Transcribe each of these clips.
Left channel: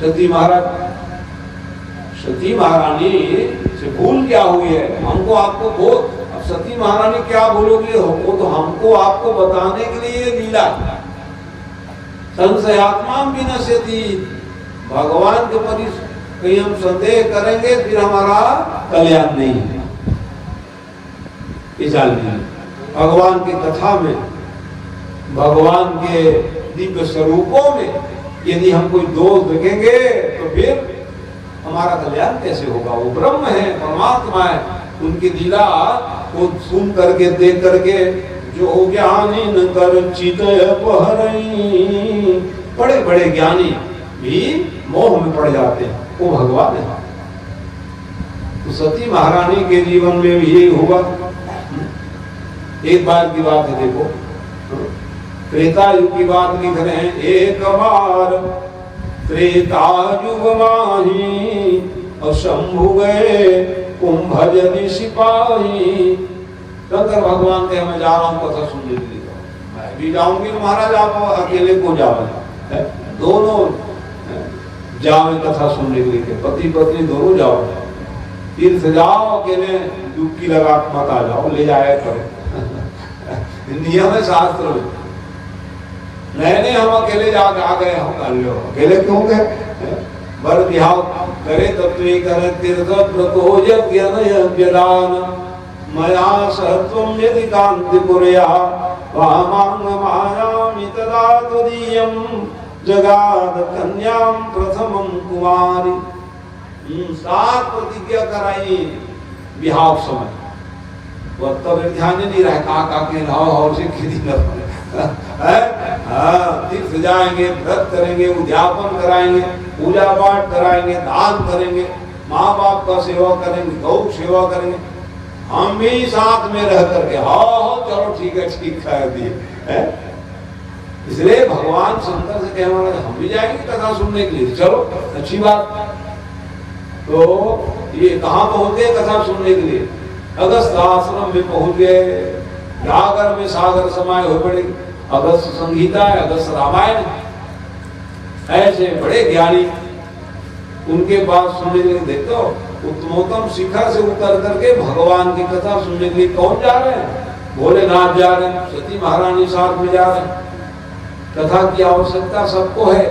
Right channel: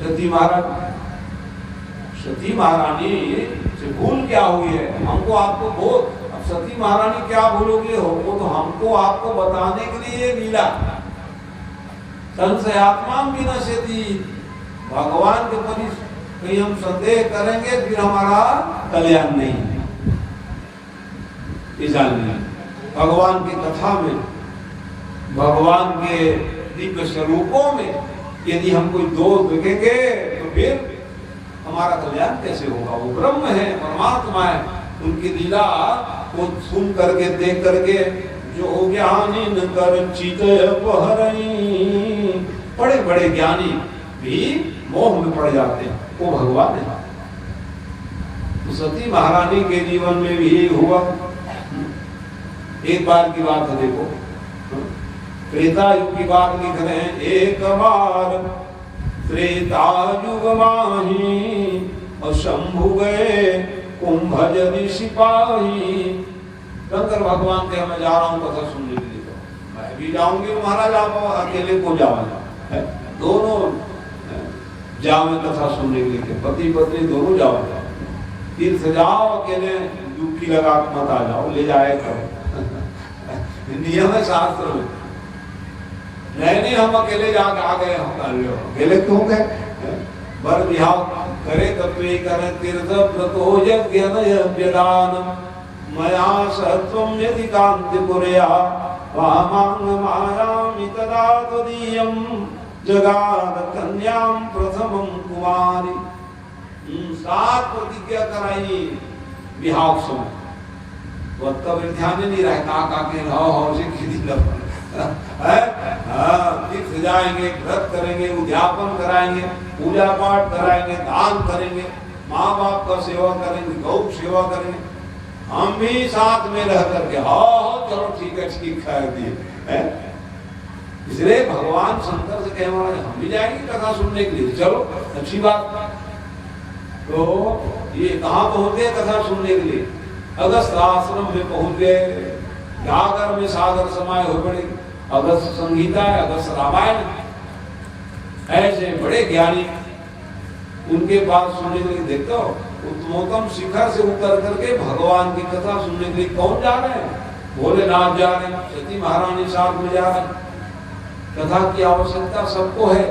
सती महारानी से भूल क्या हुई है? हमको आपको बहुत, अब सती महारानी क्या भूलोगी हो, वो तो हमको आपको बताने के लिए लीला। संशयात्मा भी नश्यति, भगवान के प्रति कहीं हम संदेह करेंगे फिर हमारा कल्याण नहीं है। भगवान की कथा में, भगवान के दिव्य स्वरूपों में यदि हम कोई दोष देखेंगे तो फिर हमारा कल्याण कैसे होगा? वो ब्रह्म है, परमात्मा है, उनकी लीला को सुन करके देख करके जो ज्ञानी न कर चितय पहरई, बड़े बड़े ज्ञानी भी मोह में पड़ जाते हैं, वो भगवान है। तो सती महारानी के जीवन में भी यही हुआ। एक बार की बात है, देखो त्रेता युग की बात लिख रहे हैं। एक बार त्रेता युग माही और शंभु गए कुंभजनि सिपाही। शंकर भगवान के मैं जा रहा हूँ कथा सुनने के लिए, मैं भी जाऊंगी तो महाराज आप अकेले को जाओ, दोनों जाओ कथा सुनने के लिए, पति पत्नी दोनों जाओ, तीर्थ जाओ, अकेले डुबकी लगा मत आ जाओ, ले जाया करो। नियम है शास्त्र में। नहीं हम अकेले जाके आ गए, हम अकेले क्यों गए? बर विहाव करे तत्वे करे तीर्थ व्रतो यज्ञदान मया सहत्वं यदि कांति पुरया वामांग मायामि तदा तदीयं जगाद कन्यां प्रथमं कुमारी। 7 प्रतिज्ञा कराई विहाव समय, वो तो फिर ध्यान नहीं रहा, का के हाव से खेती कर तीर्थ जाएंगे, व्रत करेंगे, उद्यापन कराएंगे, पूजा पाठ कराएंगे, दान करेंगे, माँ बाप का सेवा करेंगे, गौ सेवा करेंगे, हम भी साथ में रह करके हाँ चलो ठीक है, ठीक कर दिए। इसलिए भगवान शंकर से कह रहे हम भी जाएंगे कथा सुनने के लिए, चलो अच्छी बात। तो ये कहाँ पहुंच गए कथा सुनने के लिए? अगस्त आश्रम में पहुंच गए, जागर में सागर समाये हो पड़े। अगस्त संगीता है, अगस्त रामायण, ऐसे बड़े ज्ञानी उनके पास सुनने के लिए। देखो उत्तमोत्तम शिखर से उतर करके भगवान की कथा सुनने के लिए कौन जा रहे हैं? भोलेनाथ जा रहे हैं, सती महारानी साथ में जा रहे हैं। कथा की आवश्यकता सबको है,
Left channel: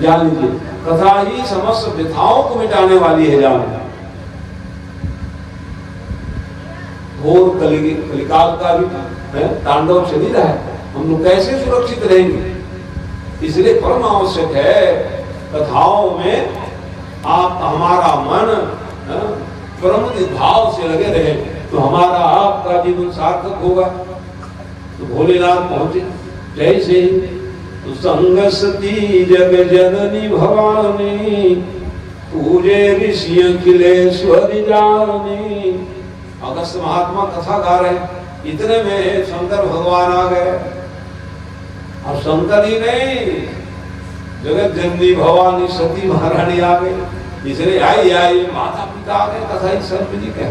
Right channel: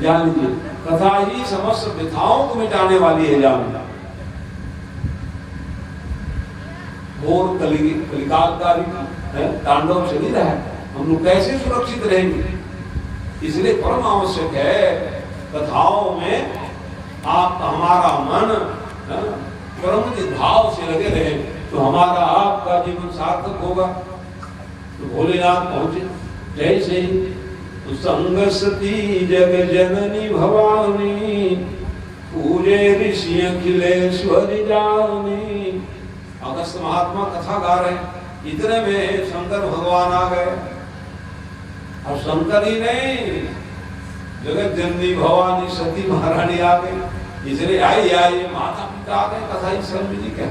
जान लीजिए। कथा ही समस्त व्यथाओं को मिटाने वाली है, जान। और कलिकाल का भी तांडव चल ही रहा है, हम लोग कैसे सुरक्षित रहेंगे? इसलिए परम आवश्यक है कथाओं में आप हमारा मन परम भाव से लगे रहे तो हमारा आपका जीवन सार्थक होगा। तो भोलेनाथ पहुंचे जैसे तो संगसती जग जननी भवानी पूजे ऋषि अखिलेश्वरी जानी। अगस्त महात्मा कथा गा रहे, इतने में शंकर भगवान आ गए। और शंकर ही नहीं, जगत जननी भवानी सती महारानी आ गई। इसलिए आई माता पिता आ गए, कथा ही शर्मी जी के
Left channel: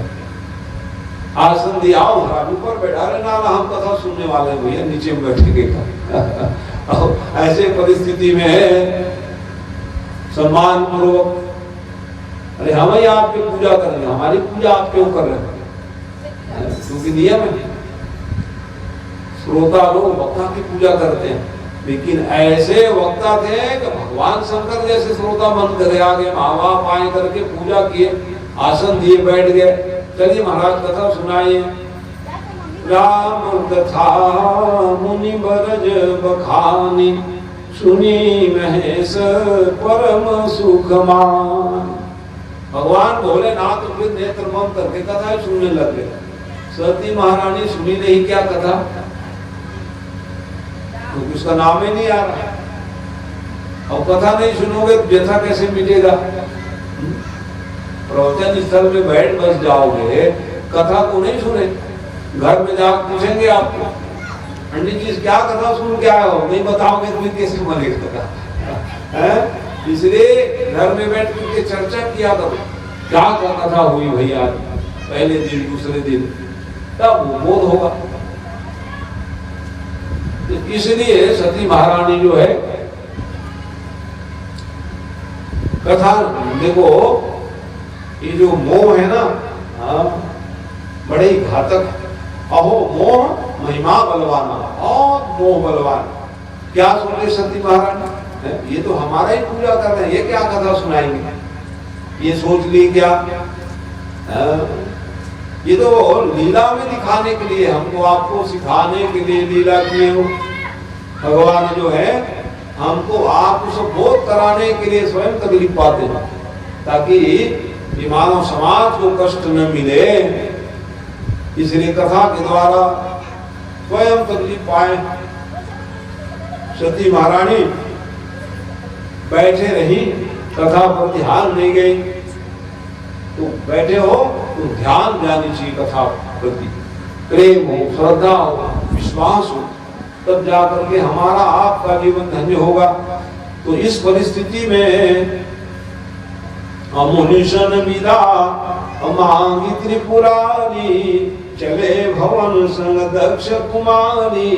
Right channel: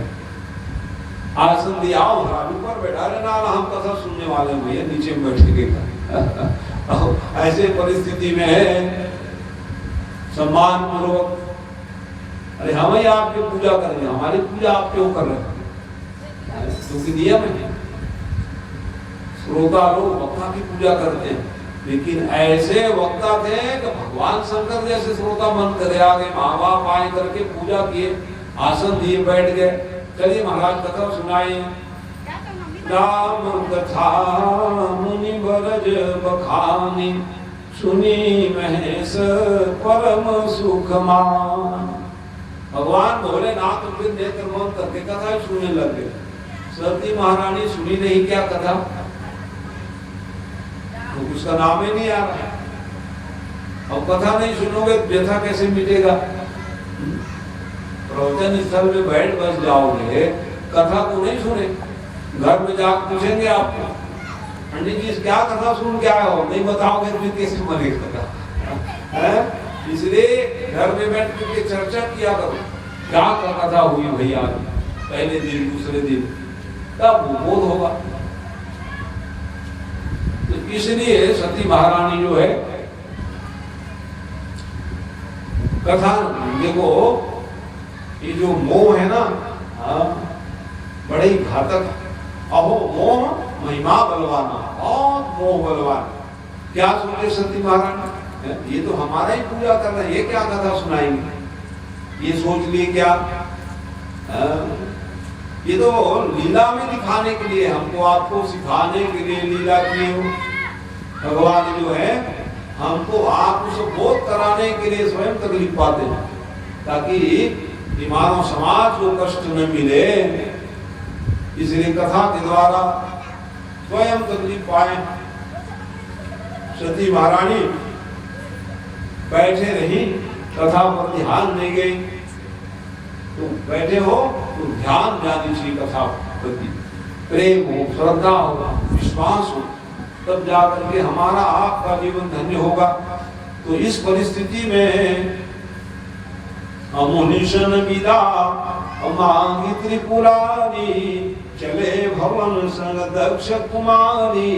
आसन दिया, ऊपर बैठा रहे ना, हम कथा सुनने वाले हुए नीचे बैठेंगे। ऐसे परिस्थिति में सम्मान पूर्वक, अरे हम ही आपकी पूजा करेंगे, हमारी पूजा आप क्यों कर रहे हैं? क्योंकि नियम है, श्रोता लोग वक्ता की पूजा करते हैं, लेकिन ऐसे वक्ता थे कि भगवान शंकर जैसे श्रोता बन कर आगे, माँ बाप आए करके पूजा किए, आसन दिए, बैठ गए। चलिए महाराज कथा सुनाइए। राम कथा मुनि बरज बखानी सुनी महेश परम सुख मान। भगवान भोलेनाथ तो फिर नेत्र बंद करके कथा ही सुनने लग गए। सती महारानी सुनी नहीं क्या कथा, तो उसका नाम ही नहीं आ रहा। अब कथा नहीं सुनोगे तो व्यथा कैसे मिटेगा? प्रवचन स्थल में बैठ बस जाओगे, कथा को नहीं सुने, घर में जाकर पूछेंगे आपको पंडित जी क्या कथा सुन क्या हो, नहीं बताओगे तो कैसे मरेगा? इसलिए घर में बैठ के चर्चा किया करो, क्या कथा हुई भैया पहले दिन दूसरे दिन, तब बोध होगा। इसलिए सती महारानी जो है कथा देखो, ये जो मोह है ना, बड़े ही घातक। अहो मोह महिमा बलवाना, बहुत मोह बलवान। क्या सुने सती महारानी, ये तो हमारा ही पूजा कर रहे हैं, ये क्या कथा सुनाएंगे, ये सोच ली क्या? ये तो लीला में दिखाने के लिए, हमको आपको सिखाने के लिए लीला किए हो। भगवान जो है हमको आपको बोध कराने के लिए स्वयं तकलीफ पाते हैं, ताकि ये मानव समाज को कष्ट न मिले, इसलिए कथा के द्वारा स्वयं तकलीफ पाए। सती महारानी बैठे रही, कथा पर ध्यान नहीं गई। तो बैठे हो तो ध्यान जानी चाहिए कथा प्रति, प्रेम हो, श्रद्धा हो, विश्वास हो, तब जाकर के हमारा आपका जीवन धन्य होगा। तो इस परिस्थिति में अमुनिशन विदा अमांगी त्रिपुरारी, चले भवन संग दक्ष कुमारी।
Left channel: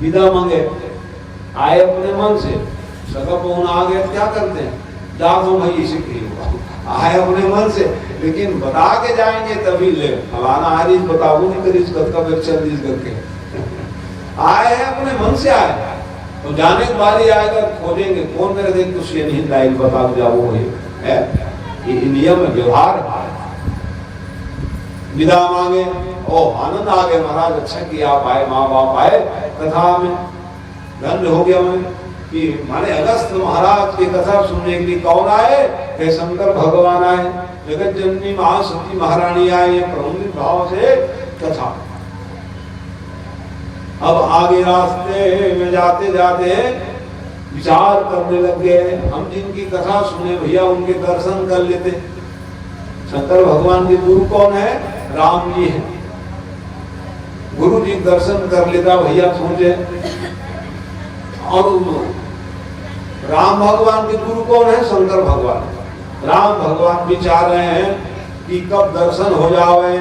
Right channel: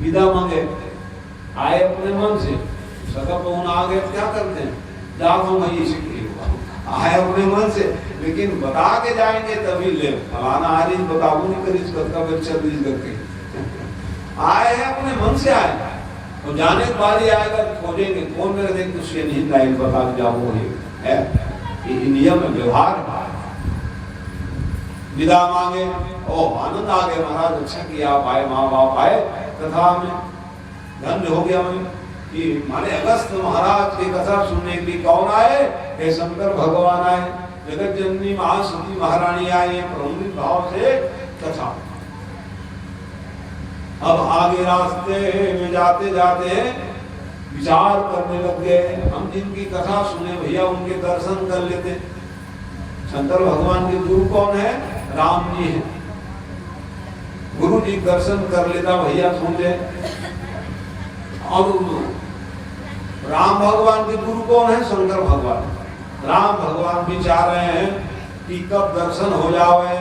विदा मांगे, आए अपने मन से, सगा पहुन आ गए, क्या करते हैं, दादू मई से आए अपने मन से, लेकिन बता के जाएंगे तभी ले, फलाना आज बताओ नहीं करी करके आए हैं, अपने मन से आए। तो जाने के बाद ही आएगा, खोजेंगे कौन मेरे देख कुछ ये नहीं लाइल बता जाओ, है ये नियम व्यवहार है। विदा मांगे, ओ आनंद आ गया, महाराज अच्छा कि आप आए, माँ बाप आए, कथा में धन्य हो गया मैं कि माने अगस्त महाराज की कथा सुनने के लिए कौन आए, हे शंकर भगवान आए, जगत जननी महासती महारानी आई है, प्रमुख भाव से कथा। अब आगे रास्ते में जाते जाते विचार करने लग गए, हम जिनकी कथा सुने भैया उनके दर्शन कर लेते। शंकर भगवान के गुरु कौन है, राम जी है, गुरु जी दर्शन कर लेता भैया सोचे। और राम भगवान के गुरु कौन है, शंकर भगवान। राम भगवान विचार रहे हैं कि कब दर्शन हो जावे,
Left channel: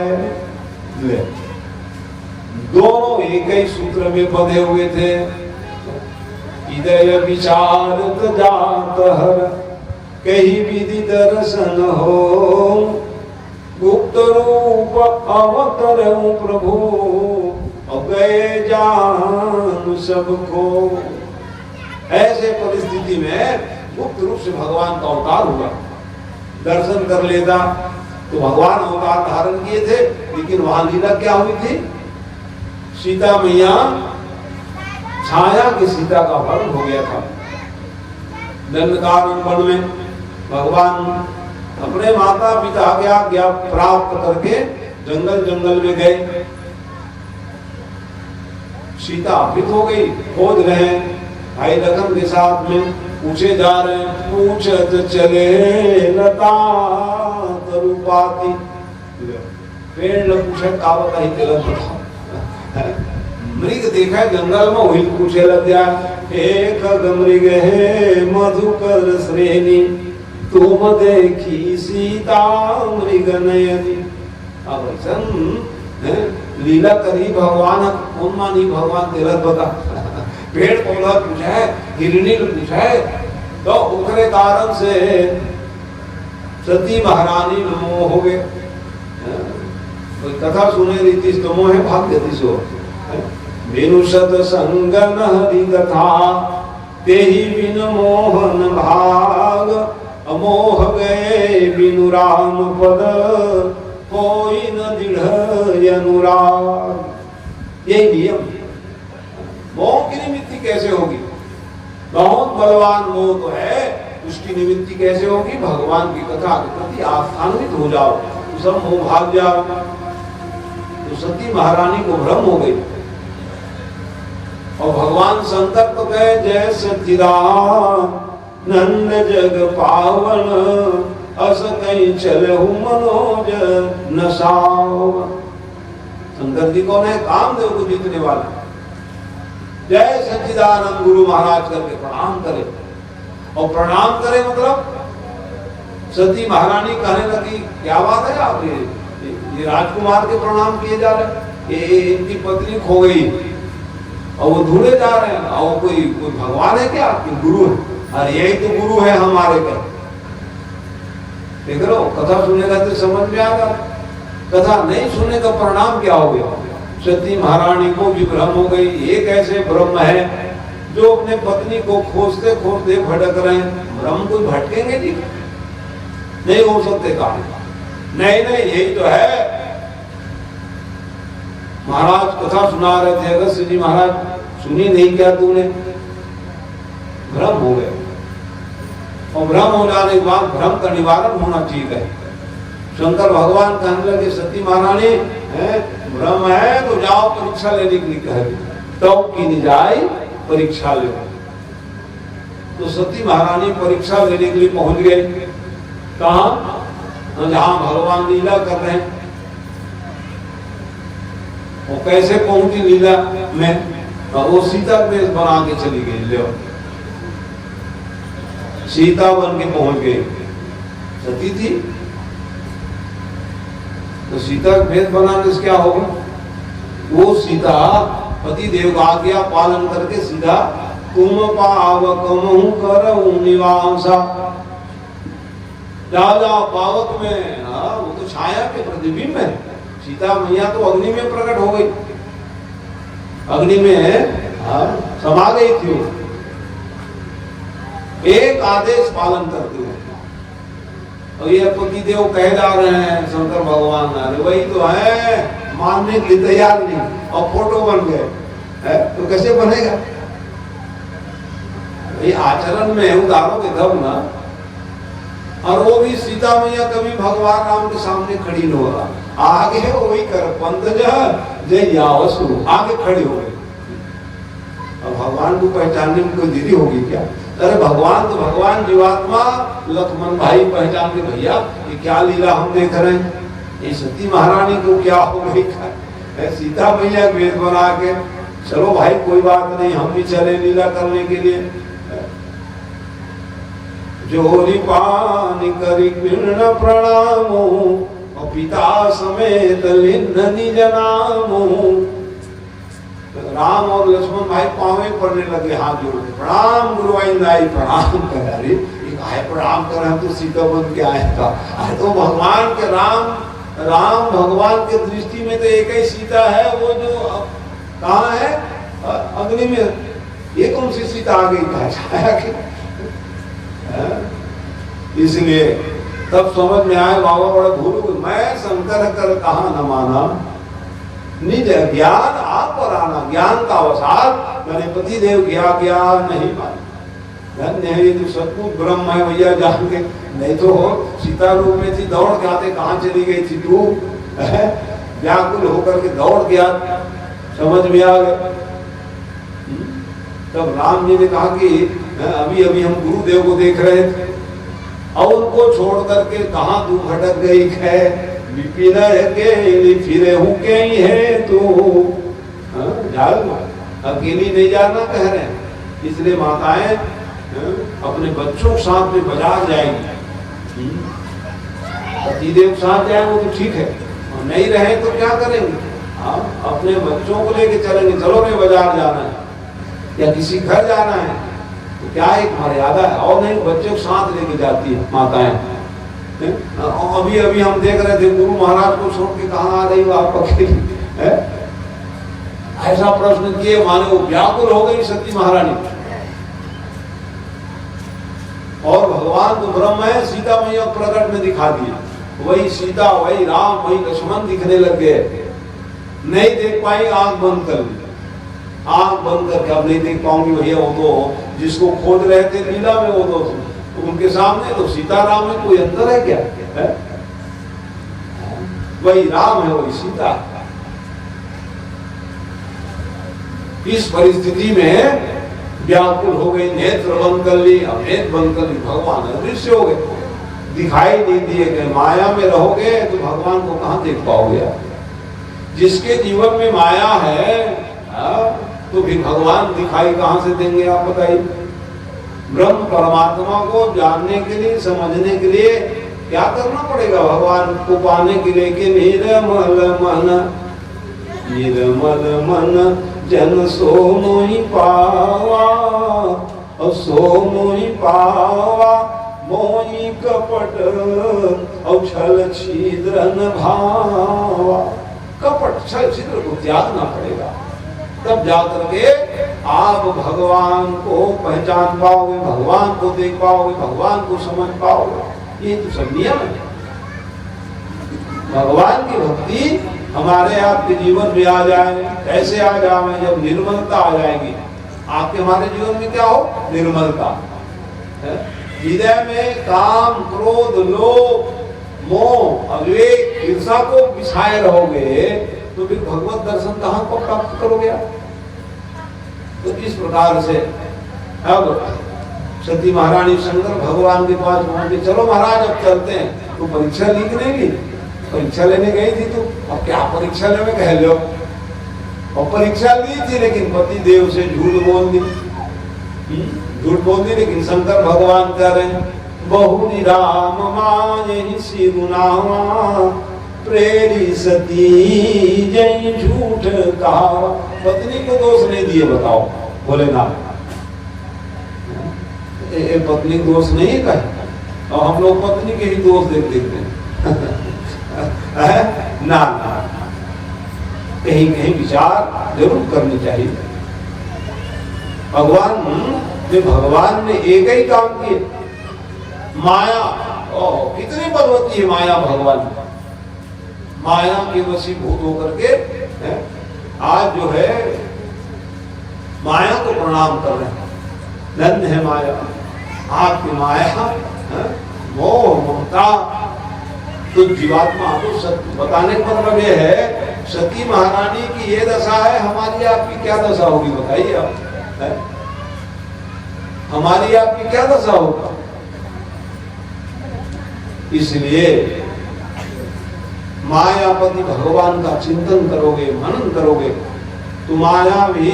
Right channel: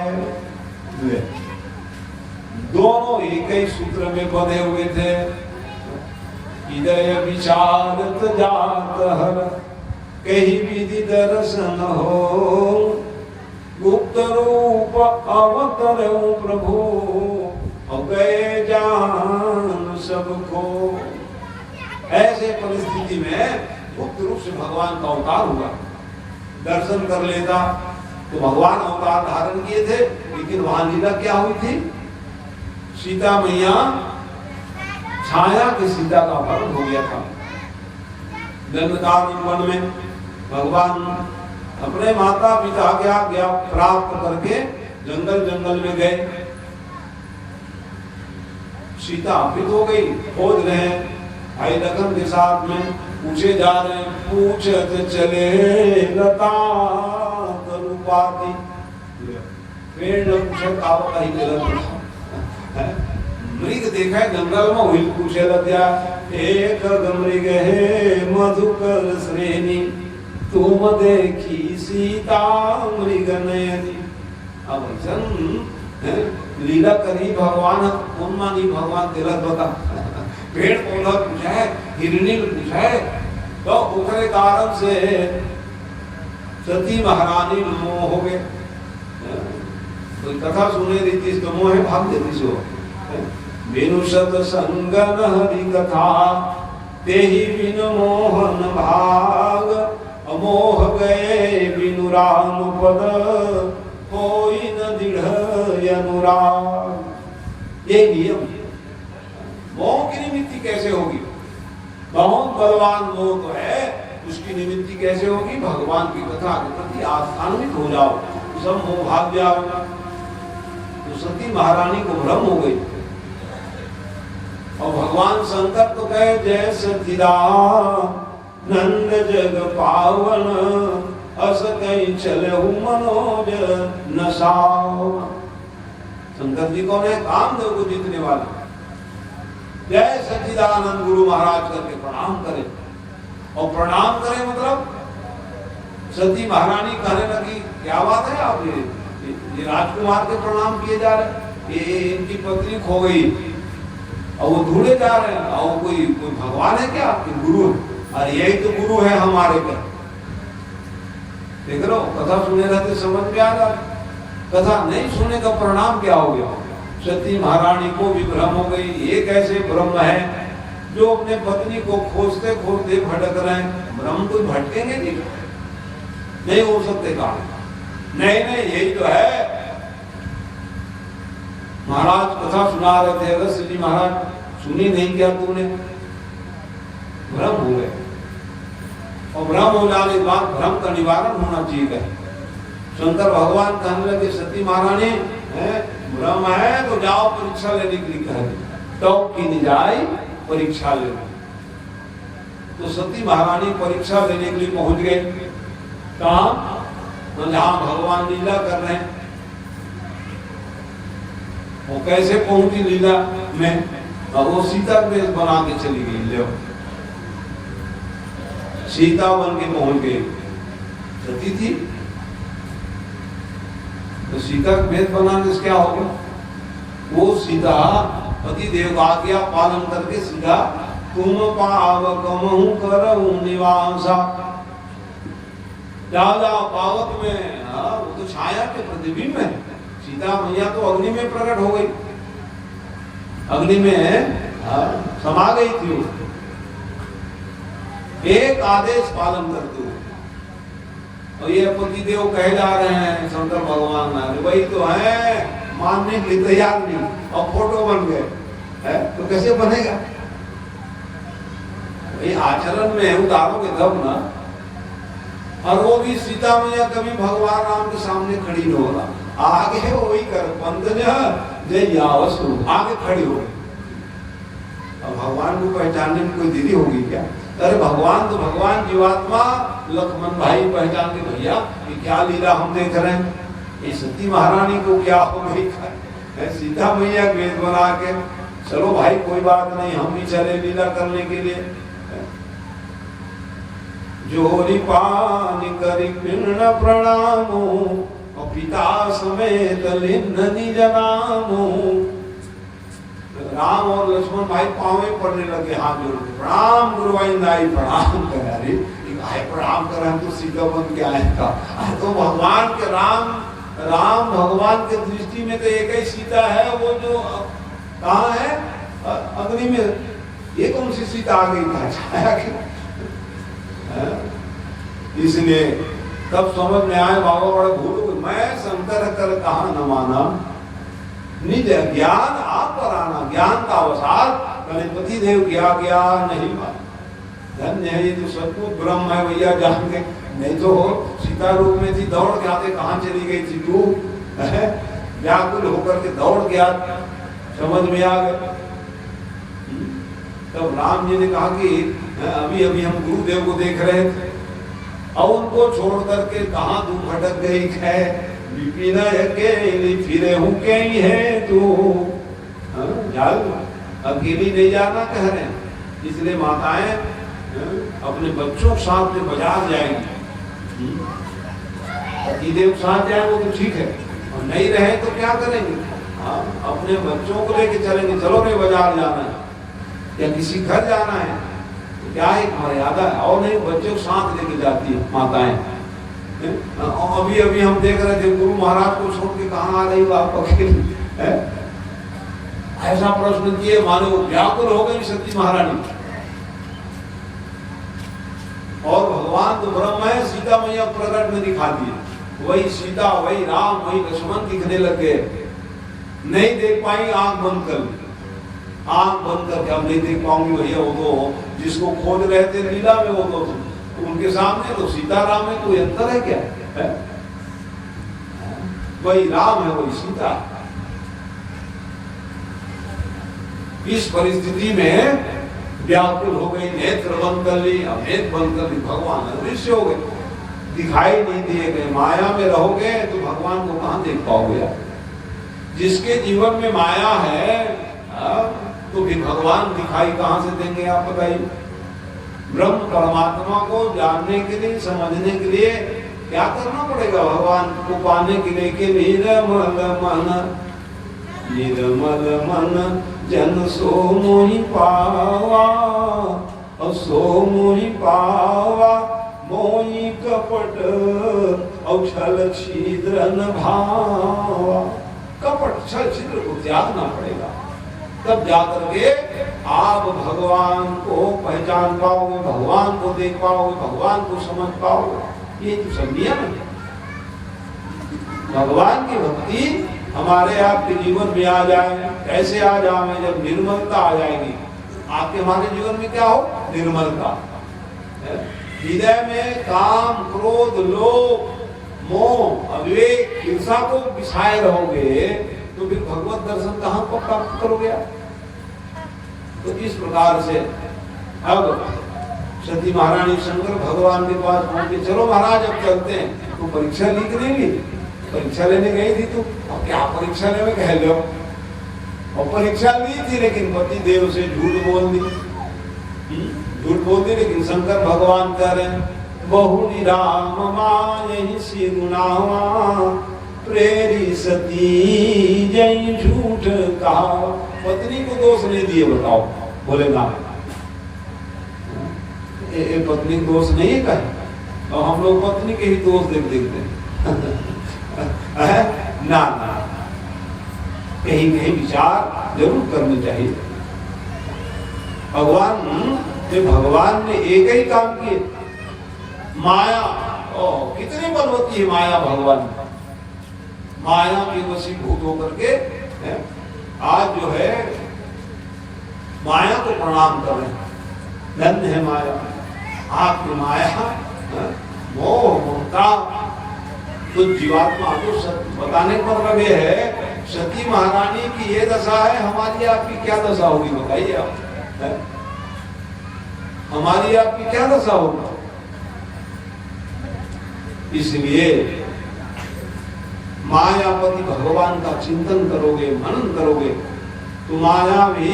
दोनों एक ही सूत्र में बंधे हुए थे। हृदय विचार जात हर, कहीं विधि दर्शन हो, गुप्त रूप अवतरऊ प्रभु, गए जान सबको। ऐसे परिस्थिति में गुप्त रूप से भगवान का अवतार हुआ, दर्शन कर लेता तो भगवान अवतार धारण किए थे, लेकिन वहां लीला क्या हुई थी, सीता मैया छाया की सीता का वर्ण हो गया था। दंडकारण्य वन में भगवान अपने माता पिता के आज्ञा प्राप्त करके जंगल जंगल में गए। सीता अभित हो गई, खोज रहे भाई लखन के साथ में, पूछे जा रहे हैं, पूछत चले लता तरुपाती, पेड़ न पूछे कावत ही गलत। मृग देखा है जंगल में, वही पूछे लग गया, एक मृग है मधुकर श्रेणी, तुम देखी सीता मृग नयनी। अब लीला करी भगवान, कौन मानी भगवान तिलक बता। पेड़ पौधा पूछा है, हिरणी पूछा है, तो उखरे कारण से सती महारानी मोह हो गए। कोई कथा सुने रीति तो मोह भाग देती सो। बिनु सद संगन हरि कथा, तेहि बिन मोहन भाग, अमोह गए बिनु राम पद, कोई न दृढ़ अनुराग। ये नियम, मोह की निमित्ति कैसे होगी, बहुत बलवान मोह तो है, उसकी निमित्ति कैसे होगी, भगवान की कथा के प्रति आस्थान्वित हो जाओ, तो सब मोह भाग जाओ। तो सती महारानी को भ्रम हो गई, और भगवान शंकर तो कहे जय सच्चिदानंद जग पावन, अस कहीं चले मनोज नसाव। शंकर जी कौन है, कामदेव को जीतने वाले। जय सच्चिदानंद गुरु महाराज करके प्रणाम करे, और प्रणाम करे मतलब सती महारानी कहने लगी क्या बात है आप, ये राजकुमार के प्रणाम किए जा रहे, ये इनकी पत्नी खो गई और वो ढूंढे जा रहे हैं, और कोई भगवान है क्या, आपके गुरु है, और यही तो गुरु है हमारे का। देख रहे हो, कथा सुनेगा तो समझ में आएगा, कथा नहीं सुनने का परिणाम क्या हो गया। सती महारानी को भी भ्रम हो गई। एक ऐसे ब्रह्म है जो अपने पत्नी को खोजते खोजते भटक रहे हैं। ब्रह्म को भटकेंगे नहीं हो सकते काम। नहीं यही तो है। महाराज कथा सुना रहे थे, अगस्त्य जी महाराज सुनी नहीं क्या तुमने? भ्रम हो गया। और भ्रम हो जाने के बाद भ्रम का निवारण होना चाहिए। शंकर भगवान कहने लगे सती महारानी है भ्रम है तो जाओ परीक्षा लेने के लिए कह तो की नहीं जाए परीक्षा ले। तो सती महारानी परीक्षा लेने के लिए पहुंच गए। कहां? जहां भगवान लीला कर रहे हैं। वो कैसे पहुंची लीला में? वो सीता वेश बना के चली गई। ले सीता बन के पहुंच गई। सती थी तो सीता का भेद बनाने से क्या होगा? वो सीता पति देव आज्ञा पालन करके सीधा तुम पावकमहु करहु निवासा। राजा पावक में वो तो छाया के प्रतिबिंब है। सीता मैया तो अग्नि में प्रकट हो गई, अग्नि में समा गई थी। एक आदेश पालन करते हुए। और ये पति देव कह जा रहे हैं शंकर भगवान वही तो है, मानने के लिए तैयार नहीं और फोटो बन गए तो कैसे बनेगा? ये आचरण में उदाहरणों के दम ना। और वो भी सीता मैया कभी भगवान राम के सामने खड़ी नहीं हो रहा, आगे वही कर पंत जय यावसु आगे खड़ी हो गई। और भगवान को पहचानने में कोई देरी होगी क्या? अरे भगवान तो भगवान, जीवात्मा लक्ष्मण भाई पहचान के भैया ये क्या लीला हम देख रहे हैं। ये सती महारानी को क्या हो गई? सीता मैया वेद बना के चलो भाई कोई बात नहीं हम भी चले लीला करने के लिए। जोरी पानी करी कृष्ण प्रणामो और पिता समेत लिन्न निज नामो। राम और लक्ष्मण भाई पांवे पड़ने लगे, हाथ जोड़ के प्रणाम गुरुवाई प्रणाम कर। अरे प्रणाम कर, हम तो सीता बन के आए था। तो भगवान के राम भगवान के दृष्टि में तो एक ही सीता है, वो जो कहाँ है अग्नि में। ये कौन सी सीता आ गई छाया के? इसलिए तब समझ में आए बाबा बड़े भूल मैं शंकर कर कहा न माना निज ज्ञान आप पर आना। ज्ञान का अवसार मैंने पति देव किया ज्ञान नहीं माना। धन्य है ये तो सचमुच ब्रह्म है भैया जान के। नहीं तो सीता रूप में थी, दौड़ के आते कहाँ चली गई थी तू? व्याकुल होकर के दौड़ गया, समझ में आ गया। तब राम जी ने कहा कि अभी अभी हम गुरुदेव को देख रहे थे और उनको छोड़ करके कहाँ तू भटक गई है? विपिन के फिरे हूँ के ही है तू अकेली नहीं जाना कह रहे हैं। इसलिए माताएं अपने बच्चों के साथ में बाजार जाएंगी। पतिदेव के साथ जाए वो तो ठीक है, और नहीं रहे तो क्या करेंगे? अपने बच्चों को लेके चलेंगे। चलो रे बाजार जाना है या किसी घर जाना है तो क्या एक मर्यादा है। और नहीं बच्चों के साथ लेके जाती है माताएं। अभी अभी हम देख रहे थे गुरु महाराज को छोड़ के कहाँ आ रही हो आप अकेली? ऐसा प्रश्न किए माने वो व्याकुल हो गई सती महारानी। और भगवान तो ब्रह्म है, सीता मैया प्रकट में दिखा दिए। वही सीता वही राम वही लक्ष्मण दिखने लग गए। नहीं देख पाई, आंख बंद कर ली। आंख बंद करके अब नहीं देख पाऊंगी भैया। वो तो जिसको खोज रहे थे लीला में वो तो उनके सामने तो सीताराम में कोई अंतर है क्या? है? वही राम है वही सीता। इस परिस्थिति में व्याकुल हो गई, नेत्र बंद कर ली। नेत्र बंद कर ली, भगवान अदृश्य हो गए, दिखाई नहीं दिए गए। माया में रहोगे तो भगवान को कहां देख पाओगे? जिसके जीवन में माया है तो फिर भगवान दिखाई कहां से देंगे आप बताइए? ब्रह्म परमात्मा को जानने के लिए समझने के लिए क्या करना पड़ेगा? भगवान को पाने के लिए कि निर्मल मन जन सो मोहि पावा और सो मोहि पावा मोहि कपट और छल छिद्र न भावा। कपट छल छिद्र को त्यागना पड़ेगा, तब जाकर के आप भगवान को पहचान पाओगे, भगवान को देख पाओगे, भगवान को समझ पाओगे। ये तो सब नियम है। भगवान की भक्ति हमारे आपके जीवन में आ जाए, ऐसे आ जाए जब निर्मलता आ जाएगी। आपके हमारे जीवन में क्या हो? निर्मलता। हृदय में काम, क्रोध, लोभ, मोह, अविवेक, ईर्षा को बिछाए रहोगे तो फिर भगवत दर्शन कहां को प्राप्त करोगे आप? तो इस प्रकार से अब सती महारानी शंकर भगवान के पास पहुंचे। चलो महाराज अब चलते हैं। तो परीक्षा ली कि नहीं ली? परीक्षा लेने गई थी तू, अब क्या परीक्षा लेने कह लो? और परीक्षा ली थी लेकिन पति देव से झूठ बोल दी, लेकिन शंकर भगवान कह रहे बहु निराम माय सिरुनावा प्रेरी सती जय झूठ कहा। पत्नी को दोष नहीं दिए, बताओ भोलेनाथ। पत्नी को दोष नहीं कहे और हम लोग पत्नी के ही दोष देख देते हैं। ना कहीं कहीं विचार जरूर करनी चाहिए। भगवान ने एक ही काम किए। माया कितनी बलवती है माया। भगवान माया के वशीभूत होकर के आज जो है माया को प्रणाम कर रहे हैं। धन्य है माया, आपकी माया मोह ममता। तो जीवात्मा को सत्य बताने पर लगे है। सती महारानी की ये दशा है, हमारी आपकी क्या दशा होगी बताइए आप? हमारी आपकी क्या दशा होगा? इसलिए मायापति भगवान का चिंतन करोगे, मनन करोगे तो माया भी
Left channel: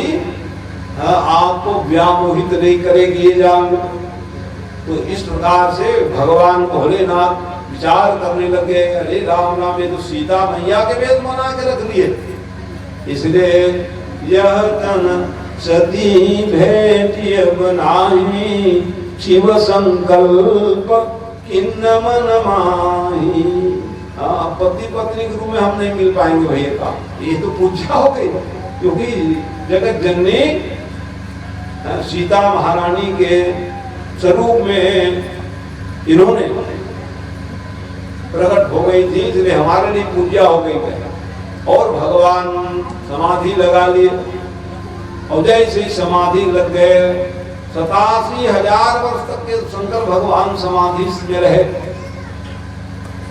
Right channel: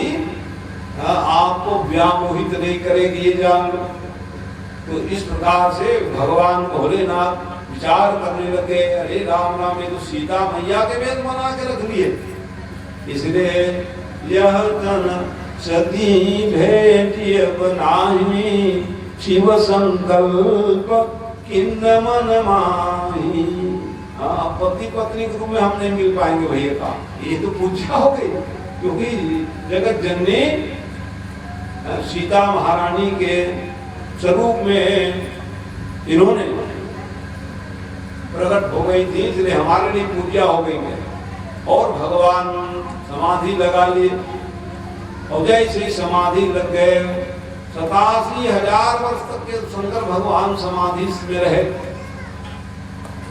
आपको व्यामोहित नहीं करेगी, ये जान लो। तो इस प्रकार से भगवान भोलेनाथ विचार करने लगे, अरे राम राम ये तो सीता मैया के वेद बना के रख दिए। इसलिए यह तन सती भेटिय बनाही शिव संकल्प किन्न मन माही। पति पत्नी के रूप में हम नहीं मिल पाएंगे भैया का, ये तो पूजा हो गई। क्योंकि जगत जननी सीता महारानी के स्वरूप में इन्होंने प्रकट हो गई थी, इसलिए हमारे लिए पूजा हो गई है। और भगवान समाधि लगा लिए और जैसे ही समाधि लग गए 87,000 वर्ष तक के शंकर भगवान समाधि में रहे।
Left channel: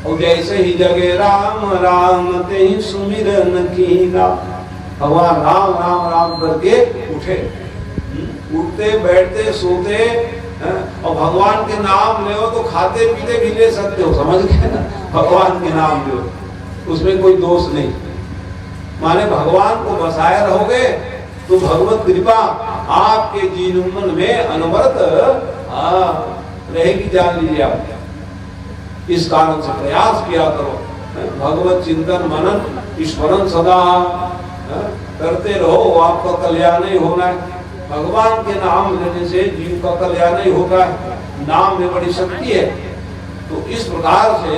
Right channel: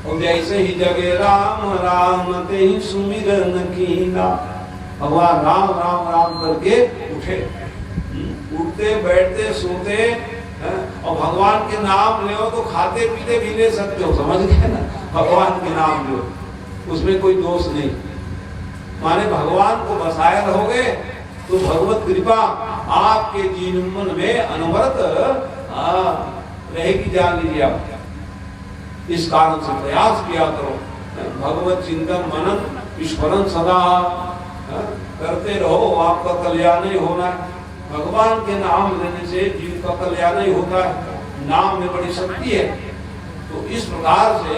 और जैसे ही जगे राम राम ते ही सुमिरन कीना, भगवान राम राम राम करके उठे। उठते बैठते सोते और भगवान के नाम ले तो खाते पीते भी ले सकते हो, समझ गए ना? भगवान के नाम लो, उसमें कोई दोष नहीं। माने भगवान को बसाए रहोगे तो भगवत कृपा आपके जीवन में अनवरत रहेगी, जान लीजिए आप। इस कारण से प्रयास किया करो, भगवत चिंतन मनन ईश्वरन सदा करते रहो, आपका कल्याण ही होना है। भगवान के नाम लेने से जीव का कल्याण ही होता है, नाम में बड़ी शक्ति है। तो इस प्रकार से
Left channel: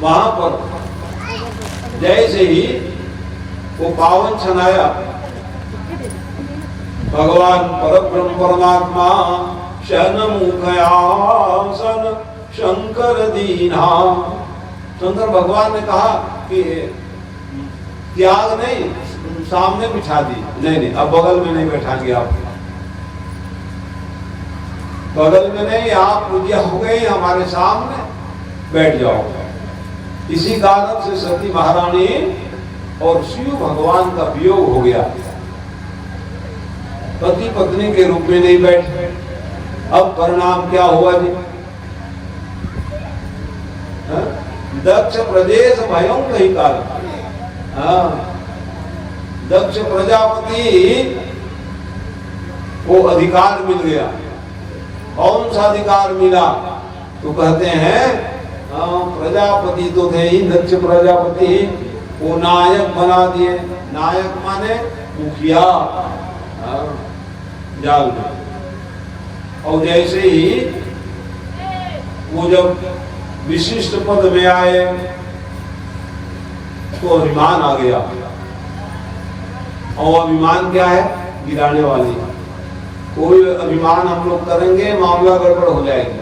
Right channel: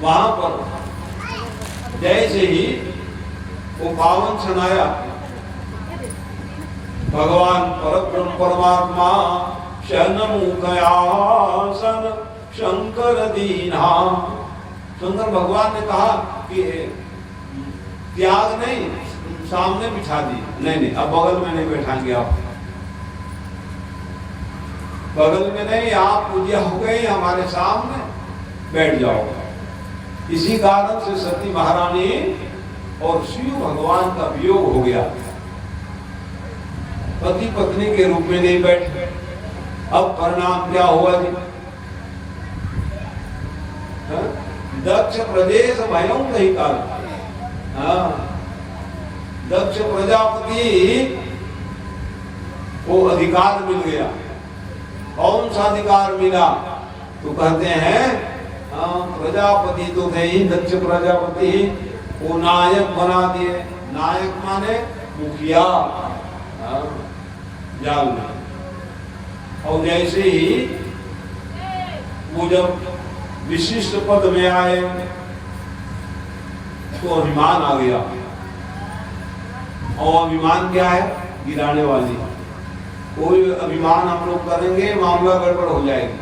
वहां पर जैसे ही वो पावन क्षण आया, भगवान परब्रह्म परमात्मा शरणमुखयासन शंकर दीना। शंकर भगवान ने कहा कि त्याग नहीं, सामने बिठा दी। नहीं, अब बगल में नहीं बैठाएंगे आप, बगल में नहीं, आप पूजा हो गई, हमारे सामने बैठ जाओ। इसी कारण से सती महारानी और शिव भगवान का वियोग हो गया, पति पत्नी के रूप में नहीं बैठे। अब परिणाम क्या हुआ जी? दक्ष प्रदेश भयं कही काल। दक्ष प्रजापति को अधिकार मिल गया। कौन सा अधिकार मिला? तो कहते हैं प्रजापति तो थे ही, दक्ष प्रजापति को नायक बना दिए। नायक माने मुखिया। जाल में। और जैसे ही वो जब विशिष्ट पद में आए तो अभिमान आ गया। और अभिमान क्या है? गिराने वाली। कोई अभिमान हम लोग करेंगे मामला गड़बड़ हो जाएगा।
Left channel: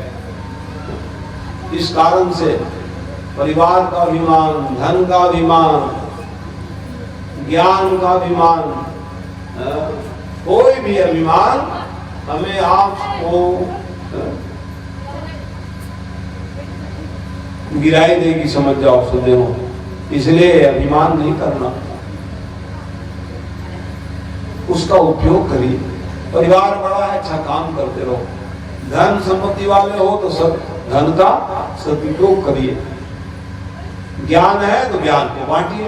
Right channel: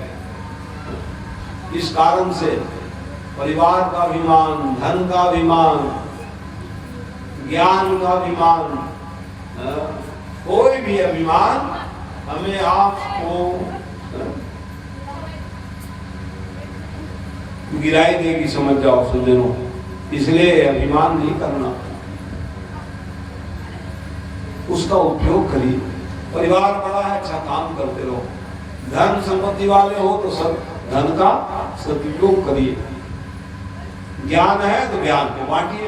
इस कारण से परिवार का अभिमान, धन का अभिमान, ज्ञान का अभिमान, कोई भी अभिमान हमें आपको गिराई देगी, समझ जाओ सुने हो। इसलिए अभिमान नहीं करना, उसका उपयोग करिए। परिवार बड़ा है, अच्छा काम करते रहो। धन संपत्ति वाले हो तो सब धन का सदुपयोग करिए। ज्ञान है तो ज्ञान को बांटिए,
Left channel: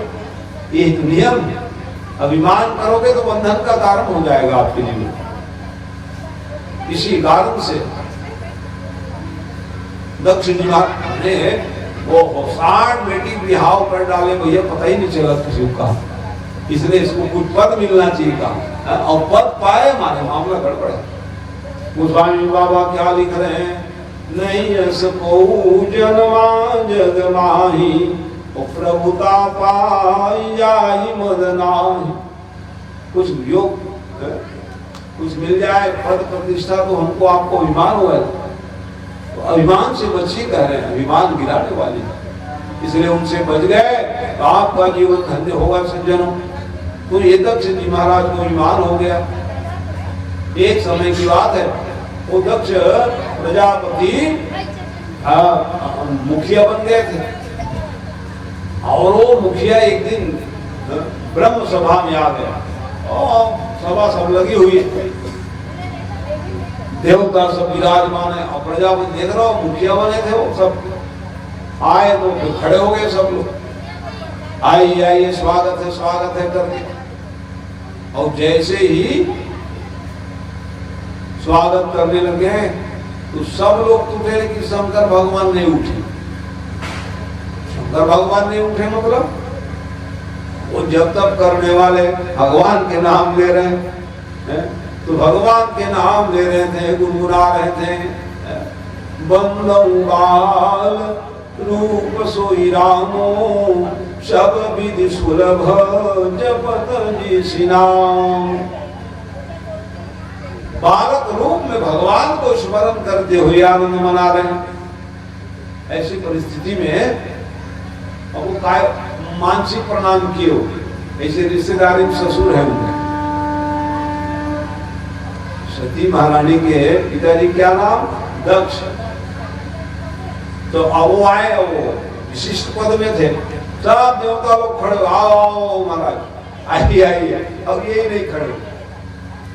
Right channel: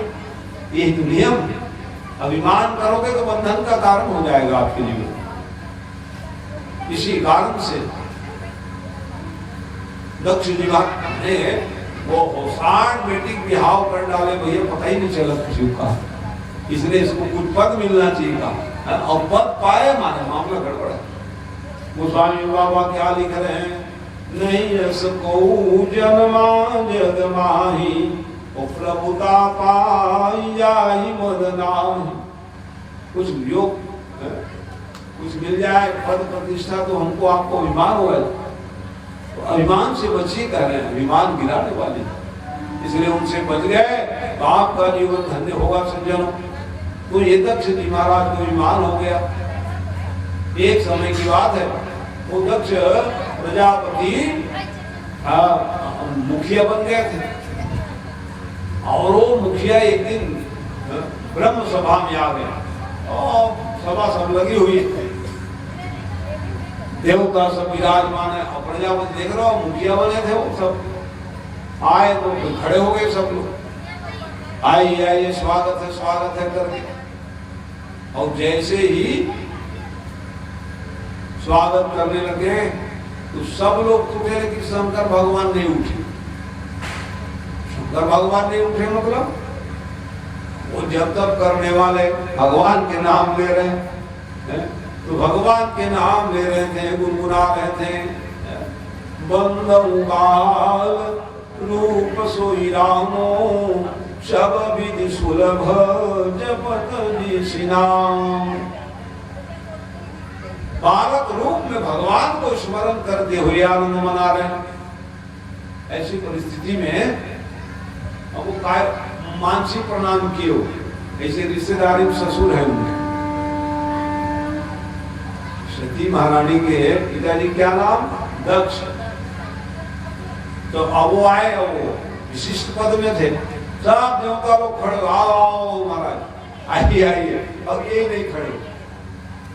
ये एक नियम है। अभिमान करोगे तो बंधन का कारण हो जाएगा आपके लिए। इसी कारण से दक्ष जी ने वो 60 बेटी बिहाव कर डाले, को ये पता ही नहीं चला किसी का। इसलिए इसको कुछ पद मिलना चाहिए था, और पद पाए हमारे मामला गड़बड़ है। गोस्वामी बाबा क्या लिख रहे हैं? नहीं असको जन्मा जग माही, प्रभुता पाई मदनाही। कुछ योग कुछ मिल जाए, पद प्रतिष्ठा, तो हमको आपको अभिमान होगा। तो अभिमान से बचिए, कह रहे हैं, अभिमान गिराने वाले, इसलिए उनसे बच गए तो आपका जीवन धन्य होगा सज्जनों। तो ये दक्ष जी महाराज को अभिमान हो गया। एक समय की बात है, वो दक्ष प्रजापति मुखिया बन गए थे। और वो मुखिया एक दिन ब्रह्म सभा में आ गया और सभा सब लगी हुई, देवता सब विराजमान है। और प्रजापति देख रहा हो, मुखिया बने थे वो सब आए तो खड़े हो गए सब लोग, आइए स्वागत है करके। और जैसे ही स्वागत करने लगे तो सब लोग उठे, लेकिन शंकर भगवान नहीं उठे। शंकर भगवान नहीं उठे मतलब वो जब तक करने वाले भगवान के नाम ले रहे हैं, तो भगवान के नाम ले रहे थे, गुनगुना रहे थे। बंदं बाल रूप सोई रामो, सब विधि सुलभ जपत जी नाम। बालक रूप में भगवान को स्मरण करते हुए आनंद मना रहे हैं। ऐसी परिस्थिति में अब वो काय मानसिक प्रणाम किए हो, ऐसे रिश्तेदारी ससुर है उनके। सती महारानी के पिताजी क्या नाम? दक्ष। तो अब वो आए, वो विशिष्ट पद में थे, सब देवता लोग खड़े, आओ महाराज आइए। अब ये नहीं खड़े,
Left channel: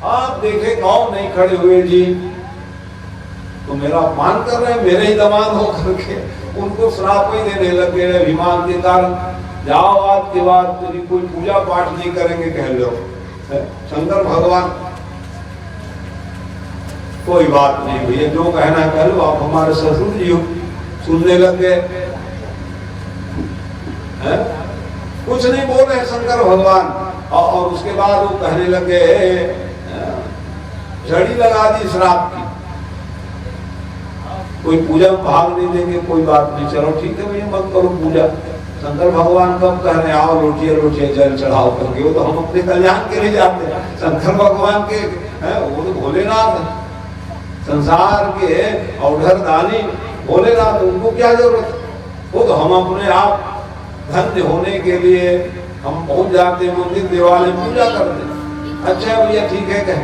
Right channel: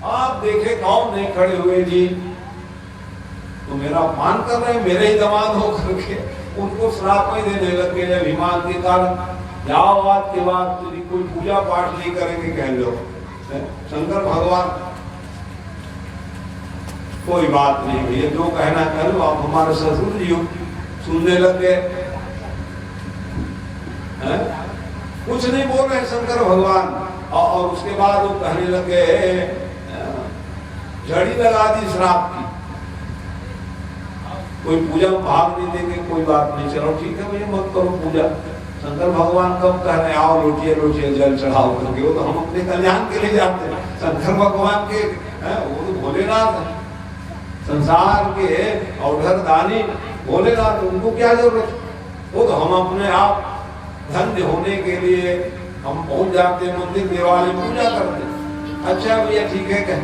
आप देखे कौन नहीं खड़े हुए जी, तो मेरा अपमान कर रहे हैं, मेरे ही दमान हो करके उनको श्राप ही देने लगे अभिमान के कारण। जाओ आज के बाद तेरी कोई पूजा पाठ नहीं करेंगे, कह लो शंकर भगवान। कोई बात नहीं भैया, जो कहना कह लो, आप हमारे ससुर जी हो। सुनने लग गए, कुछ नहीं बोल रहे शंकर भगवान। और उसके बाद वो कहने लगे, झड़ी लगा दी श्राप की, कोई पूजा में भाग नहीं देंगे, कोई बात नहीं, चलो ठीक है भैया मत करो पूजा। शंकर भगवान कब कह रहे आओ लोटिए जल चढ़ाओ करके, वो तो हम अपने कल्याण के लिए जाते हैं। शंकर भगवान के वो तो भोलेनाथ, संसार के औढ़र दानी भोलेनाथ, उनको क्या जरूरत? वो तो हम अपने आप धन्य होने के लिए हम पहुंच जाते मंदिर देवालय पूजा करते। अच्छा भैया ठीक है कह,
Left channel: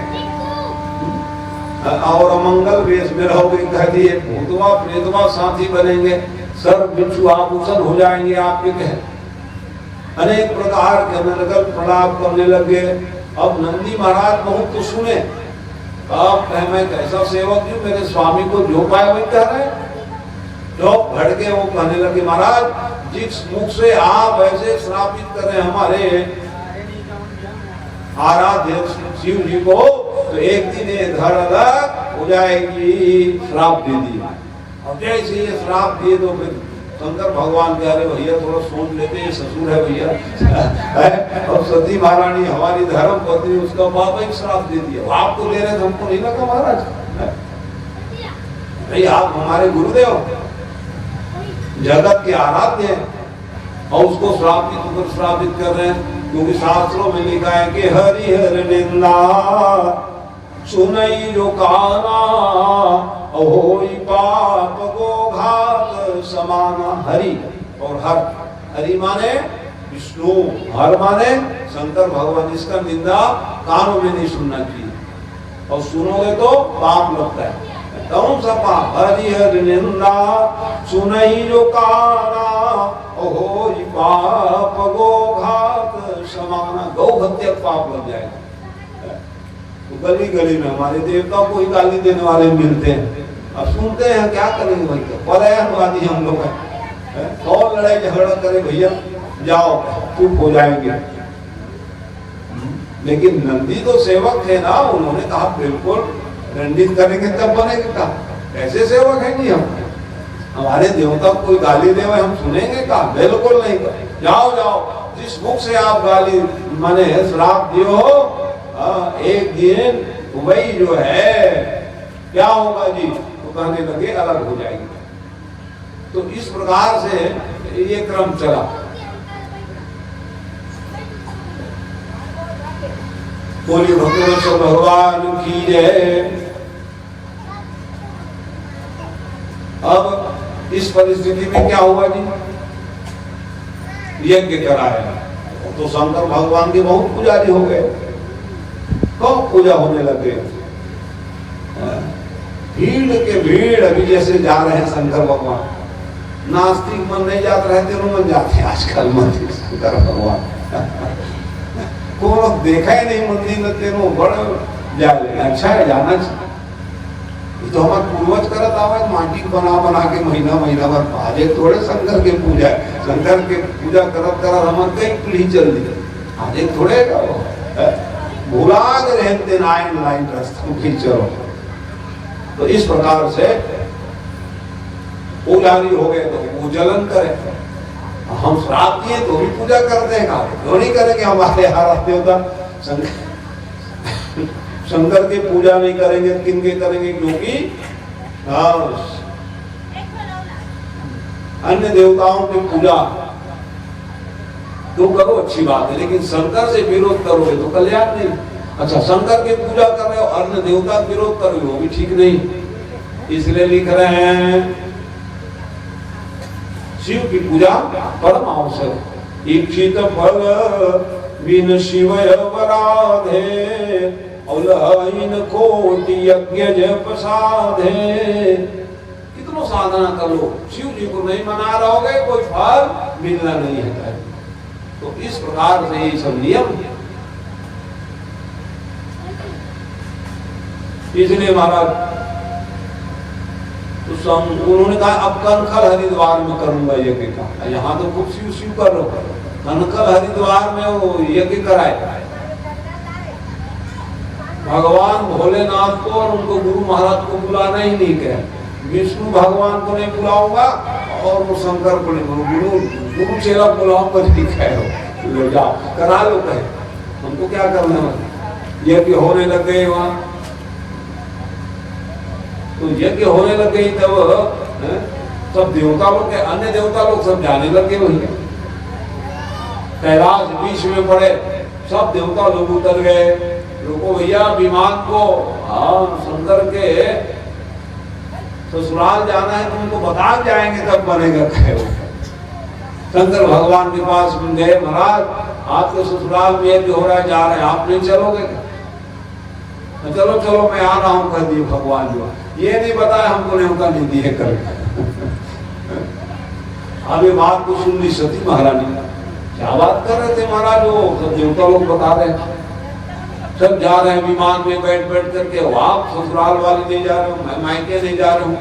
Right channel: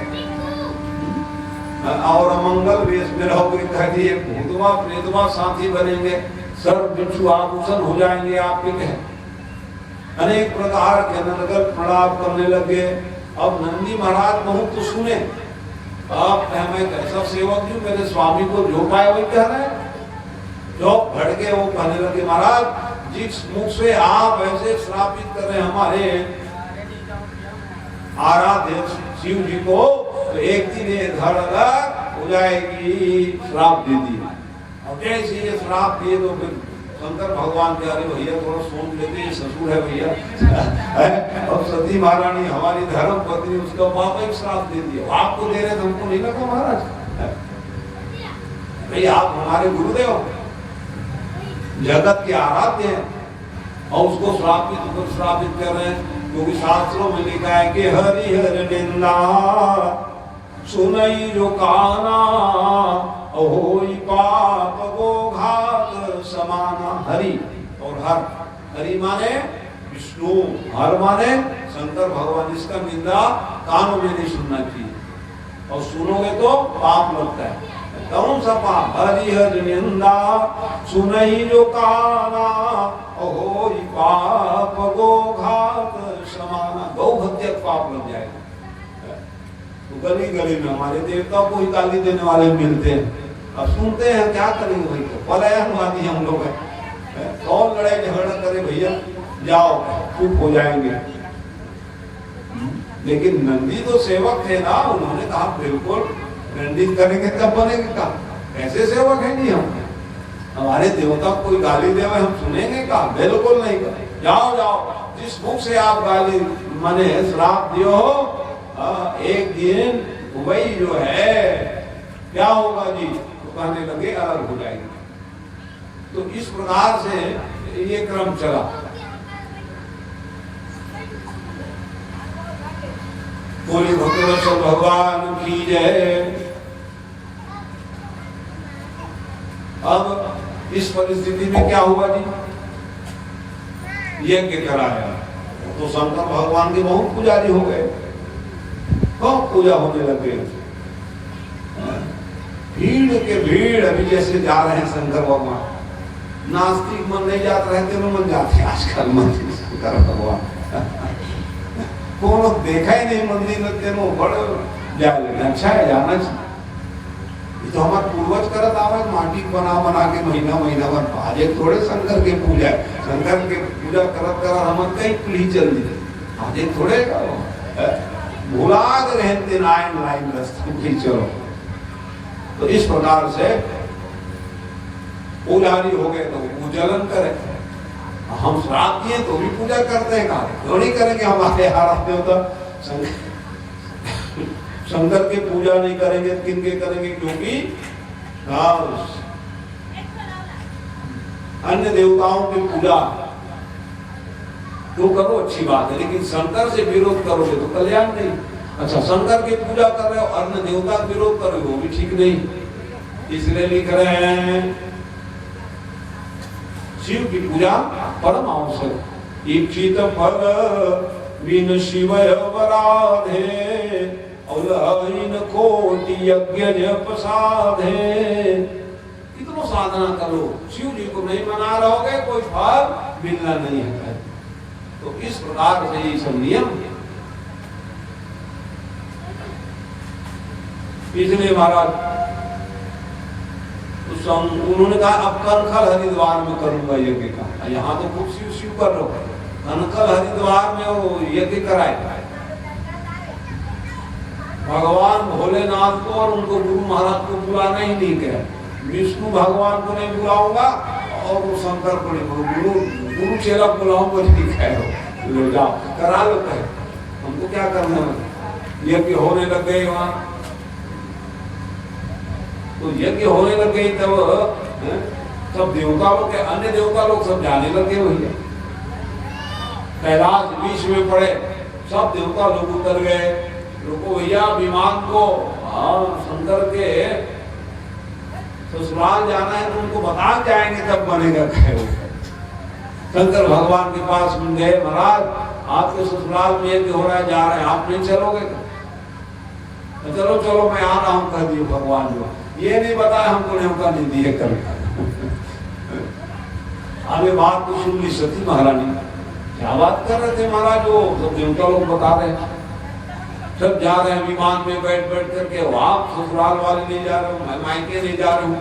और अमंगल वेश में रहोगे, कह दिए भूतवा प्रेतवा साथी बनेंगे, सर्व बिच्छू आभूषण हो जाएंगे आपके, कह अनेक प्रकार के नरगल प्रणाम करने लगे। अब नंदी महाराज बहुत तो सुने, आप कहे मैं कैसा सेवक हूँ, मेरे स्वामी को जो पाए वही कह रहे। जो भड़के वो कहने लगे, महाराज जिस मुख से आप ऐसे श्रापित कर रहे हैं हमारे आराध्य शिव जी को, तो एक दिन ये धड़ अलग हो जाएगी, श्राप दे दिया। और जैसे ये श्राप दिए तो फिर शंकर भगवान कह रहे भैया थोड़ा सोच लेते, ये ससुर है भैया। अब सती महारानी हमारी धर्म पत्नी, उसका बाप एक श्राप दे दिया, आपको दे रहे थे, हमको नहीं लगा महाराज। भाई आप हमारे गुरुदेव, जगत के आराध्य हैं, और उसको श्राप की तुम श्रापित कर रहे हैं, क्योंकि शास्त्रों में लिखा है कि हरिहर निंदा सुनई जो काना, होई पाप को घात समाना। हरि और हर, हरि माने विष्णु, हर माने शंकर भगवान, इसका निंदा कानों में नहीं सुनना चाहिए, और सुनोगे तो पाप लगता है। कौन सा पाप? हरिहर निंदा सुनई जो काना, होई पाप गो घात समाना। गौ हत्या पाप लग जाएगा। तो गली गली में हमारे देवता को ही गाली देने वाले मिलते हैं, अब सुनते हैं क्या करेंगे भाई, पर्यायवादी हम लोग हैं, कौन लड़ाई झगड़ा करे भैया, जाओ चुप हो जाएंगे। लेकिन नंदी तो सेवक थे ना, उन्होंने कहा बिल्कुल दंडित करेंगे तब बनेंगे। का कैसे सेवक हैं जी हम, हमारे देवता कोई गाली दे हम सुनेंगे का? बिल्कुल नहीं। जाओ जाओ, जिस मुख से आप गाली माने श्राप दियो, एक दिन वही जो है क्या होगा जी, तो कहने लगे अलग हो जाएंगे। तो इस प्रकार से ये क्रम चला। बोले भगवान भगवान की जय। अब इस परिस्थिति में क्या होगा जी, यज्ञ कराएगा, तो शंकर भगवान के बहुत पुजारी हो गए, तो पूजा होने लगे। भीड़ के भीड़ अभी जैसे जा रहे हैं शंकर भगवान, नास्तिक मन नहीं जाते रहे, तेनों मन जाते आजकल मंदिर शंकर भगवान को देखा ही नहीं मंदिर में, तेनों बड़े जाए, अच्छा है जाना चाहिए। तो हमारे पूर्वज करत आवे, माटी बना बना के महीना महीना भर, आज एक थोड़े शंकर के पूजा, शंकर के पूजा करत करत हमारे कई पीढ़ी चल रही, आज एक थोड़े भुला रहते नाइन लाइन रस्तों की चलो। तो इस प्रकार से पुजारी हो गए तो पूजन करें, हम श्राप दिए तो भी पूजा करते हैं, क्यों नहीं करेंगे? हमारे आराध्य देवता शंकर की पूजा नहीं करेंगे, किनके करेंगे? क्योंकि अन्य देवताओं की पूजा तो करो, अच्छी बात है, लेकिन शंकर से विरोध करोगे तो कल्याण नहीं। अच्छा, शंकर की पूजा कर रहे हो, अन्य देवता का विरोध कर रहे हो, भी ठीक नहीं। इसलिए लिख रहे हैं शिव की पूजा परम आवश्यक। इच्छित फल बिन शिव अपराधे, कोटि यज्ञ जप साधे। कितना साधना कर लो, शिव जी को नहीं मना रहोगे कोई फल मिलना नहीं है। तो इस प्रकार से ये सब नियम, इसलिए महाराज तो उन्होंने कहा अब कनखल हरिद्वार में कर लूंगा यज्ञ का। यहाँ तो खूब शिव शिव कर लो, कनखल हरिद्वार में वो यज्ञ कराए। भगवान भोलेनाथ को और उनको गुरु महाराज को बुलाना ही नहीं कहे, विष्णु भगवान को नहीं बुलाऊंगा और वो शंकर को नहीं, गुरु चेला बुलाऊंगा ठीक है, ले जाओ करा लो कहे। उनको क्या करना है? यज्ञ होने लग गए वहां, तो यज्ञ होने लग गई तब सब देवता लोग, अन्य देवता लोग सब जाने लगे वही। कैलाश बीच में पड़े, सब देवता लोग उतर गए। रुको भैया, विमान को शंकर के ससुराल जाना है तो उनको बता जाएंगे तब बनेगा। शंकर भगवान के पास गए, महाराज आपके ससुराल में यज्ञ हो रहा है, जा रहे हैं, आप नहीं चलोगे? चलो चलो मैं आ रहा हूँ कह दिए भगवान जो, ये नहीं बताया हमको न्योता नहीं दिए कर। अब ये बात को सुन ली सती महारानी, क्या बात कर रहे थे महाराज, वो तो देवता लोग बता रहे, सब जा रहे हैं विमान में बैठ बैठ करके। आप ससुराल वाले नहीं जा रहे हो, मैं मायके नहीं जा रहा हूँ,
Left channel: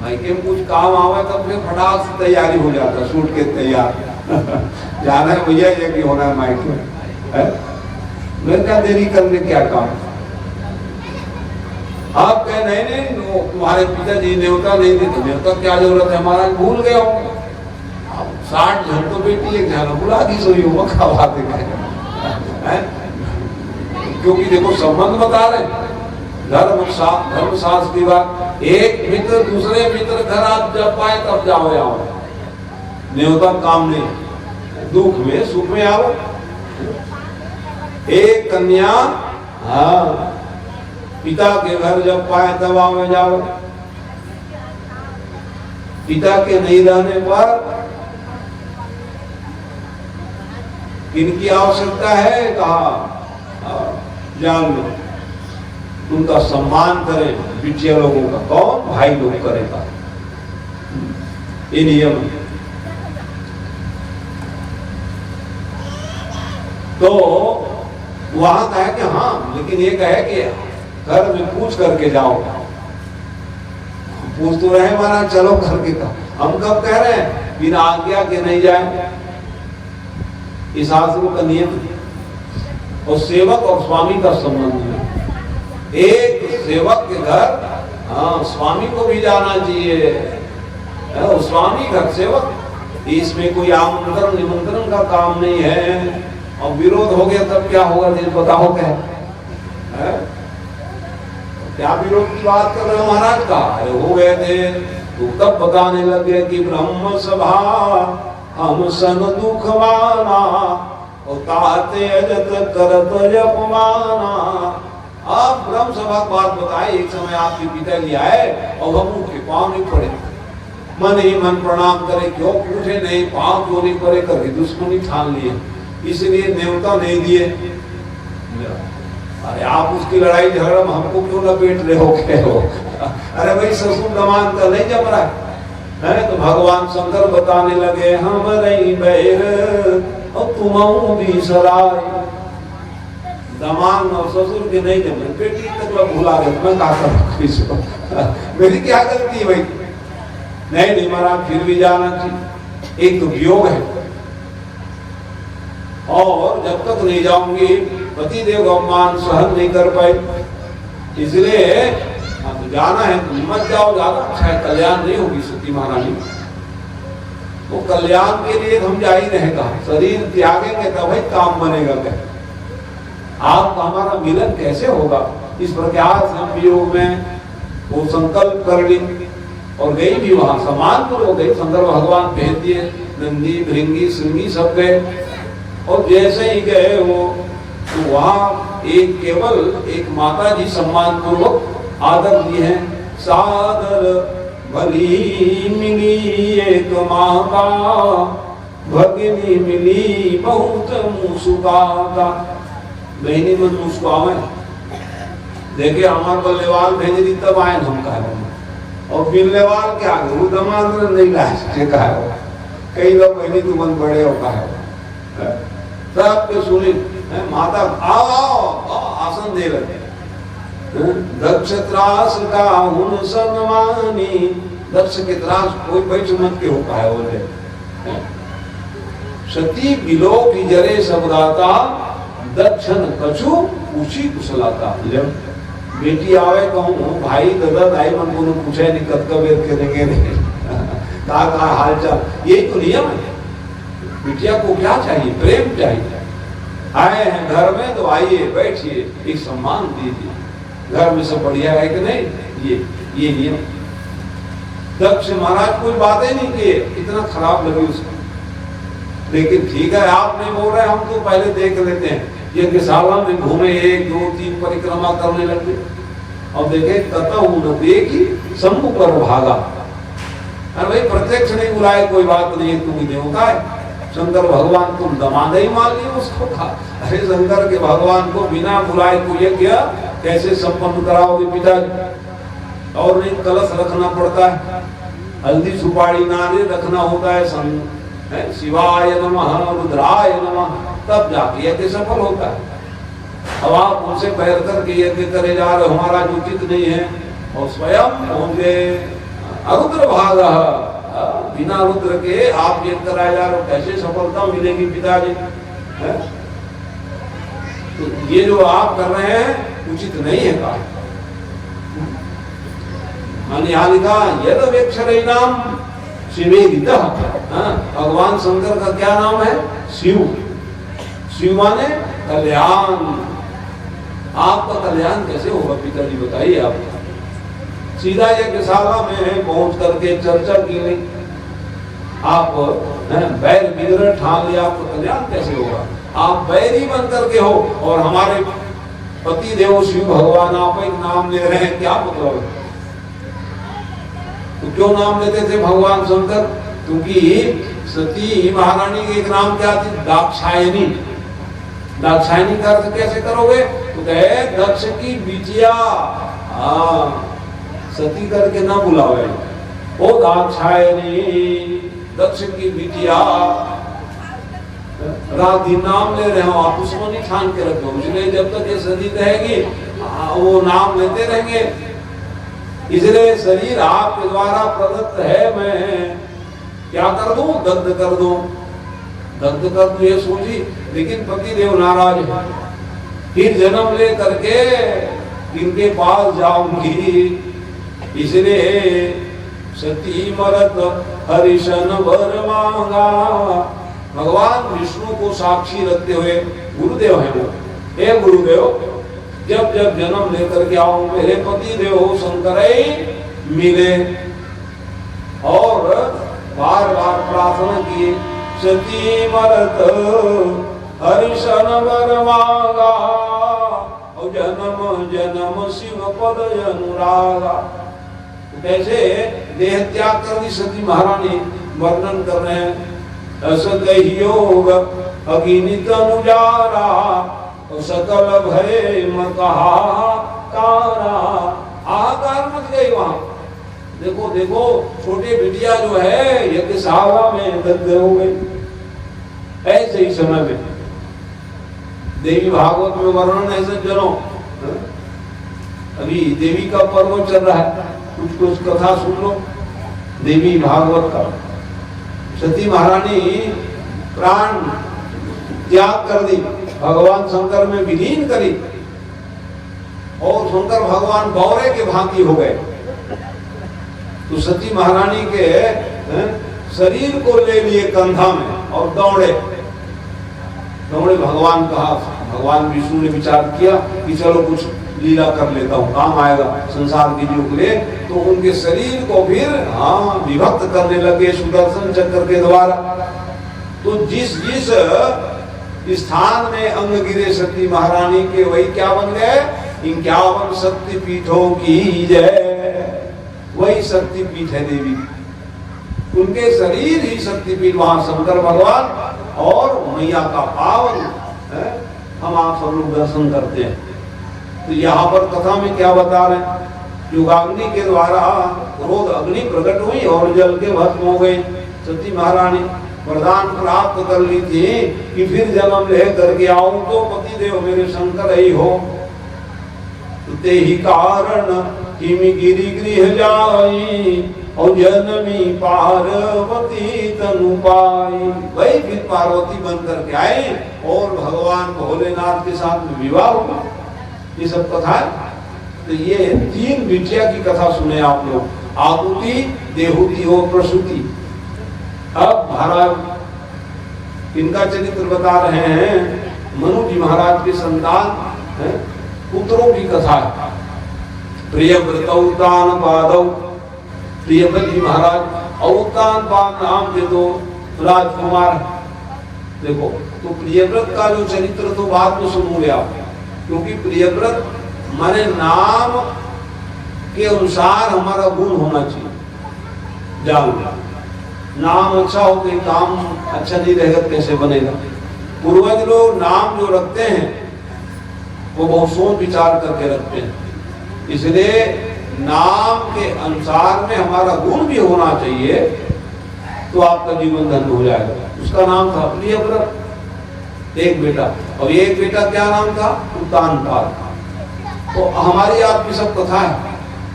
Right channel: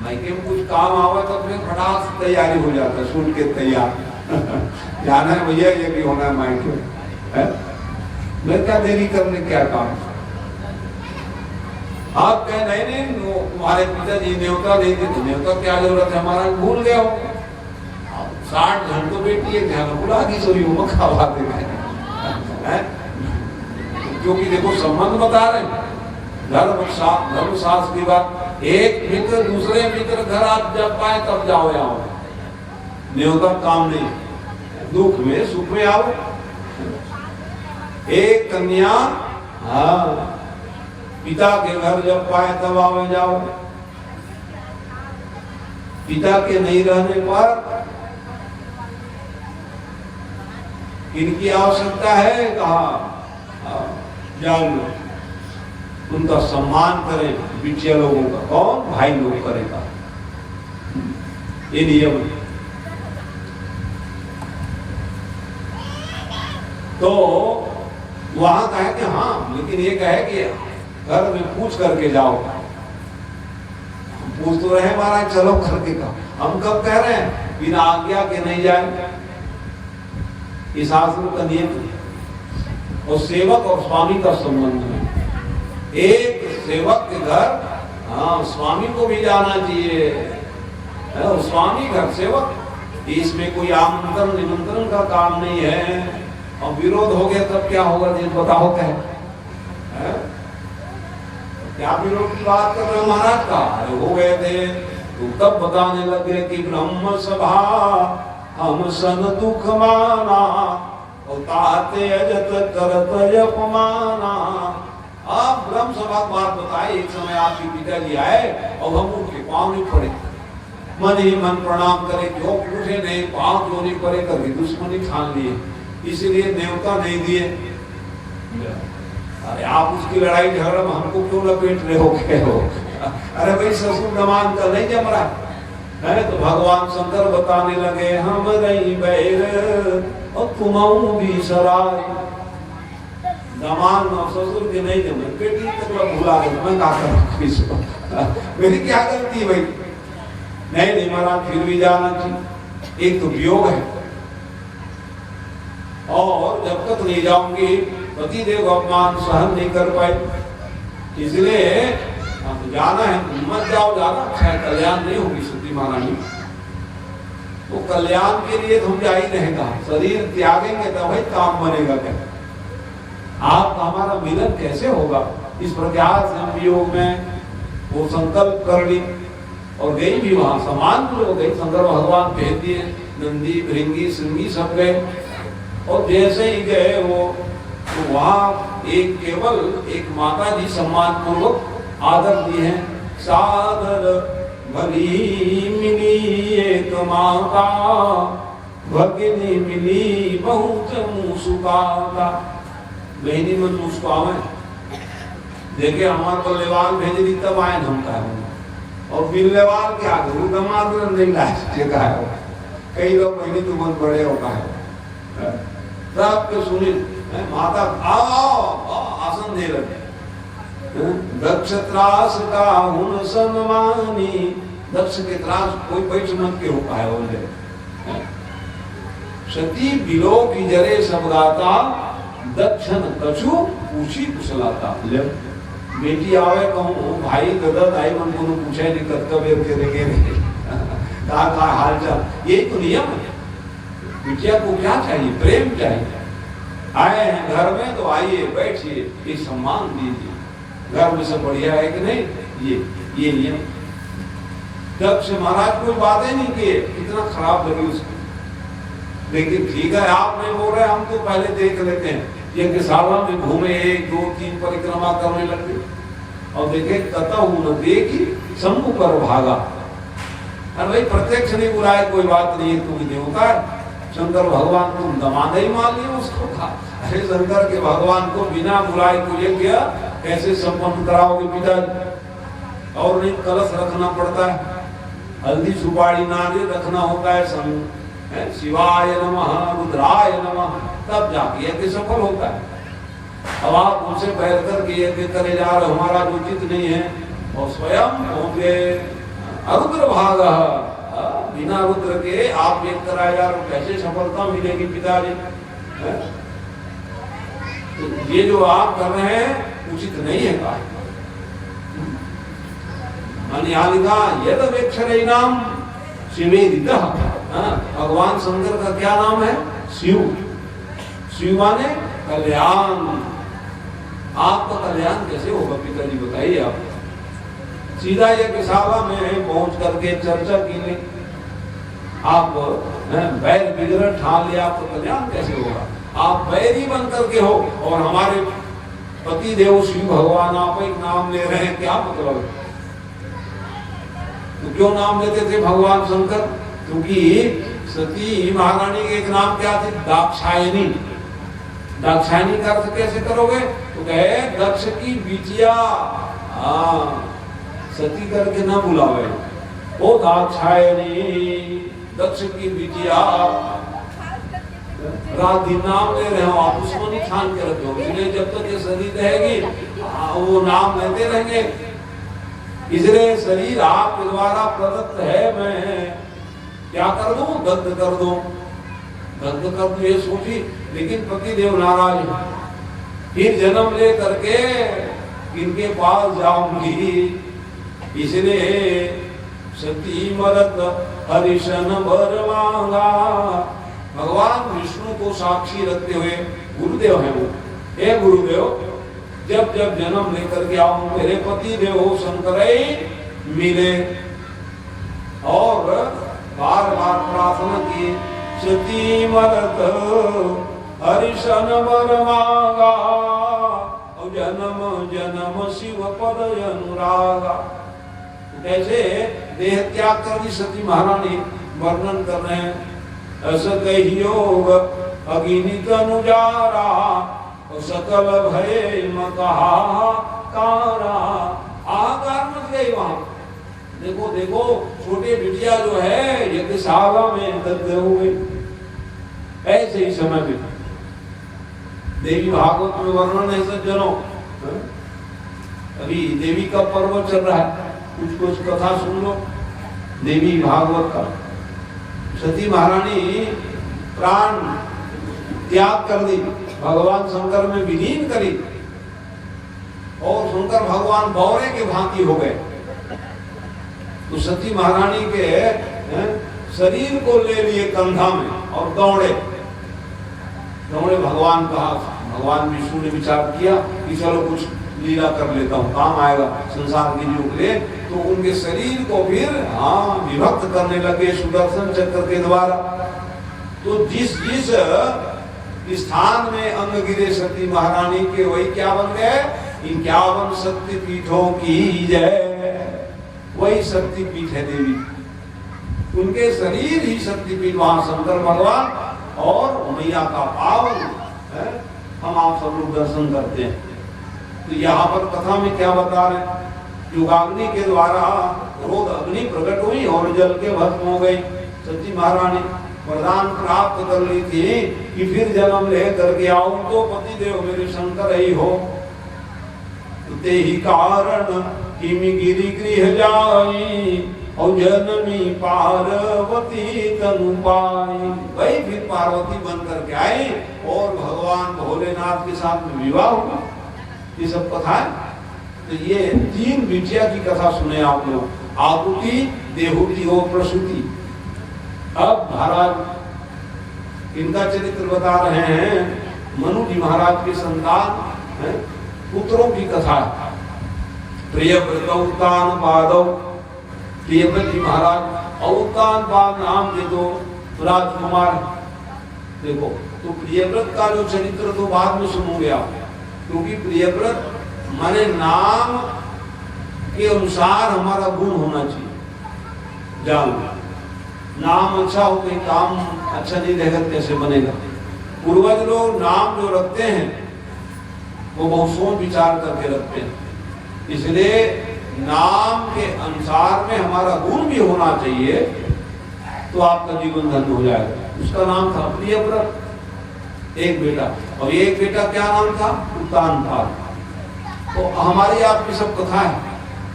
मायके में कुछ काम आवा तो अपने फटाक से तैयारी हो जाता है, सूट के तैयार जा रहे हैं भैया ये भी होना है मायके, मैं क्या देरी करने क्या काम। आप कह नहीं नहीं तुम्हारे पिताजी देवता नहीं थे, देवता क्या जरूरत है, हमारा भूल गए हो, 60 जन को बेटी एक जन बुला दी सोई हो खावा दे क्योंकि देखो संबंध बता रहे धर्म शास्त्र की बात। एक मित्र दूसरे मित्र घर आप जब पाए तब जाओ आओ, न्योता काम नहीं, दुख में सुख में आओ। एक कन्या हाँ पिता के घर जब पाए तब आओ जाओ। पिता के नहीं रहने पर इनकी आवश्यकता है, कहा जान लो, उनका सम्मान करें। बिटिया लोगों का कौन भाई लोग करेगा, ये नियम। तो वहां कहे कि हाँ, लेकिन ये कहे कि घर में पूछ करके जाओ। पूछ तो रहे महाराज, चलो करके कहो। हम कब कह रहे हैं बिना आज्ञा के नहीं जाए, इस शास्त्रों का नियम। और सेवक और स्वामी का संबंध है। एक सेवक के घर हाँ स्वामी को भी जाना चाहिए। और स्वामी घर सेवक, इसमें कोई आमंत्रण निमंत्रण का काम नहीं है। और विरोध हो गया तब क्या होगा, दिल बताओ क्या है? क्या विरोध की बात कर रहे महाराज का हो गए थे, तो तब बताने लगे कि ब्रह्म सभा हम सन दुख माना और ताते अजत करत अपमाना। आप ब्रह्म सभा की बात बताए। एक समय आपके पिताजी आए और हम उनके पांव नहीं पड़े, मन ही मन प्रणाम करे, क्यों पूछे नहीं, पांव क्यों नहीं पड़े, कभी दुश्मनी ठान लिए, इसलिए न्योता नहीं दिए। अरे आप उसकी लड़ाई झगड़ा में हमको क्यों लपेट रहे हो? अरे भाई ससुर दमान का नहीं जम रहा है। तो भगवान शंकर बताने लगे हम रही बैर और तुम भी सराय। दमान और ससुर के नहीं जमे, बेटी तक लोग भुला रहे, मैं कहा मेरी क्या गलती भाई? नहीं महाराज फिर भी जाना चाहिए। एक तो वियोग है और जब तक नहीं जाऊंगी पति देव अपमान सहन नहीं कर पाए, इसलिए तो जाना है। मत जाओ, ज्यादा अच्छा कल्याण नहीं होगी सती महारानी। तो कल्याण के लिए हम जा ही रहेगा, शरीर त्यागेंगे तब ही काम बनेगा। क्या आपका हमारा मिलन कैसे होगा? इस प्रकार संयोग में वो संकल्प कर ली और गई भी वहां सम्मानपुर हो गई। शंकर भगवान भेज दिए, नंदी भृंगी सिंगी सब गए। और जैसे ही गए वो तो वहां केवल एक माता जी सम्मान पूर्वक आदर दिए हैं। सादर भली मिली एक माता, भगिनी मिली बहुत मुस्कुराता। बहनी मन मुस्कुरावे, देखे हमारे बल्लेवाल भेज दी तब आए हम कहा। और बिल्लेवाल क्या गुरु दमान नहीं लाए कहा। कई लोग बहनी तुमन बड़े होता है सबके सुनी माता आओ आओ आसन दे लगे। दक्ष त्रास का हुन सम्मानी, दक्ष के त्रास कोई बैठ मत के होता है बोले। सती बिलो की जरे सबदाता, दक्षन कछु पूछी कुशलाता। जब बेटी आवे कहूँ भाई दादा दाई मन को पूछे नहीं कर्तव्य के देंगे नहीं कहा हाल चाल, यही तो नियम है। बिटिया को क्या चाहिए? प्रेम चाहिए। आए हैं घर में तो आइए बैठिए, एक सम्मान दीजिए। घर में सब बढ़िया है कि नहीं? ये नियम। दक्ष महाराज कोई बातें नहीं किए, इतना खराब लगी उसको। लेकिन ठीक है आपने बोल रहे, हम तो पहले देख लेते हैं। यज्ञशाला में घूमे, 1 2 3 परिक्रमा करने लगे और देखे कतहु न देखी शंभु पर भागा। अरे भाई प्रत्यक्ष नहीं बुलाए कोई बात नहीं, तुम ही देवता है। शंकर भगवान तुम दमाद ही मान लिया उसको। अरे शंकर के भगवान को बिना बुलाए तो यज्ञ कैसे संपन्न कराओगे पिता? और नहीं कलश रखना पड़ता है, हल्दी सुपारी नारियल रखना होता है, शिवाय नमः रुद्राय नमः, तब जाके यज्ञ सफल होता है। अब आप उनसे पैर करके यज्ञ करे जा रहे, हमारा उचित नहीं है। और स्वयं होंगे अरुद्र भाग, बिना रुद्र के आप यज्ञ कराए जा रहे, कैसे सफलता मिलेगी पिताजी? तो ये जो आप कर रहे हैं उचित नहीं है काम। यहाँ लिखा यद वेक्षरेणाम शिवेदितः हाँ, भगवान शंकर का क्या नाम है? शिव। शिव माने कल्याण। आपका कल्याण कैसे होगा पिताजी, बताइए आप। सीधा यज्ञशाला में पहुंच करके चर्चा की गई, आप बैर विग्रह ठान लिया, आपका कल्याण कैसे होगा? आप बैरी बन करके हो और हमारे पति देव शिव भगवान आप एक नाम ले रहे हैं, क्या मतलब? तो क्यों नाम लेते थे भगवान शंकर? क्योंकि सती महारानी के एक नाम क्या थी? दाक्षायणी। दाक्षायणी का अर्थ कैसे करोगे? तो कहे दक्ष की बिटिया। सती करके ना बुलावे, ओ दाक्षायणी, दक्ष की बिटिया। राधि नाम ले रहे हो आप, दुश्मनी ठान के रखो, इसलिए जब तक ये सती रहेगी वो नाम लेते रहेंगे। इसलिए शरीर आपके द्वारा प्रदत्त है, मैं क्या कर दूं? दग्ध कर दूं, दग्ध कर दूं ये सोची, लेकिन पति देव नाराज है। फिर जन्म ले करके इनके पास जाऊंगी, इसलिए सती मरत हरिशन वर मांगा। भगवान विष्णु को साक्षी रखते हुए, गुरुदेव है वो, हे गुरुदेव, जब जब जन्म लेकर के आऊं मेरे पति देव शंकर मिले, और बार बार प्रार्थना की, सती मरत हरिशन वर मांगा, और जन्म जन्म शिव पद अनुरागा। कैसे देह त्याग कर दी सती महारानी, वर्णन कर रहे हैं। योग अगिनित अनुजारा, सकल भय मकारा। आहाकार मच गई वहां। देखो देखो, छोटे बिटिया जो है यज्ञशाला में दग्ध हो गई। ऐसे ही समय में देवी भागवत में वर्णन है सज्जनों। अभी देवी का पर्व चल रहा है, कुछ कुछ कथा सुन लो देवी भागवत का। सती महारानी प्राण त्याग कर दी, भगवान शंकर में विलीन करी, और शंकर भगवान बौरे के भांति हो गए। तो सती महारानी के शरीर को ले लिए कंधा में और दौड़े दौड़े भगवान कहा। भगवान विष्णु ने विचार किया कि चलो कुछ लीला कर लेता हूँ, काम आएगा संसार की युग में। तो उनके शरीर को फिर विभक्त करने लगे सुदर्शन चक्र के द्वारा। तो जिस जिस स्थान में अंग गिरे सती महारानी के, वही क्या बन गए? 51 शक्ति पीठों की जय। वही शक्ति पीठ है देवी, उनके शरीर ही शक्तिपीठ, वहां शंकर भगवान और मैया का पावन है, हम आप सब लोग दर्शन करते हैं। तो यहाँ पर कथा में क्या बता रहे हैं? युगाग्नि के द्वारा क्रोध अग्नि प्रकट हुई और जल के भस्म हो गई। सती महारानी वरदान प्राप्त कर ली थी कि फिर जन्म ले करके आऊं तो पति देव मेरे शंकर ही हो। ते ही कारण किमि गिरि गृह जाई, और जनमी पार्वती तनु पाई। वही फिर पार्वती बन करके आए और भगवान भोलेनाथ के साथ विवाह हुआ। ये सब कथा है। तो ये 3 बिटिया की कथा सुने आप लोग, आहुति, देहुति और प्रसूति। अब महाराज इनका चरित्र बता रहे हैं। मनु जी महाराज के संतान पुत्रों की कथा है। प्रियव्रत उत्तान पादव, प्रियव्रत जी महाराज और उत्तान पाद नाम के 2 राजकुमार। देखो, तो प्रियव्रत का जो चरित्र तो बाद में सुनोगे आप, क्योंकि प्रियव्रत माने नाम के अनुसार हमारा गुण होना चाहिए। जानो, नाम अच्छा हो गई, काम अच्छा नहीं रहेगा कैसे बनेगा? पूर्वज लोग नाम जो रखते हैं वो बहुत सोच विचार करके रखते हैं। इसलिए नाम के अनुसार में हमारा गुण भी होना चाहिए, तो आपका जीवन धन्य हो जाएगा। उसका नाम था प्रियव्रत, एक बेटा, और एक बेटा क्या नाम था? उत्तानपाद। तो हमारी आपकी सब कथा है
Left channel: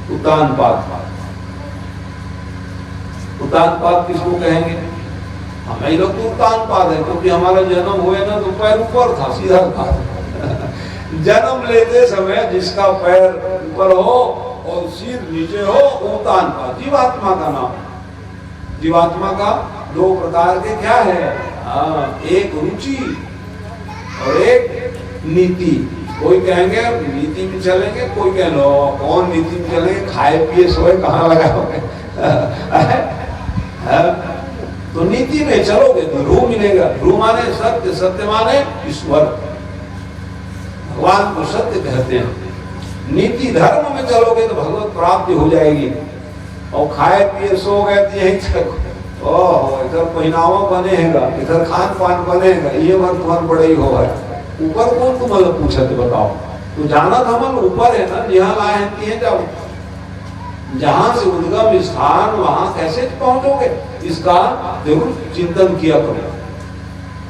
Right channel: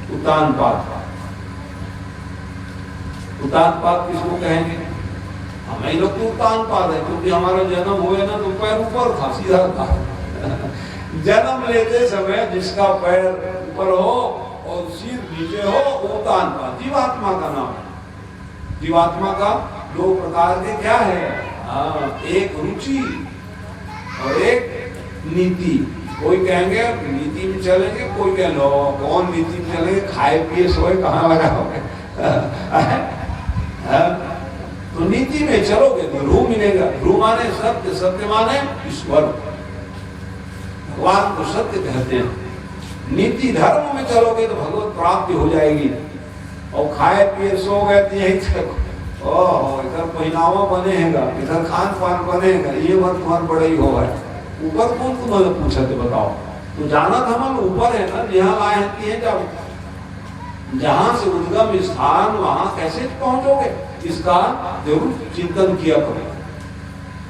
उत्तानपाद। उत्तानपाद किसको कहेंगे? हमें लोग तो उत्तानपाद है, क्योंकि हमारा जन्म हुए ना तो पैर ऊपर था, सीधा था। जन्म लेते समय जिसका पैर ऊपर हो और सिर नीचे हो, उत्तानपाद। जीवात्मा का नाम, जीवात्मा का दो प्रकार के क्या है? एक रुचि और एक नीति। कोई कहेंगे नीति में चलेंगे, कोई कह लो कौन नीति में चलेंगे, खाए पिए सोए कहाँ लगाओगे? तो नीति में चलोगे तो ध्रुव मिलेगा। ध्रुव माने सत्य, सत्य माने ईश्वर, भगवान को सत्य कहते हैं। नीति धर्म में चलोगे तो भगवत प्राप्ति हो जाएगी। और खाए पिए सो गए तो यही इधर पहनावा बनेगा, इधर खान पान बनेगा, ये मत तुम्हारा बड़े ही होगा। ऊपर कौन तुम्हें पूछे तो बताओ। तो जाना तो हम ऊपर है ना, जहाँ लाए हैं तिहे जाओ। जहां से उद्गम स्थान वहां कैसे पहुंचोगे, इसका जरूर चिंतन किया करो।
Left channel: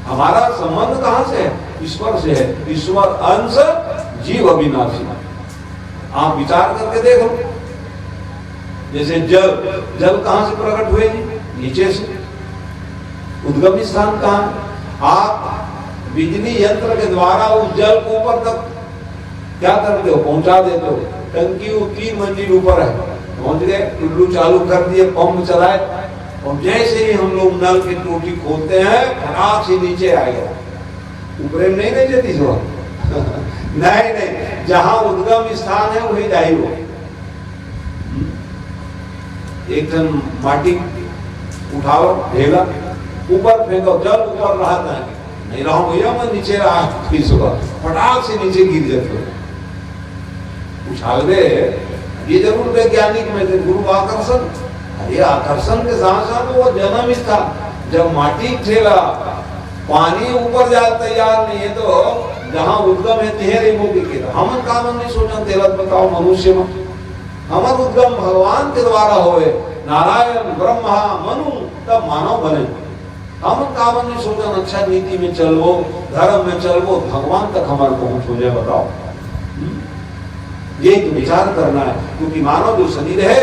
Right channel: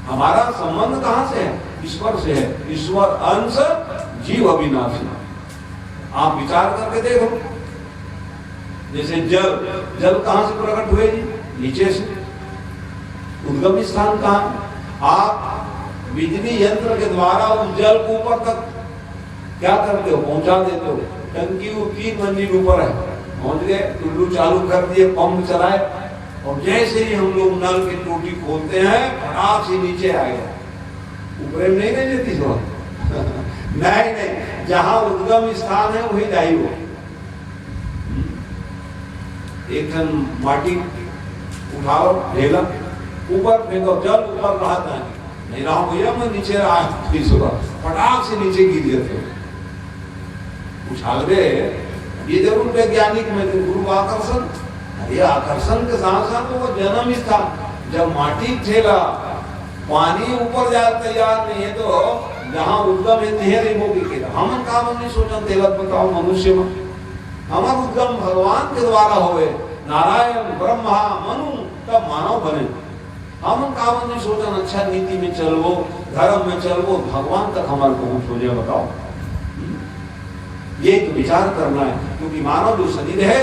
हमारा संबंध कहां से है? ईश्वर से है। ईश्वर अंश, जीव अविनाशी। आप विचार करके देखो, जैसे जल, जल कहां से प्रकट हुए जी? नीचे से। उद्गम स्थान कहां? आप बिजली यंत्र के द्वारा उस जल को ऊपर तक क्या करते हो? पहुंचा देते हो। टंकी 3 मंजिल ऊपर है, पहुंच गए, टुल्लू चालू कर दिए, पंप चलाए, और जैसे ही हम लोग नल की टूटी खोलते हैं, फटाक से नीचे आएगा। ऊपर नहीं ले लेती हो नहीं नहीं, जहां उद्गम स्थान है वही जाए वो। एक टन माटी उठा लो, ढेला ऊपर फेंको, जल ऊपर रहा नहीं रहा भैया, मैं नीचे रहा, फटाक से नीचे गिर जाते उछालवे। ये जरूर वैज्ञानिक में गुरुत्वाकर्षण, अरे आकर्षण के साथ साथ वो जन्म ही था। जब माटी ठेला, पानी ऊपर जाल तैयार नहीं है, तो जहां उद्गम है तिहेरे मुक्ति के हम काम नहीं सोचा तेरा बताओ मनुष्य में। हमार उद्गम भगवान के द्वारा होए, नारायण ब्रह्मा मनु, तब मानव बने। हम काम नहीं सोचा अच्छा नीति में चलो, धर्म में चलो, भगवान तक हमारे पहुंच हो जाए। बताओ, ये तो विचार करना है। क्योंकि मानव जो शरीर है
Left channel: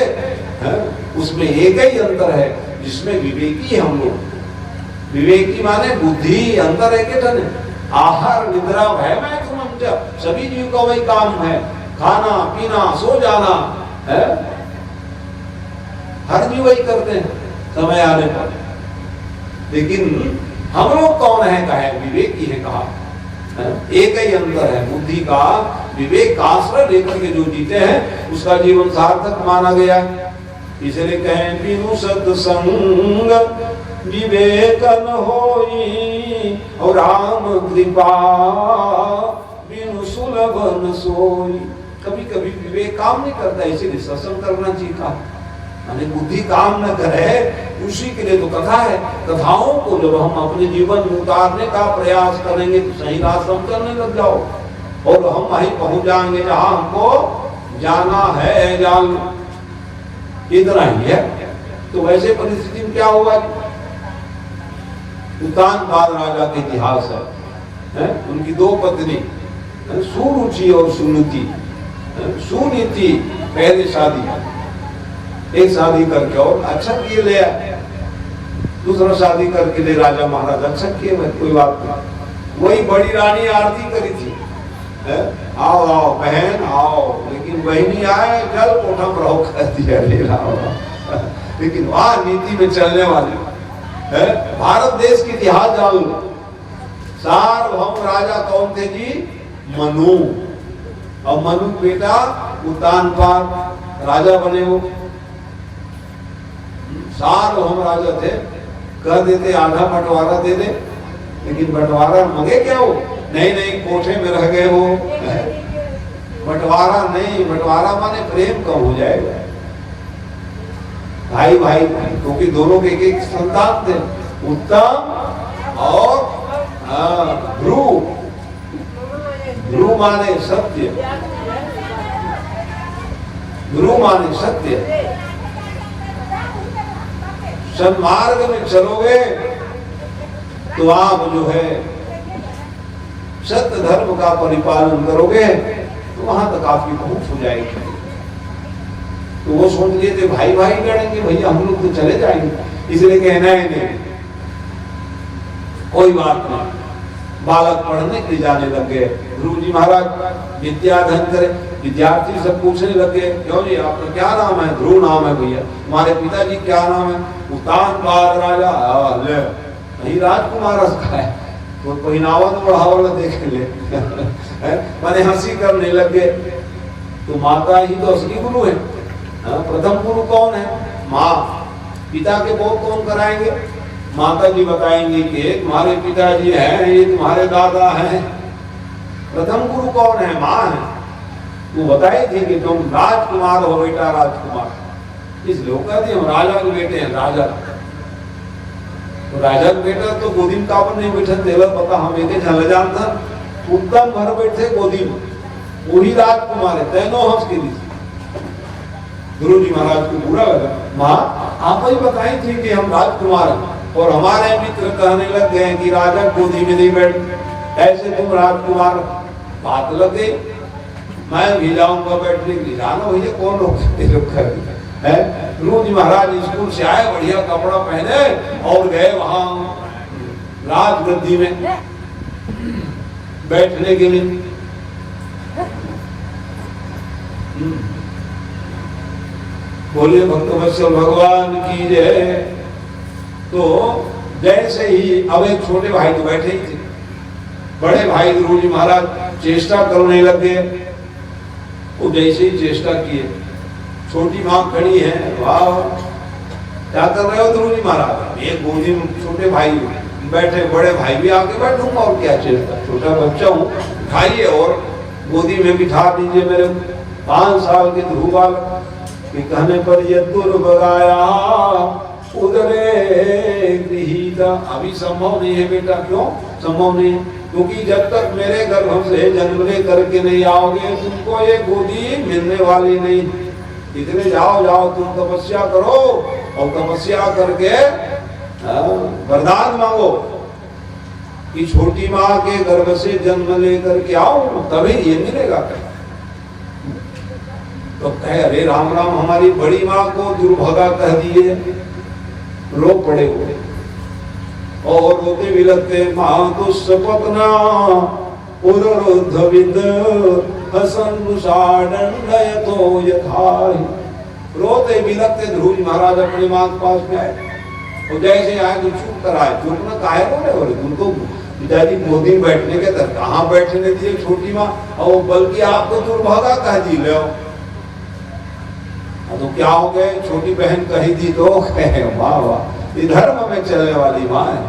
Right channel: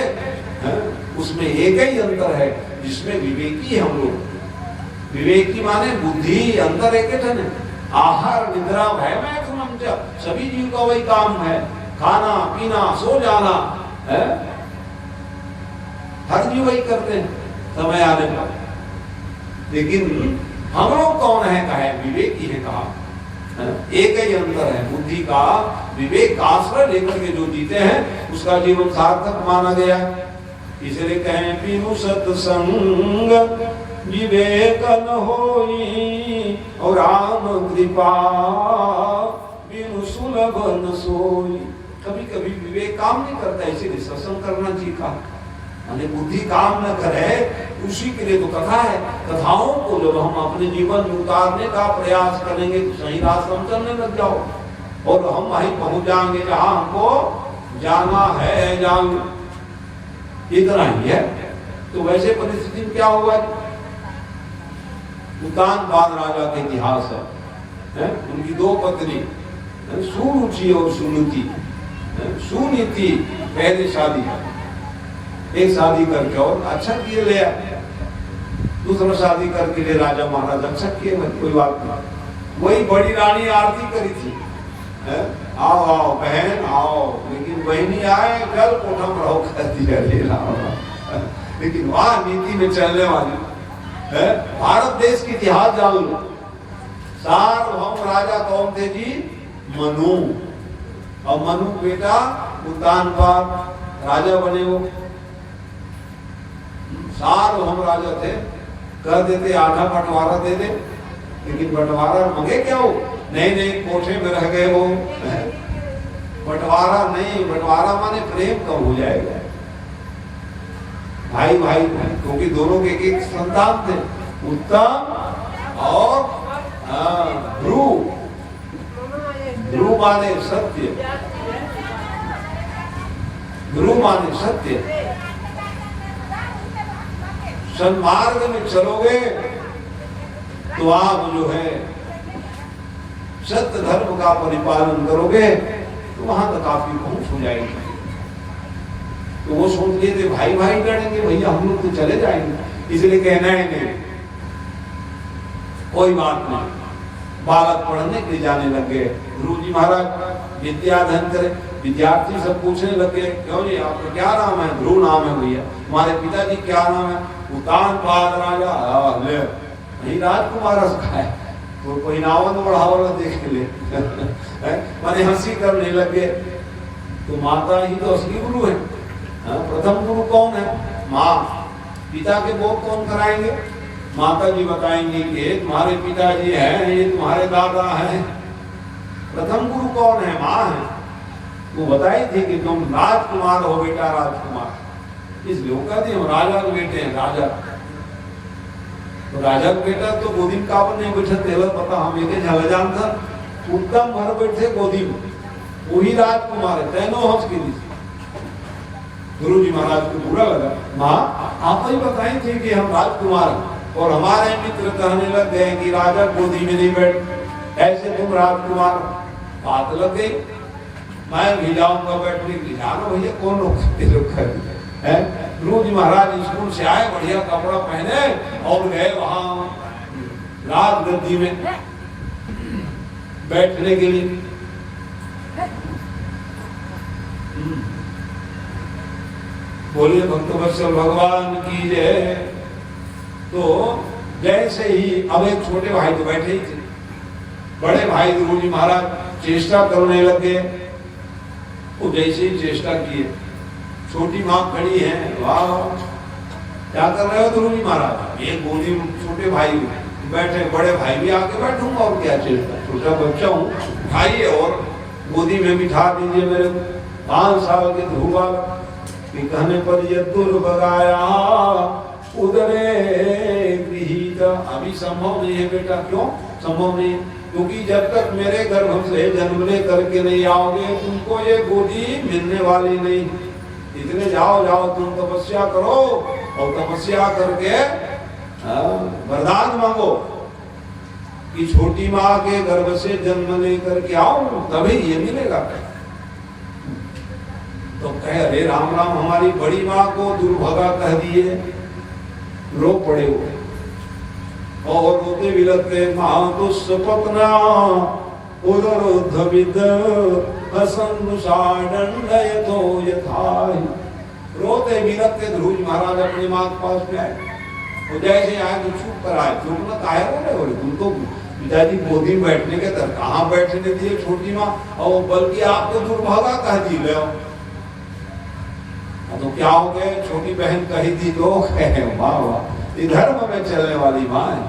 उसमें एक ही अंतर है, जिसमें विवेकी है हम लोग। विवेकी माने बुद्धि, अंतर एक ही है। आहार निद्रा है मैक्सिमम, सभी जीव का वही काम है, खाना पीना सो जाना है। हर जीव वही करते हैं समय आने पर। लेकिन हम लोग कौन है? कहा है विवेकी है, कहा एक ही अंतर है, बुद्धि का विवेक का आश्रय लेकर के जो जीते हैं उसका जीवन सार्थक माना गया है। इसलिए कहें बिनु सत्संग विवेकन होई, और राम कृपा बिनु सुलभ न सोई। कभी कभी विवेक काम नहीं करता, इसीलिए सत्संग करना चाहिए था। बुद्धि काम न करे, उसी के लिए तो कथा है। कथाओं को जब हम अपने जीवन में उतारने का प्रयास करेंगे तो सही रास्ते हम चलने लग जाओ, और हम वहीं पहुंच जाएंगे जहां हमको जाना है। जान इतना ही है। तो वैसे परिस्थिति में क्या हुआ? उत्तानपाद राजा का इतिहास है। उनकी 2 पत्नी, सुरुचि और सुनीति। सुनीति पहले शादी, एक शादी करके और अच्छा किए ले, दूसरा शादी करके ले राजा महाराज अच्छा किए, कोई बात नहीं। वही बड़ी रानी आरती करी थी, आओ आओ बहन आओ, लेकिन बहनी आए जल कोठम रहो कर दिया, ले रहा। लेकिन वहां नीति में चलने वाले है। भारत देश की इतिहास जान लो, सार्वभौम राजा कौन थे जी? मनु। और मनु बेटा उत्तानपाद राजा बने। वो सार्वभौम राजा थे, कह देते आधा बंटवारा दे दे, लेकिन बंटवारा मांगे क्या हो? नहीं कोठे में रह गए वो, बंटवारा नहीं। बंटवारा माने प्रेम कम हो जाएगा, भाई भाई, क्योंकि दोनों के एक संतान थे, उत्तम और ध्रुव। ध्रुव माने सत्य, ध्रुव माने सत्य। सन्मार्ग में चलोगे तो आप जो है सत्य धर्म का परिपालन करोगे तो वहां तक आपकी पहुंच हो जाएगी। तो वो सोच लिए थे भाई भाई लड़ेंगे, भैया हम लोग तो चले जाएंगे। इसलिए कहना है नहीं, कोई बात नहीं। बालक पढ़ने के लिए जाने लग गए। गुरु जी महाराज विद्याधन करे, विद्यार्थी सब पूछने लगे, क्यों जी आपका क्या नाम है? ध्रुव नाम है भैया। तुम्हारे पिताजी क्या नाम है? उतानपाद राजा। ले नहीं राजकुमार रखा है तो पहनावा तो बढ़ावा देख ले मैंने हंसी करने लगे। तो माता ही तो असली गुरु है। प्रथम गुरु कौन है? माँ। पिता के बोध कौन कराएंगे? माता जी बताएंगे कि तुम्हारे पिताजी हैं, ये तुम्हारे दादा हैं। प्रथम गुरु कौन है? माँ है। वो बताई थी कि तुम राजकुमार हो बेटा, राजकुमार। इस लोग कहते हम राजा के बेटे हैं, राजा। तो राजा का बेटा तो गोदी में काबर नहीं बैठा तेरा पता हम एक झल जानता उत्तम भर बैठे गोदी में, वही राजकुमार है। तैनो हंस के दी गुरु जी महाराज को बुरा लगा। माँ आप ही बताई थी कि हम राजकुमार हैं, और हमारे मित्र कहने लग गए कि राजा गोदी में नहीं बैठ, ऐसे तुम राजकुमार। बात लग गई, मैं भी जाऊंगा बैठने के लिए। जानो भैया कौन लोग है? गुरु जी महाराज स्कूल से आए, बढ़िया कपड़ा पहने और गए वहां राजगद्दी में बैठने के लिए। बोले भक्तवत्सल भगवान की जय। तो जैसे ही अब एक छोटे भाई तो बैठे ही थे, बड़े भाई गुरु जी महाराज चेष्टा करने लगे। वो जैसे ही चेष्टा किए, छोटी माँ खड़ी है, वाह क्या कर रहे हो गुरु जी महाराज? ये गोदी में छोटे भाई बैठे, बड़े भाई भी आके बैठूंगा और क्या चेष्टा, छोटा बच्चा हूँ, उठाइए और गोदी में बिठा दीजिए मेरे 5 साल के ध्रुव बालक। कहने पर ये दुर्बगाया उदरे गृहीता। अभी संभव नहीं है बेटा। क्यों संभव नहीं? क्योंकि जब तक मेरे गर्भ से जन्म ले करके नहीं आओगे, तुमको ये गोदी मिलने वाली नहीं। इतने जाओ जाओ तुम तपस्या करो, और तपस्या करके वरदान मांगो कि छोटी माँ के गर्भ से जन्म लेकर के आओ, तभी ये मिलेगा। तो कहे अरे राम राम, हमारी बड़ी माँ को दुर्भगा कह दिए। रो पड़े हुए और रोते बिलखते माँ तो सपना उरुद्धविद हसनुषाडंडयतो यथाहि। रोते बिलखते ध्रुव महाराज अपनी माँ के पास में आए, और जैसे आए तो चुप कराए। चुप न काहे बोले तुम तो पिताजी गोदी में बैठने के तर कहाँ बैठने दिए छोटी माँ, और बल्कि आपको दुर्भागा कह दी। लो तो क्या हो गए? छोटी बहन कही दी तो वाह वाह, ये धर्म में चलने वाली माँ है।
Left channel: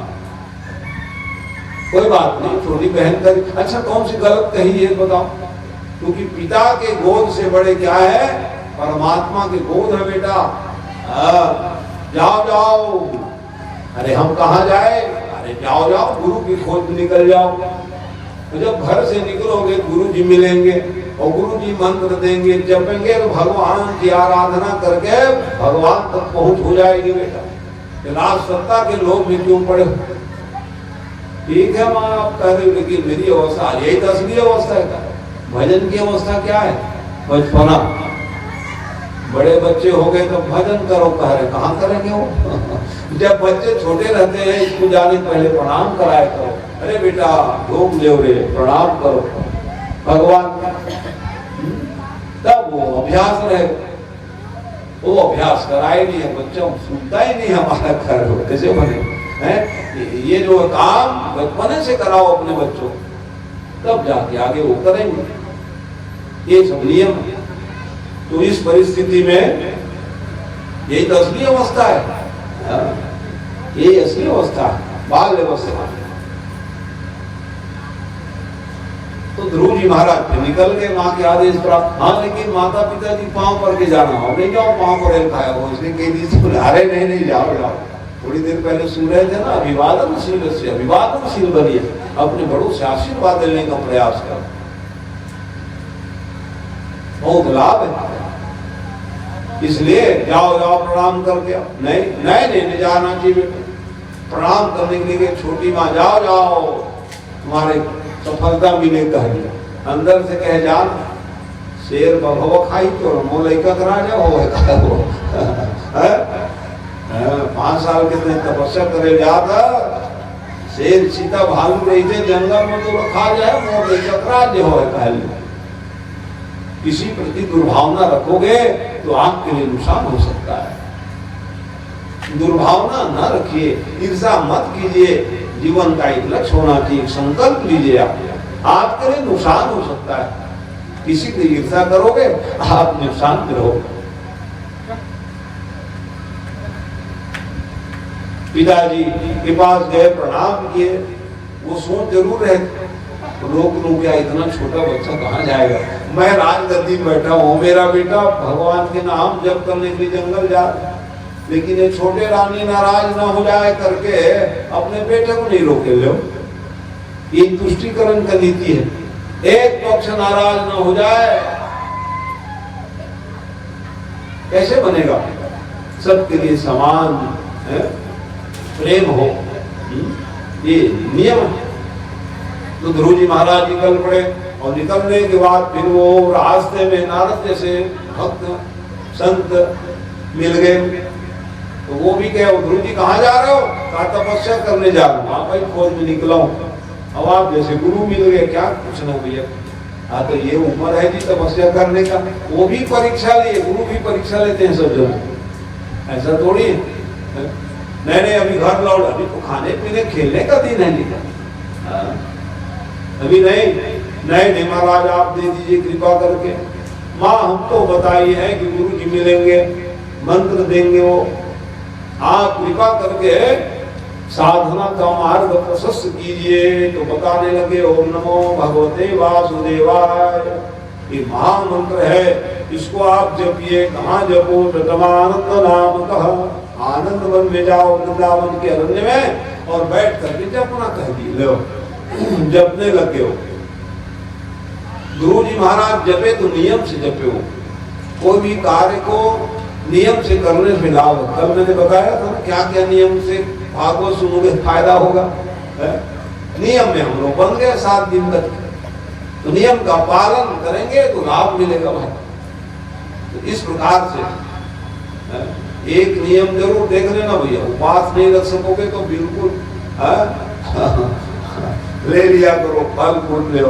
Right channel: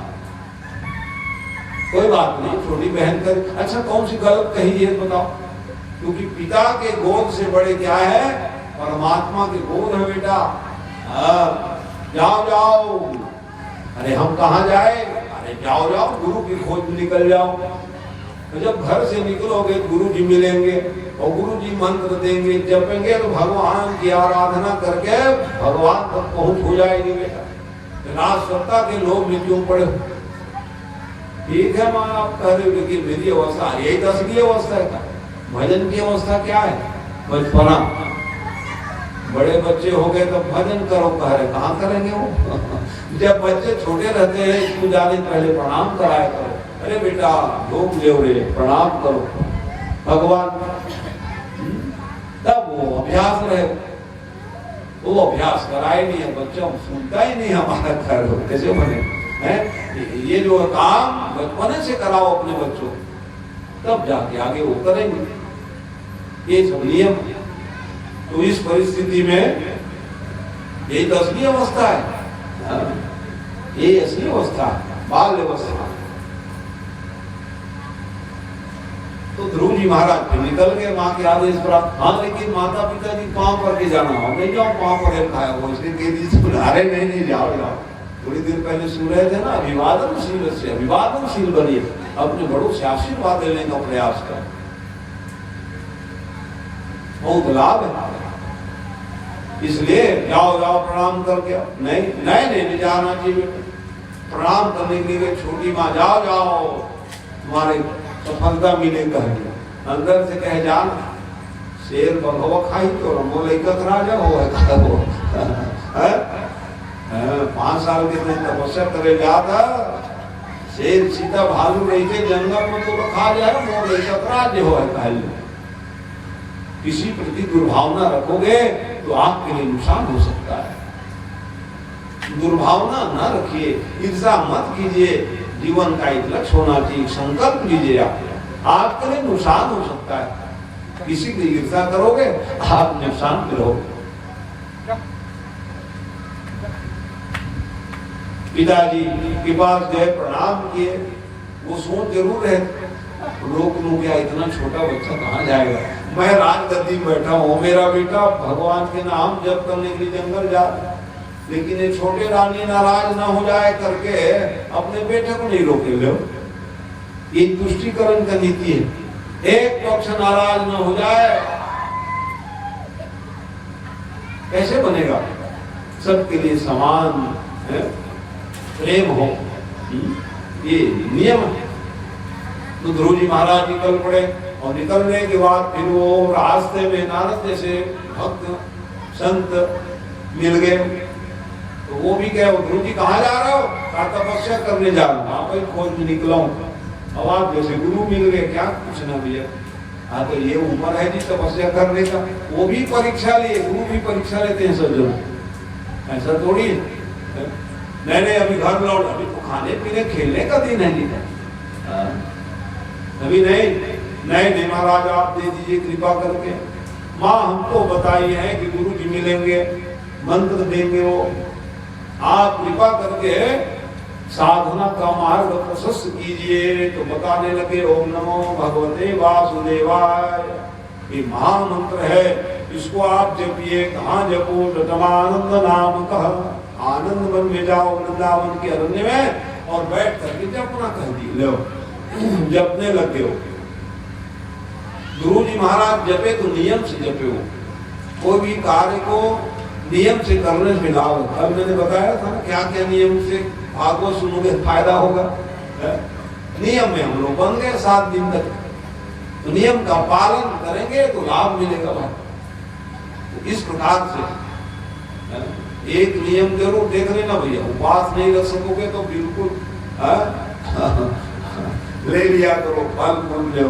कोई बात नहीं, छोटी बहन कही। अच्छा कौन सी गलत कही है बताओ? क्योंकि पिता के गोद से बड़े क्या है? परमात्मा के गोद है बेटा। जाओ जाओ। अरे हम कहाँ जाए? अरे जाओ जाओ गुरु की खोज में निकल जाओ। तो जब घर से निकलोगे गुरु जी मिलेंगे, और गुरु जी मंत्र देंगे, जपेंगे, तो भगवान की आराधना करके भगवान तक पहुंच हो जाएगी बेटा। राज सत्ता के लोग में क्यों पड़े? ठीक है माँ आप कह रहे हो, लेकिन मेरी अवस्था यही तो असली अवस्था है। भजन की अवस्था क्या है? बचपना। बड़े बच्चे हो गए तो भजन करो कह रहे, कहाँ करेंगे वो? जब बच्चे छोटे रहते हैं स्कूल जाने पहले प्रणाम कराया करो। अरे बेटा ढोक ले प्रणाम करो भगवान का, तब वो अभ्यास रहे। वो अभ्यास कराए नहीं है, बच्चा सुनता ही नहीं हमारा खैर होते से बने हैं। ये जो काम बचपन से कराओ अपने बच्चों, तब जाके आगे वो करेंगे। ये सब नियम। तो इस परिस्थिति में यही तो असली अवस्था है। ये असली अवस्था है, बाल अवस्था। तो ध्रुव जी महाराज फिर निकल गए माँ के आदेश पर। हाँ लेकिन माता पिता जी पाँव पर के जाना हो, नहीं जाओ पाँव पर खाया हो, इसलिए कई दिन बुलारे नहीं जाओ जाओ। थोड़ी देर पहले सुन रहे थे ना, अभिवादनशील से अभिवादनशील बनिए, अपने बड़ों से आशीर्वाद लेने का प्रयास करो, बहुत लाभ है। इसलिए जाओ जाओ प्रणाम करके। नहीं नहीं नहीं जाना चाहिए। प्रणाम करने के लिए छोटी माँ जाओ जाओ तुम्हारे सफलता मिले कह दिया। अंदर से कहे जान शेर बभो खाई तो मोल करा जाओ 5 साल के दिन तपस्या करे जाता शेर सीता भालू नहीं थे जंगल में तो खा जाए मोल करा जो हो कहल किसी प्रति दुर्भावना रखोगे तो आपके लिए नुकसान हो सकता है। दुर्भावना न रखिए, ईर्ष्या मत कीजिए। जीवन का एक लक्ष्य होना चाहिए, संकल्प लीजिए। आपके लिए नुकसान हो सकता है। किसी की ईर्ष्या करोगे आप नुकसान में रहोगे। पिताजी के पास गए, प्रणाम किए, वो सोच जरूर है लोग क्या इतना छोटा बच्चा कहाँ जाएगा, मैं राजगद्दी बैठा हूँ, मेरा बेटा भगवान के नाम जप करने के लिए जंगल जा, लेकिन ये छोटे रानी नाराज ना हो जाए करके अपने बेटे को नहीं रोके लो। ये तुष्टिकरण का नीति है। एक पक्ष नाराज ना हो जाए कैसे बनेगा? सबके लिए समान प्रेम हो, ये नियम है। तो ध्रुव जी महाराज निकल पड़े और निकलने के बाद फिर वो रास्ते में नारद जैसे भक्त संत मिल गए। तो वो भी कहे, ध्रुव जी कहाँ जा रहे हो? कहा तपस्या करने जा रहा हूँ। हाँ भाई खोज में निकला हूँ। अब आप जैसे गुरु मिल गए, क्या पूछना भैया। हाँ तो ये उम्र है जी तपस्या करने का। वो भी परीक्षा लिए, गुरु भी परीक्षा लेते हैं सब जगह, ऐसा थोड़ी है। मैंने अभी घर लौट, अभी तो खाने पीने खेलने का दिन है नहीं, अभी नहीं महाराज आप दे दीजिए कृपा करके। माँ हम तो बताइए है कि गुरु जी मिलेंगे, मंत्र देंगे, वो आप कृपा करके साधना का मार्ग प्रशस्त कीजिए। तो बताने लगे, ओम नमो भगवते वासुदेवाय, ये महामंत्र है, इसको आप जपिए। कहाँ जपो? प्रथमानंद नाम कहा, आनंद वन में जाओ, वृंदावन के अरण्य में, और बैठ करके जपना कह दी। लो जपने लगे हो। ध्रुव जी महाराज जपे तो नियम से जपे हो। कोई भी कार्य को नियम से करने से लाभ है। कल मैंने बताया था क्या क्या नियम से भागवत सुनोगे फायदा होगा। नियम में हम लोग बन गए 7 दिन तक, तो नियम का पालन करेंगे तो लाभ मिलेगा भाई। तो इस प्रकार से एक नियम जरूर देख लेना भैया, उपवास नहीं रख सकोगे तो बिल्कुल ले लिया करो, फल फ्रूट लो,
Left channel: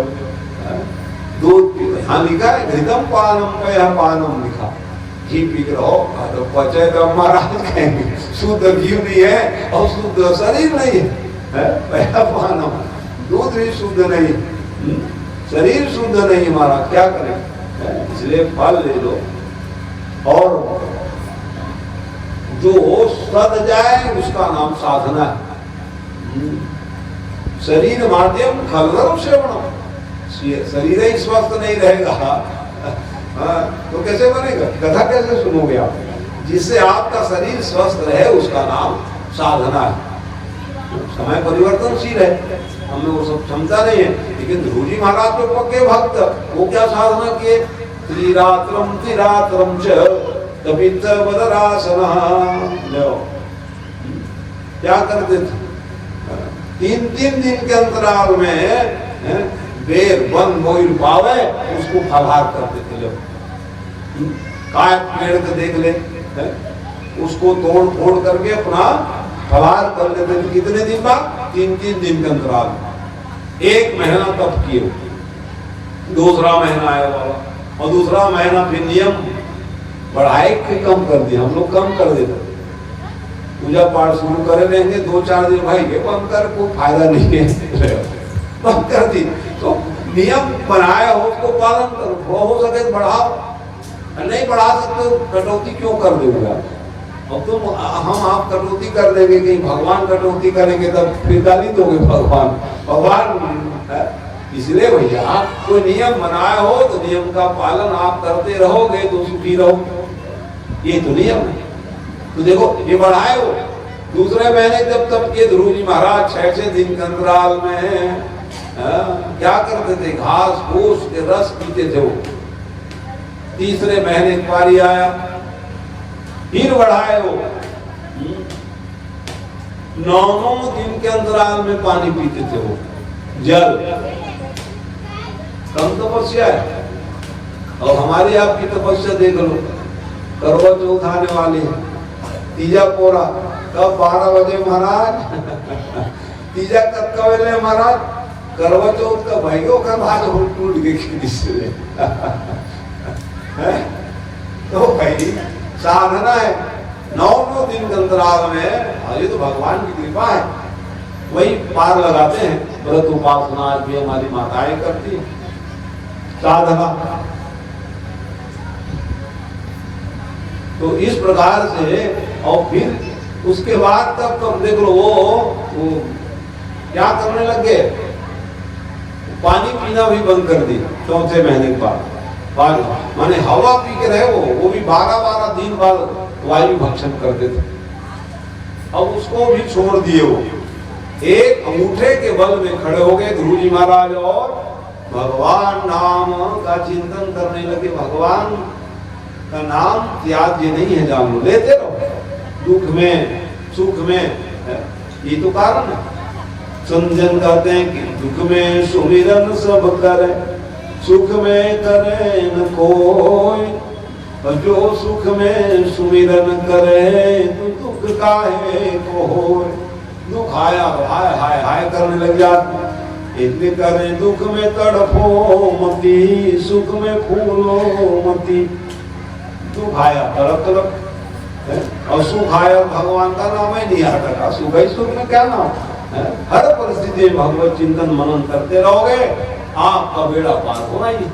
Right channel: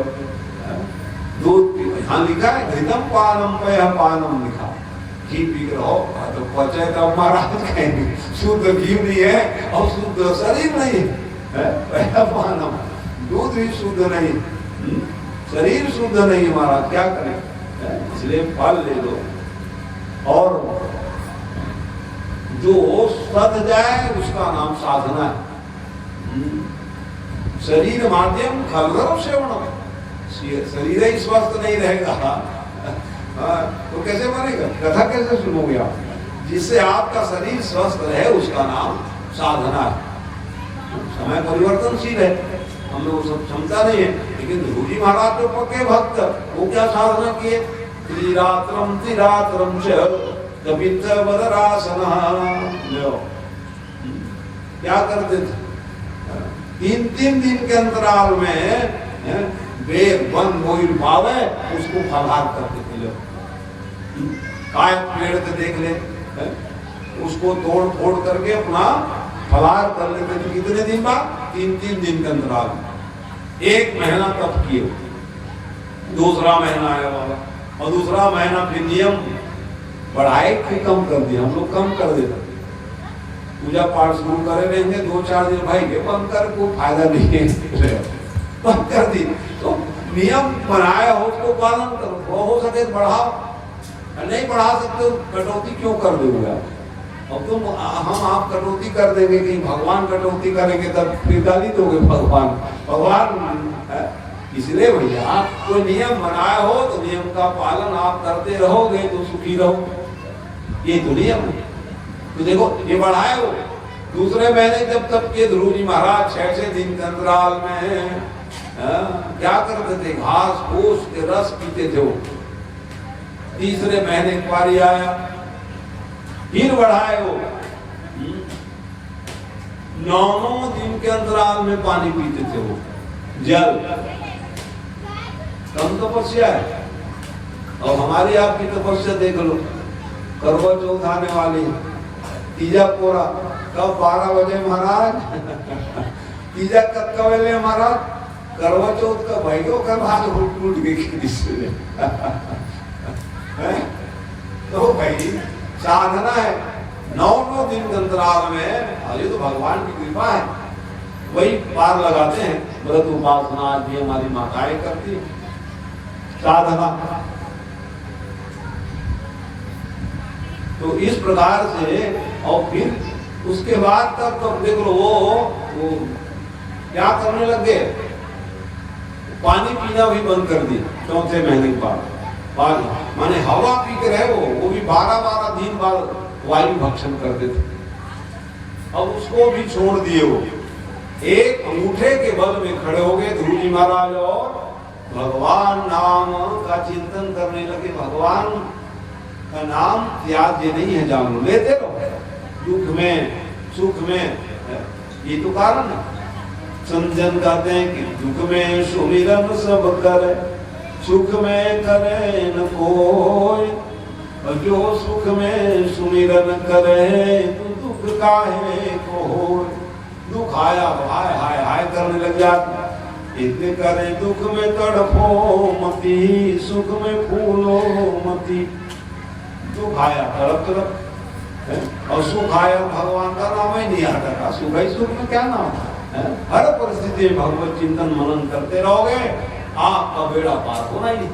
दूध पी। हाँ लिखा है घृतम पानम पानम लिखा, घी पी रहो तो पचे तो महाराज कहेंगे शुद्ध घी नहीं है और शुद्ध शरीर नहीं है। पहला पानम, दूध भी शुद्ध नहीं, शरीर शुद्ध नहीं हमारा, क्या करें? इसलिए फल ले लो। और जो सद जाए उसका नाम साधना है। शरीर माध्यम खलरम श्रवण, शरीर ही स्वस्थ नहीं रहेगा तो कैसे बनेगा? कथा कैसे सुनोगे आप? जिससे आपका शरीर स्वस्थ रहे उसका नाम साधना है। समय परिवर्तनशील है, हम लोग सब क्षमता नहीं है। लेकिन ध्रुव जी महाराज तो पक्के भक्त, वो क्या साधना किए? त्रिरात्रम त्रिरात्रम च कपित्त बदरासना, क्या करते थे? 3-3 दिन के अंतराल में बेर वन मोइल पावे उसको फलाहार करते थे लोग। काय पेड़ को देख ले, उसको तोड़ फोड़ करके अपना फलाहार कर लेते थे। कितने दिन बाद? 3-3 दिन के अंतराल में। 1 महीना तप किए, दूसरा महीना आया बाबा, और दूसरा महीना फिर नियम बढ़ाए कि कम कर दिया। हम लोग कम कर देते, पूजा पाठ शुरू करे रहेंगे 2-4 दिन, भाई ये बंद कर, कोई फायदा नहीं है, बंद कर दी। तो नियम बनाया हो उसको पालन करो, हो सके बढ़ाओ, नहीं बढ़ा सकते कटौती क्यों कर दोगे? अब तुम हम आप कटौती कर देंगे, कहीं भगवान कटौती करेंगे तब फिर गाली दोगे भगवान। इसलिए भैया कोई नियम बनाया हो तो नियम का पालन आप करते रहोगे तो सुखी रहोगे, ये तो नियम है। तो देखो ये बढ़ाए हो, दूसरे महीने जब तब के ध्रुव जी महाराज 6 दिन के अंतराल में क्या करते थे? घास फूस के रस पीते थे वो। तीसरे महीने एक पारी आया, फिर बढ़ाए वो 9 दिन के अंतराल में पानी पीते थे वो, जल। कम तपस्या है। और हमारी आपकी तपस्या देख लो, करवा चौथ आने वाली है, तीजा पोरा कब? 12 बजे महाराज। तीजा कब कवेले महाराज? करवा चौथ का भाइयों का भाग टूट गई किसी है? तो भाई साधना है 9 दिन के अंतराल में, ये तो भगवान की कृपा है, वही पार लगाते हैं। व्रत उपासना ये हमारी माताएं करती साधना। तो इस प्रकार से, और फिर उसके बाद तब देख लो वो क्या करने लग गए, पानी पीना भी बंद कर दी 4 महीने के बाद। माने हवा पी के रहे वो भी 12 दिन बाद वायु भक्षण करते थे। अब उसको भी छोड़ दिए। वो एक अंगूठे के बल में खड़े हो गए गुरु जी महाराज और भगवान नाम का चिंतन करने लगे। भगवान का नाम त्याज्य नहीं है, जान लो, लेते रहो, दुख में सुख में, ये तो कारण है। संजन कहते हैं कि दुख में सुमिरन सब करे, सुख में करे न कोई, जो सुख में सुमिरन करे तो दुख काहे को होय। दुख आया हाय हाय हाय करने लग जाते, इतने करे दुख में तड़फो मती, सुख में फूलो मती। दुख आया तड़प तड़प, और सुख आया भगवान का नाम ही नहीं आता था। सुख ही सुख में क्या नाम, हर परिस्थिति में भगवत चिंतन मनन करते रहोगे, आपका बेड़ा पार होना ही।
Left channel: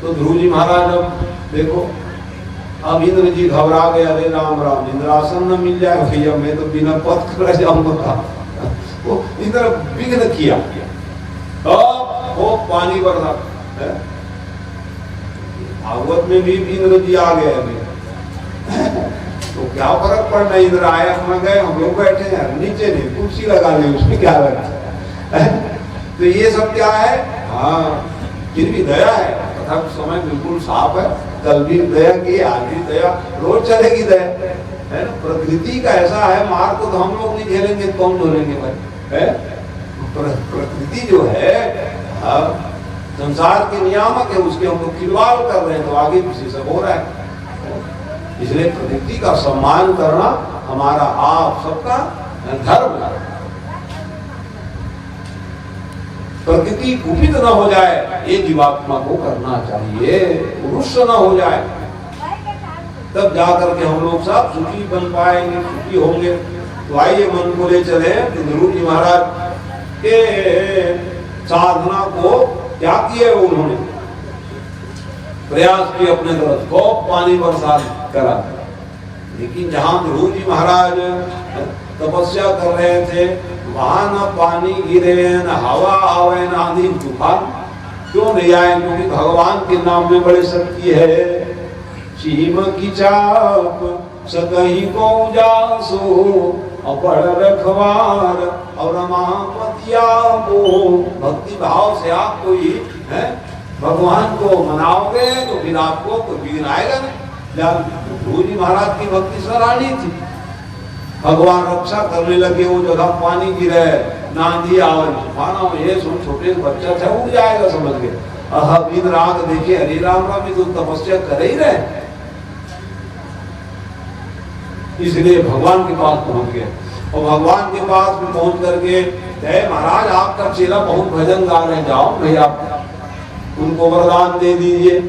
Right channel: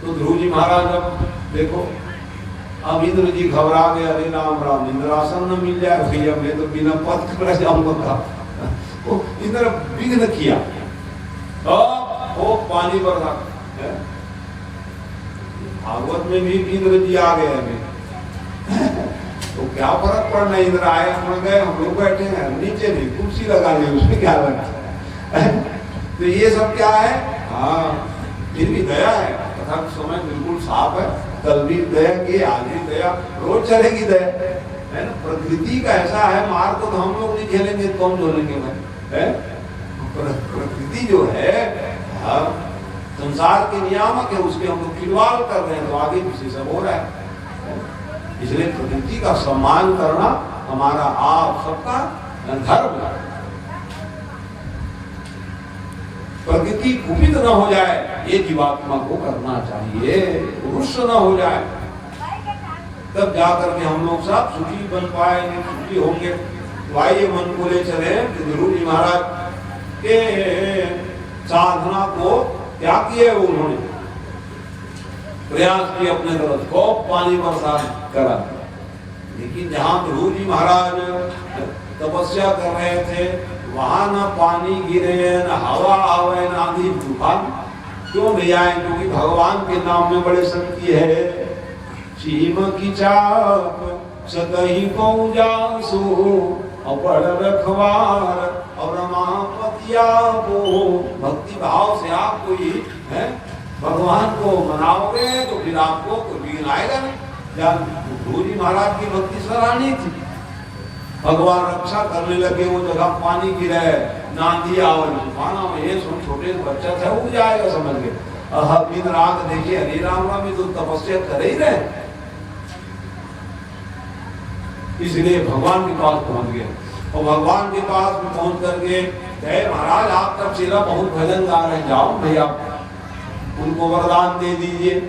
तो ध्रुव जी महाराज देखो, अब इंद्र जी घबरा गए, अरे राम राम, इंद्रासन में मिल जाएगा भैया, मैं तो बिना पथ कर जाऊंगा। वो इंद्र विघ्न किया, वो पानी बरसा। भागवत में भी इंद्र जी आ गए अभी, तो क्या फर्क पड़ना, इंद्र आया अपना गए, हम लोग बैठे हैं नीचे, नहीं कुर्सी लगा ली, उसमें क्या लगता है। तो ये सब क्या है, हाँ फिर भी दया है, तथा समय बिल्कुल साफ है। कल भी दया की, आज भी दया, रोज चलेगी दया, है। प्रकृति का ऐसा है, मार को तो हम लोग नहीं झेलेंगे, कौन झेलेंगे भाई, है। प्रकृति जो है संसार के नियामक है, उसके हम लोग खिलवाड़ कर रहे हैं, तो आगे पीछे सब हो रहा है। इसलिए प्रकृति का सम्मान करना हमारा आप सबका धर्म है। प्रकृति कुपित न हो जाए, ये जीवात्मा को करना चाहिए, रुष्ट न हो जाए, तब जाकर के हम लोग सब सुखी बन पाएंगे, सुखी होंगे। तो आइए मन को ले चले, तो गुरु जी महाराज के साधना को क्या किए, उन्होंने प्रयास किए अपने तरफ को पानी बरसा करा। लेकिन जहां गुरु जी महाराज तपस्या कर रहे थे, वहां न पानी गिरे, न हवा आवे, न आंधी तूफान। क्यों नहीं आए? क्योंकि भगवान के नाम में बड़ी शक्ति है। चीम की चाप सकही को जासो, अपड़ रखवार और महापतिया को। भक्ति भाव से आप कोई है भगवान को मनाओगे तो फिर आपको कोई विघ्न आएगा नहीं। गुरु जी महाराज की भक्ति सराहनीय थी। भगवान रक्षा करने लगे, वो जगह पानी गिरे, नांदी आवे, तूफान में, ये सुन छोटे बच्चा था उड़ जाएगा समझ के। और दिन रात देखिए हरि राम राम में तो तपस्या कर ही रहे, इसलिए भगवान के पास पहुंच गए। और भगवान के पास भी पहुंच करके कहे, महाराज आपका चेला बहुत भजन गा रहे, जाओ भैया उनको वरदान दे दीजिए।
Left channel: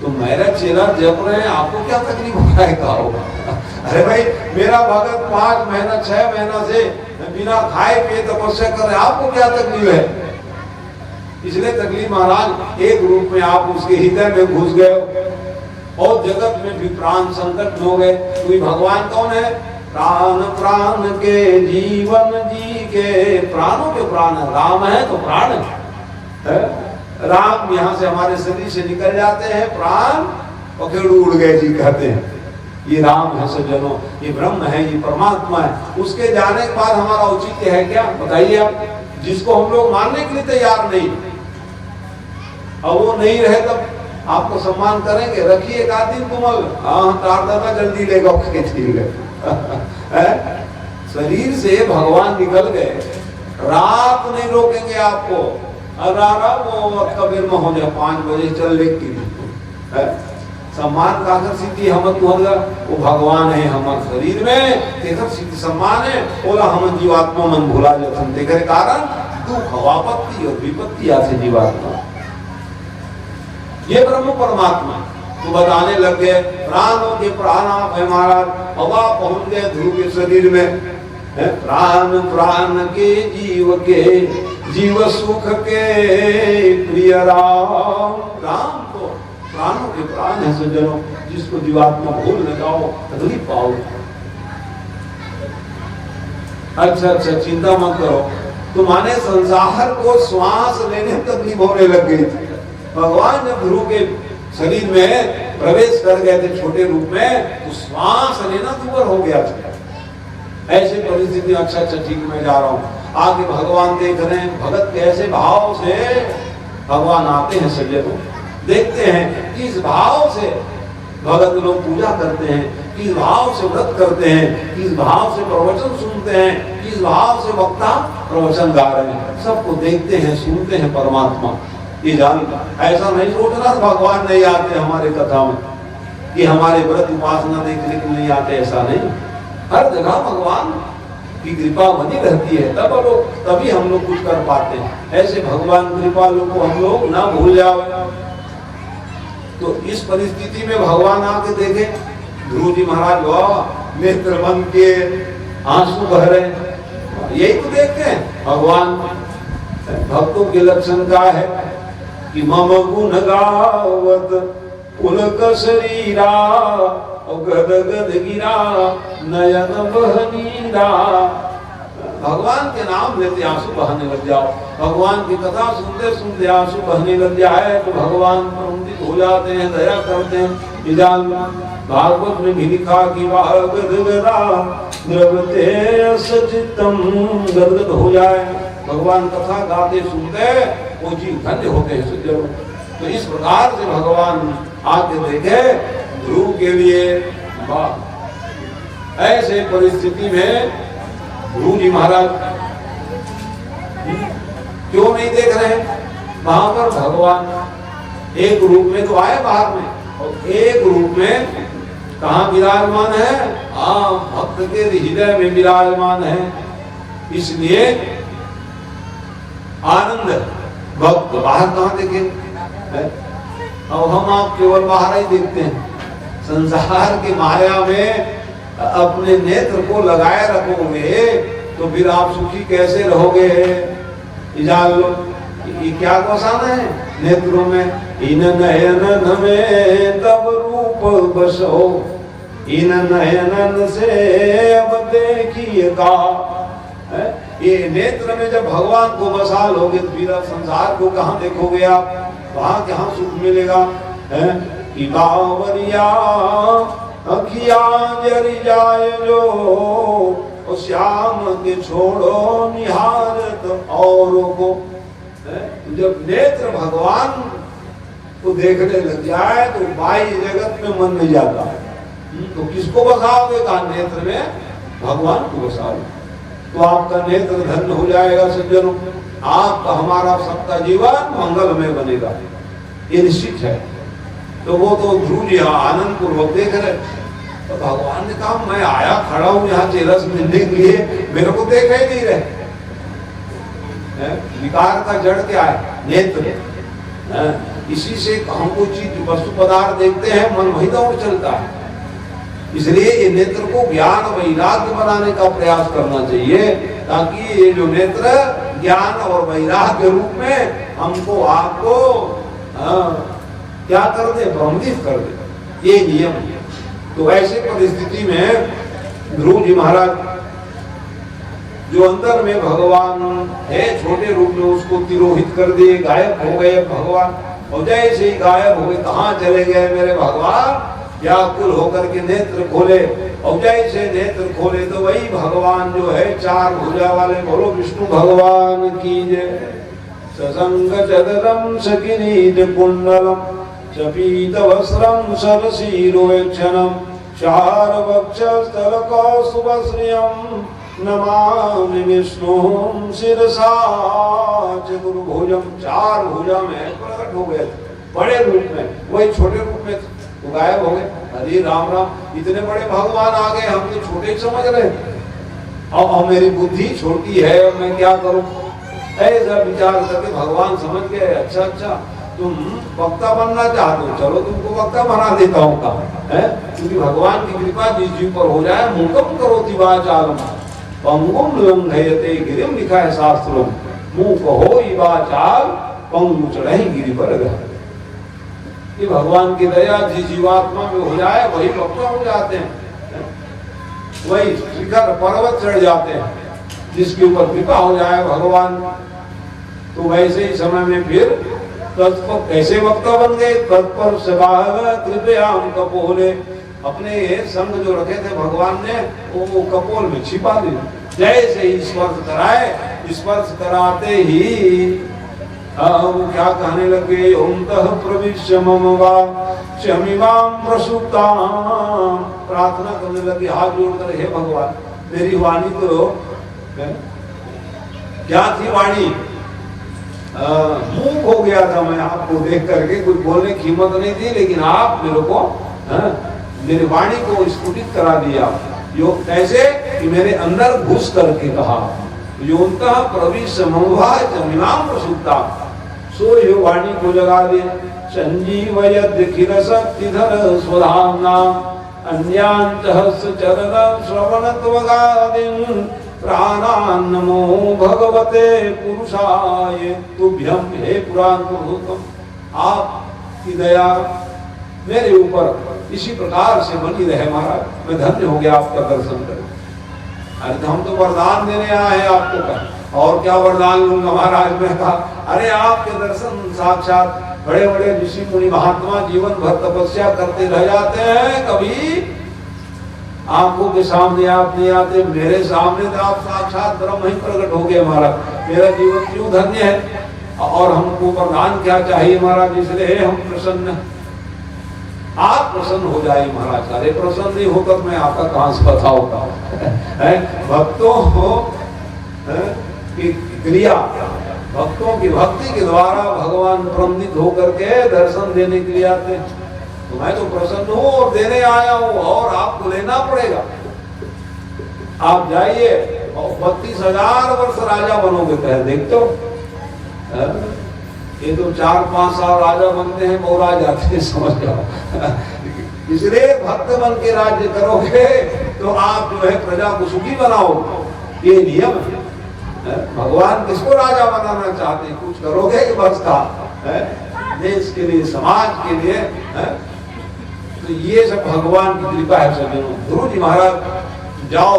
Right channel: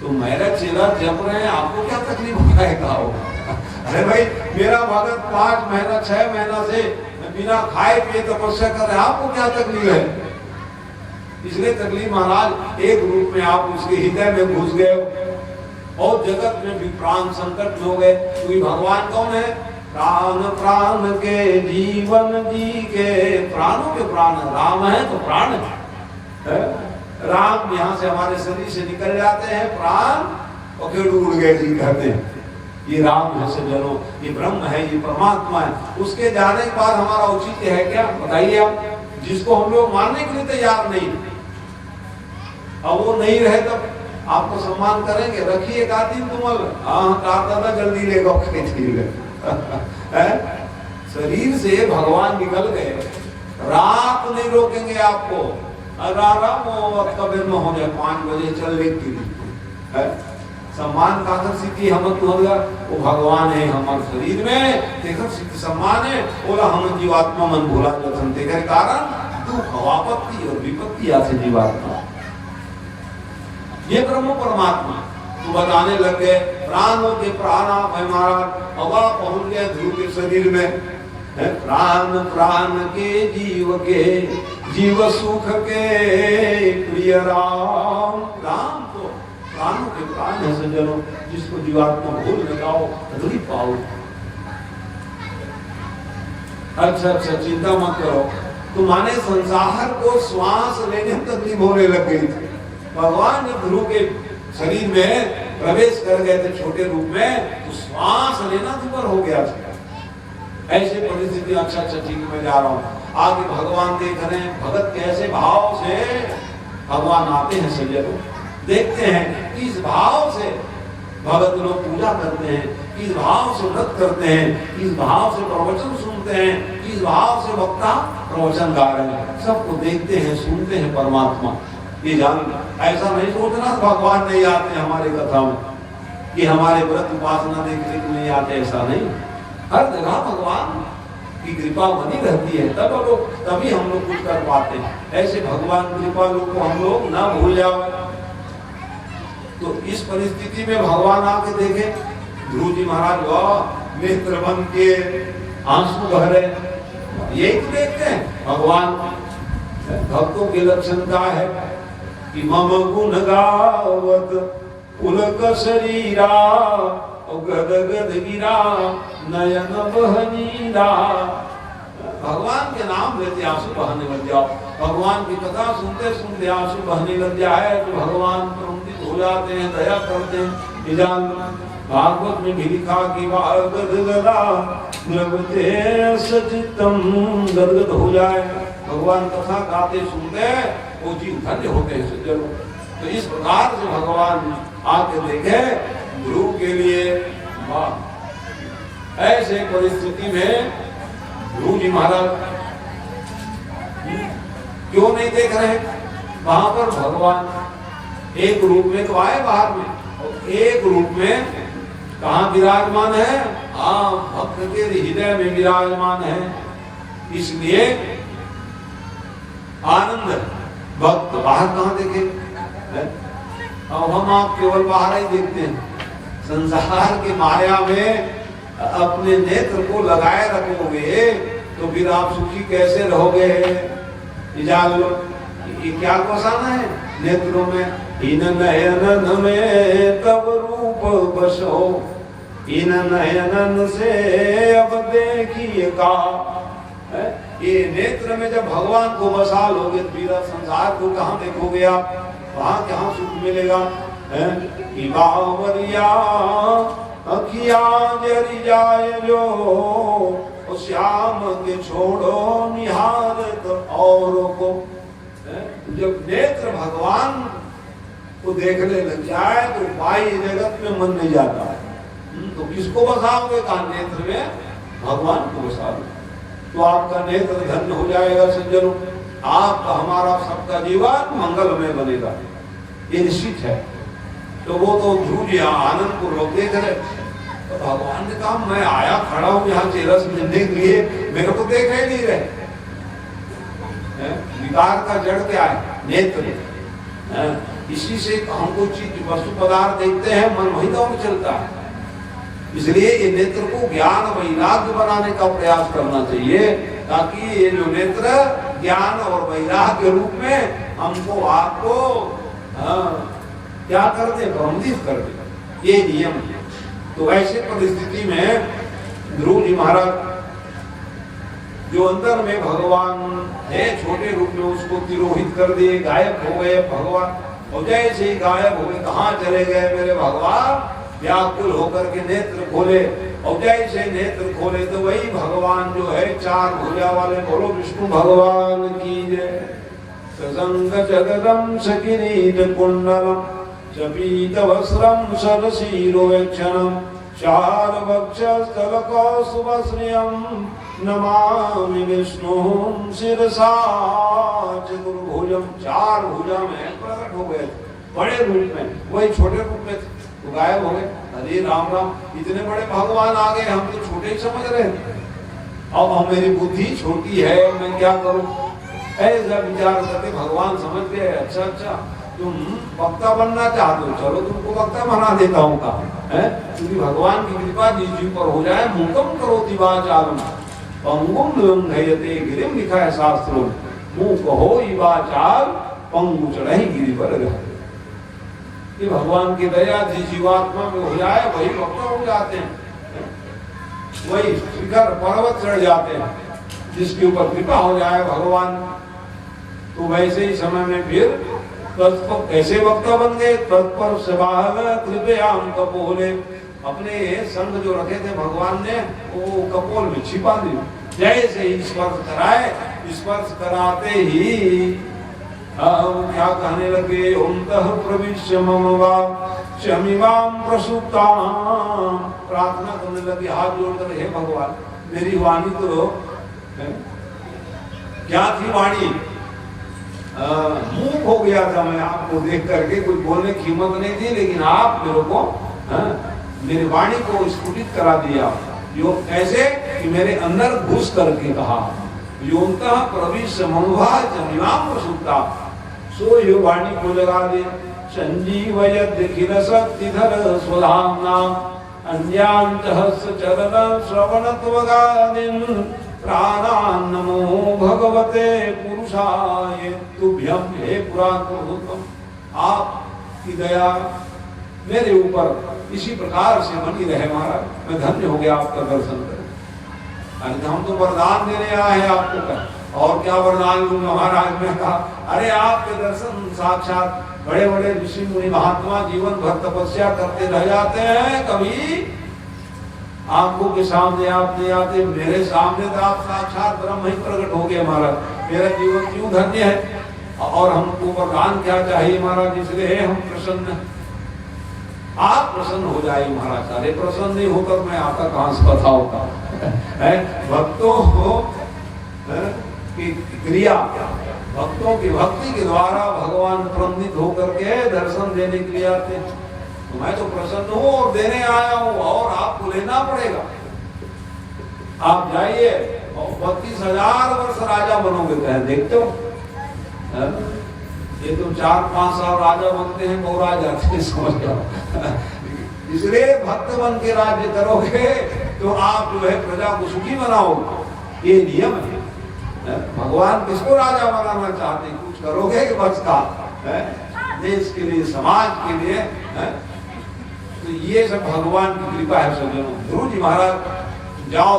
तो मेरा चेला जप रहे हैं, आपको क्या तकलीफ हो रहा है, गाओ। अरे भाई मेरा भगत 5 महीना 6 महीना से बिना खाए पिए तपस्या कर रहे, आपको क्या तकलीफ है? इसलिए तकलीफ महाराज एक रूप में आप उसके हृदय में घुस गए और जगत में भी प्राण संकट हो गए। क्योंकि भगवान कौन है? प्राण प्राण के जीवन जी के, प्राणों के प्राण है, राम है तो प्राण है। राम यहाँ से हमारे शरीर से निकल जाते हैं प्राण, और फिर उड़ गए जी कहते हैं। ये राम है सज्जनों, ये ब्रह्म है, ये परमात्मा है। उसके जाने के बाद हमारा औचित्य है क्या? बताइए आप, जिसको हम लोग मानने के लिए तैयार नहीं, और वो नहीं रहे तब आपको सम्मान करेंगे। रखिए एक आध दिन तुम, हाँ तार दादा जल्दी लेगा शरीर से भगवान निकल गए, रात नहीं रोकेंगे आपको। अगर कबीर में हो जाए 5 बजे चलने के लिए, सम्मान का सिद्धि हम वो भगवान है हमारे शरीर में, तेकर सिद्धि सम्मान है। बोला हम जीवात्मा मन भूला जतन, तेकर कारण दुख हवापत्ति और विपत्ति आसे जीवात्मा। ये ब्रह्म परमात्मा तो बताने लग गए। प्राणों के प्राण है महाराज, हवा पहुंच गए ध्रुव के शरीर में। प्राण प्राण के जीव सुख के प्रिय राम। राम तो प्राणों के प्राण है सज्जनों, जिसको जीवात्मा भूल न जाओ, अधूरी पाओ। अच्छा अच्छा, चिंता मत करो। तुम्हारे संसार को श्वास लेने में तकलीफ होने लग गई थी। भगवान जब ध्रुव के शरीर में प्रवेश कर गए थे छोटे रूप में, तो श्वास लेना दूर हो गया था। ऐसी परिस्थिति, अच्छा अच्छा ठीक, मैं जा रहा हूँ। आगे भगवान देख रहे हैं, भगत कैसे भाव से भगवान आते हैं सज्जन को देखते हैं, किस भाव से भगत लोग पूजा करते हैं, किस भाव से व्रत करते हैं, किस भाव से प्रवचन सुनते हैं, किस भाव से वक्ता प्रवचन गा रहे हैं। सबको देखते हैं, सुनते हैं परमात्मा। ये जान, ऐसा नहीं सोचना भगवान नहीं आते हमारे कथा में, कि हमारे व्रत उपासना देखने के नहीं आते, ऐसा नहीं। हर जगह भगवान की कृपा बनी रहती है, तभी हम लोग कुछ कर पाते हैं। ऐसे भगवान कृपालु को हम लोग ना भूल जाओ। तो इस परिस्थिति में भगवान आके देखे, ध्रुव जी महाराज वाह नेत्र बन के आंसू बह रहे, यही तो देखते हैं भगवान। भक्तों के लक्षण क्या है कि मम गुण गावत पुलक शरीरा, गद गद गिरा नयन बहनीरा। भगवान के नाम लेते आंसू बहने लग जाओ, भगवान की कथा सुनते सुनते आंसू बहने लग जाए तो भगवान प्रमुदित हो जाते हैं, दया करते हैं। भागवत में भी लिखा कि द्रवते सचितम, गदगद हो जाए भगवान कथा गाते सुनते, वो जीव धन्य होते हैं सज्जनों। तो इस प्रकार से भगवान आके देखे ध्रुव के लिए। ऐसे परिस्थिति में ध्रुव जी महाराज क्यों नहीं देख रहे? वहां पर भगवान एक रूप में तो आए बाहर में, और एक रूप में कहाँ विराजमान है? भक्त के हृदय में विराजमान है। इसलिए आनंद भक्त बाहर कहाँ देखे? अब हम आप केवल बाहर ही देखते हैं। संसार की माया में अपने नेत्र को लगाए रखोगे तो फिर आप सुखी कैसे रहोगे? ये क्या गोसाना है नेत्रों में? इन नयनन में तब रूप बसो, इन नयनन से अब देखिएगा। ये नेत्र में जब भगवान को बसा लोगे तो फिर संसार को कहाँ देखोगे आप? वहां कहाँ सुख मिलेगा? कि बावरिया अखिया जरी जाए जो, श्याम के छोड़ो निहारत औरों को। जब नेत्र भगवान को देखने लग जाए तो बाई जगत में मन नहीं जाता। तो किसको बसाओगे? कहा नेत्र में भगवान को बसाओ तो आपका नेत्र धन्य हो जाएगा सज्जनों। आपका हमारा सबका जीवन मंगलमय बनेगा, ये निश्चित है। तो वो तो ध्रुव जी आनंद पूर्वक देख रहे। तो भगवान ने कहा मैं आया खड़ा हूं यहाँ चेरस मिलने के लिए, मेरे को देख ही नहीं रहे। विकार का जड़ क्या है? नेत्र। इसी से हमको चीज वस्तु पदार्थ देखते हैं, मन वही दौड़ चलता है। इसलिए ये नेत्र को ज्ञान वैराग्य बनाने का प्रयास करना चाहिए, ताकि ये जो नेत्र ज्ञान और वैराग्य के रूप में हमको आपको क्या कर दे? प्रबंधित कर दे। ये नियम है। तो ऐसे परिस्थिति में ध्रुव जी महाराज जो अंदर में भगवान है छोटे रूप में, उसको तिरोहित कर दिए, गायब हो गए भगवान। और जैसे ही गायब हो गए, कहाँ चले गए मेरे भगवान? व्याकुल होकर के नेत्र खोले, और जैसे नेत्र खोले तो वही भगवान जो है चार भुजा वाले, बोलो विष्णु भगवान की जय। ससंग चदरम सकिरीट कुंडलम चपीत वस्त्रम सरसीरोक्षणम चार वक्षस्थल कौस्तुभश्रियम नमामि विष्णु शिरसा चतुर्भुजम। चार भुजा में प्रकट हो गए बड़े रूप में, वही छोटे रूप में तो गायब हो गए। अरे राम राम, इतने बड़े भगवान आ गए, हम तो छोटे ही समझ रहे। अब मेरी बुद्धि छोटी है, मैं क्या करूं? ऐसा विचार करके भगवान समझ गए, अच्छा अच्छा तुम वक्ता बनना चाहते हो, चलो तुमको वक्ता बना देता हूँ का है, क्योंकि भगवान की कृपा जिस जी पर हो जाए, मुकम करोति वाचालम पंगुम लंघयते गिरिम, लिखा है शास्त्रों में, मुंह कहो ही वाचाल पंगु चढ़े गिरि पर रहे। ये भगवान की दया जिस जीवात्मा में हो जाए वही वक्ता हो जाते हैं, वही शिखर पर्वत चढ़ जाते हैं, जिसके ऊपर कृपा हो जाए भगवान। तो वैसे ही समय में फिर तत्पर ऐसे वक्ता बन गए, तत्पर सवाह कृपया हम कपोले, अपने संग जो रखे थे भगवान ने वो कपोल में छिपा दिए। जैसे ही स्पर्श कराए, स्पर्श कराते ही हम क्या कहने लगे, ओंतः प्रविश्य मम वा क्षमिमां प्रसूतां, प्रार्थना करने लगे हाथ जोड़कर, हे भगवान मेरी वाणी तो क्या थी, वाणी मूक हो गया था मैं आपको देख करके, कोई बोलने की हिम्मत नहीं थी, लेकिन आप मेरे को मेरी वाणी को स्फुटित करा दिया। यो कैसे कि मेरे अंदर घुस करके कहा, योंतः प्रविश्य मम वा क्षमिमां प्रसूतां, सो यो वाणी को लगा दे। संजीवयद्खिल शक्तिधर स्वधाम्ना अन्यांतःश्चरण श्रवणत्वगादिन् प्राणान्नमो भगवते पुरुषाय तुभ्यं, हे पुराण पुरुषोत्तम, आपकी दया मेरे ऊपर इसी प्रकार से बनी रहे महाराज, मैं धन्य हो गया आपका दर्शन कर। अरे हम तो वरदान देने आए हैं आपको का, और क्या वरदान लूंगा महाराज। मैं कहा अरे आपके दर्शन साक्षात बड़े बड़े ऋषि मुनि महात्मा जीवन भर तपस्या करते रह जाते हैं, कभी आंखों के सामने आप नहीं आते, मेरे सामने तो आप साक्षात ब्रह्म ही प्रकट हो गए महाराज, मेरा जीवन क्यों धन्य है। और हमको वरदान क्या चाहिए महाराज, इसलिए हम प्रसन्न, आप प्रसन्न हो जाइए महाराज। अरे प्रसन्न नहीं होता तो मैं आपका कहां से बताऊंगा। भक्तों की क्रिया, भक्तों की भक्ति के द्वारा भगवान प्रमोदित होकर के दर्शन देने के लिए आते, तो मैं तो प्रसन्न हूँ और देने आया हूँ, और आपको लेना पड़ेगा। आप जाइए और 32,000 वर्ष राजा बनोगे, कहे देखते हो, ये तो 4-5 साल राजा बनते हैं, वो राज जाते हैं, समझ जाओ। इसलिए भक्त बन के राज्य करोगे तो आप जो है प्रजा को सुखी बनाओगे, ये नियम है। भगवान किसको राजा बनाना चाहते, कुछ करोगे कि बस का देश के लिए, समाज के लिए है? तो ये सब भगवान की कृपा है सज्जनों। गुरु जी महाराज जाओ,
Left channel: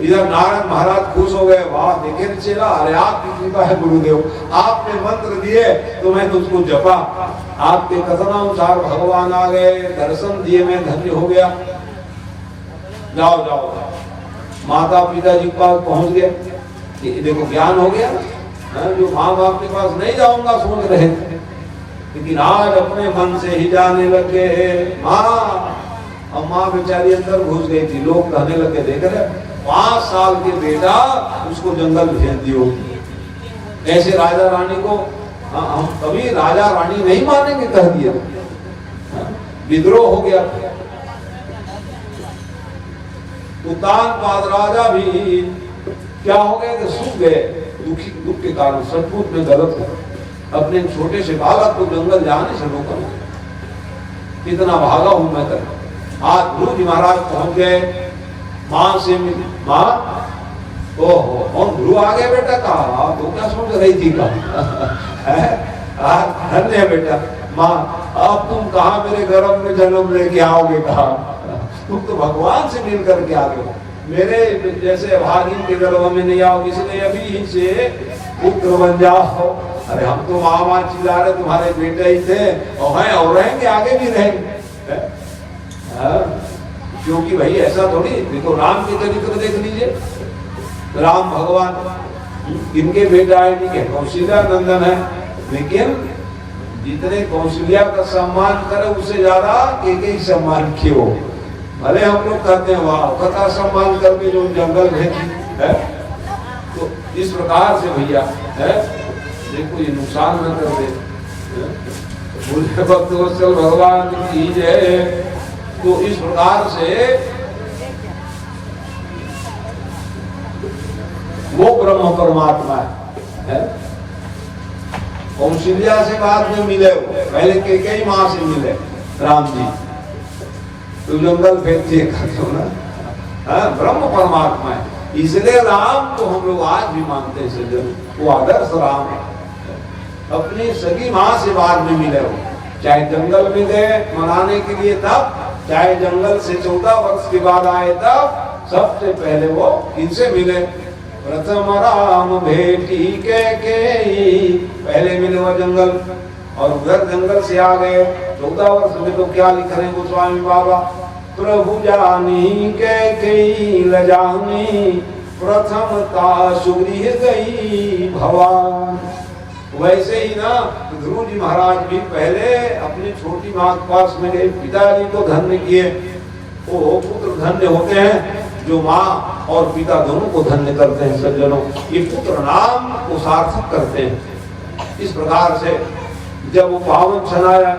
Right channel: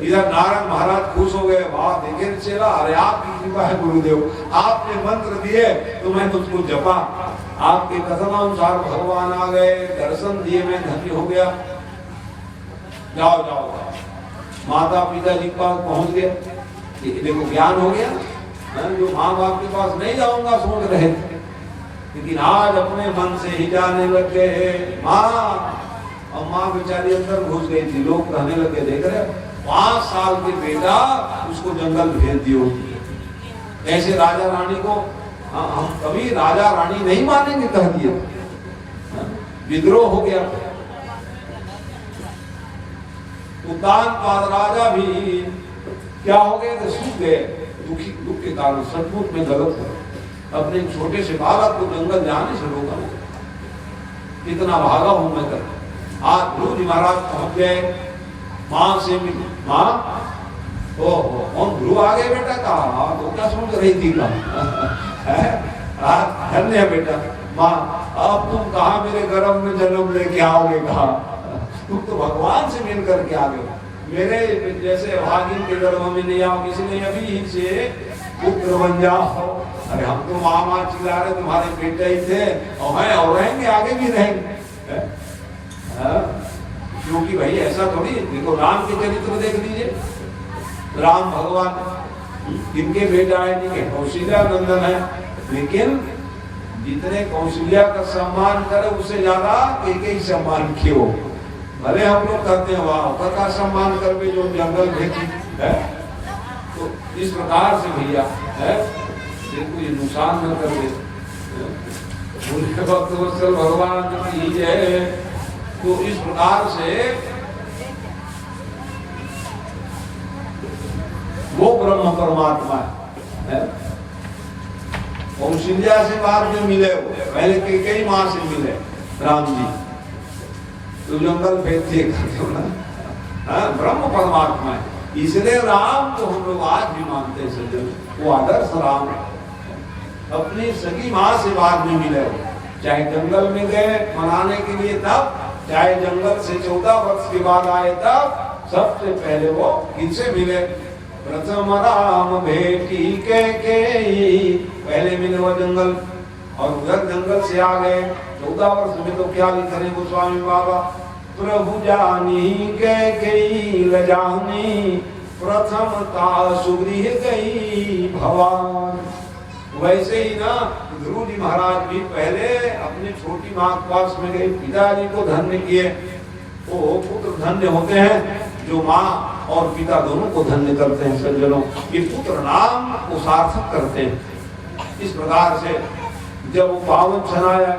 इधर नारद महाराज खुश हो गए, वाह देखे चला, अरे आपकी कृपा है गुरुदेव, आपने मंत्र दिए तो मैंने उसको जपा, आपके कथनानुसार भगवान आ गए, दर्शन दिए, मैं धन्य हो गया। जाओ जाओ, माता पिता जी के पास पहुंच गया, देखो ज्ञान हो गया ना। जो माँ बाप के पास नहीं जाऊंगा सोच रहे थे, लेकिन आज अपने मन से ही जाने लगे माँ। और माँ बेचारी अंदर घुस गई थी, लोग कहने लगे देख रहे 5 साल के बेटा उसको जंगल भेज दियो। ऐसे राजा रानी को हम कभी राजा रानी नहीं मानेंगे, कह दिया, विद्रोह हो गया। उत्तानपाद राजा भी क्या हो गए थे, सूख गए दुख के कारण, सचमुच में गलत है। अपने छोटे से बालक को जंगल जाने से रोका, कितना भागा हूं मैं कर। आज गुरु जी महाराज पहुंच गए, माँ से माँ, ओहो कौन गुरु आ गए बेटा, कहा तो क्या सोच रही थी, कहा धन्य बेटा माँ, अब तुम कहा मेरे गर्भ में जन्म लेके आओगे, कहा तुम तो भगवान से मिल करके आ गए, मेरे जैसे भागिन के गर्भ में नहीं आओगे, इसलिए अभी से पुत्र बन जाओ। अरे हम तो माँ चिल्ला रहे तुम्हारे बेटे ही थे, और हैं और रहेंगे, आगे भी रहेंगे। क्योंकि भाई ऐसा थोड़ी, देखो राम के चरित्र देख लीजिए, राम भगवान इनके बेटा है, ठीक है, कौशल्या नंदन है, लेकिन जितने कौशल्या का सम्मान करे उससे ज्यादा कई सम्मान क्यों। भले हम लोग कहते हैं वाह कथा सम्मान करके जो जंगल भेजी है, तो इस प्रकार से भैया है, देखो ये नुकसान न कर दे, बोले भक्त वत्सल भगवान की जय। तो इस प्रकार से वो ब्रह्म परमात्मा है। और कौशल्या से बाद में मिले हो, पहले कई माह से मिले राम जी। तो जंगल फेंकते हो ना, ब्रह्म परमात्मा है, इसलिए राम को हम लोग आज भी मानते हैं सज्जन, वो आदर्श राम है। अपनी सगी माँ से बाद में मिले हो, चाहे जंगल में गए मनाने के लिए तब, चाहे जंगल से 14 वर्ष के बाद आए तब, सबसे पहले वो किनसे मिले? प्रथम राम भेटी के पहले मिले वो जंगल, और उधर जंगल से आ गए 14 वर्ष में। तो क्या लिख रहे हैं गोस्वामी बाबा? प्रभु जानी के लजानी प्रथम का सुगृह गई भवान। वैसे ही ना ध्रुव जी महाराज भी पहले अपनी छोटी माँ के पास में गए, पिताजी को धन्य किए। वो पुत्र धन्य होते हैं जो माँ और पिता दोनों को धन्य करते हैं सज्जनों। ये पुत्र नाम को सार्थक करते हैं। इस प्रकार से जब वो पावन क्षण आया,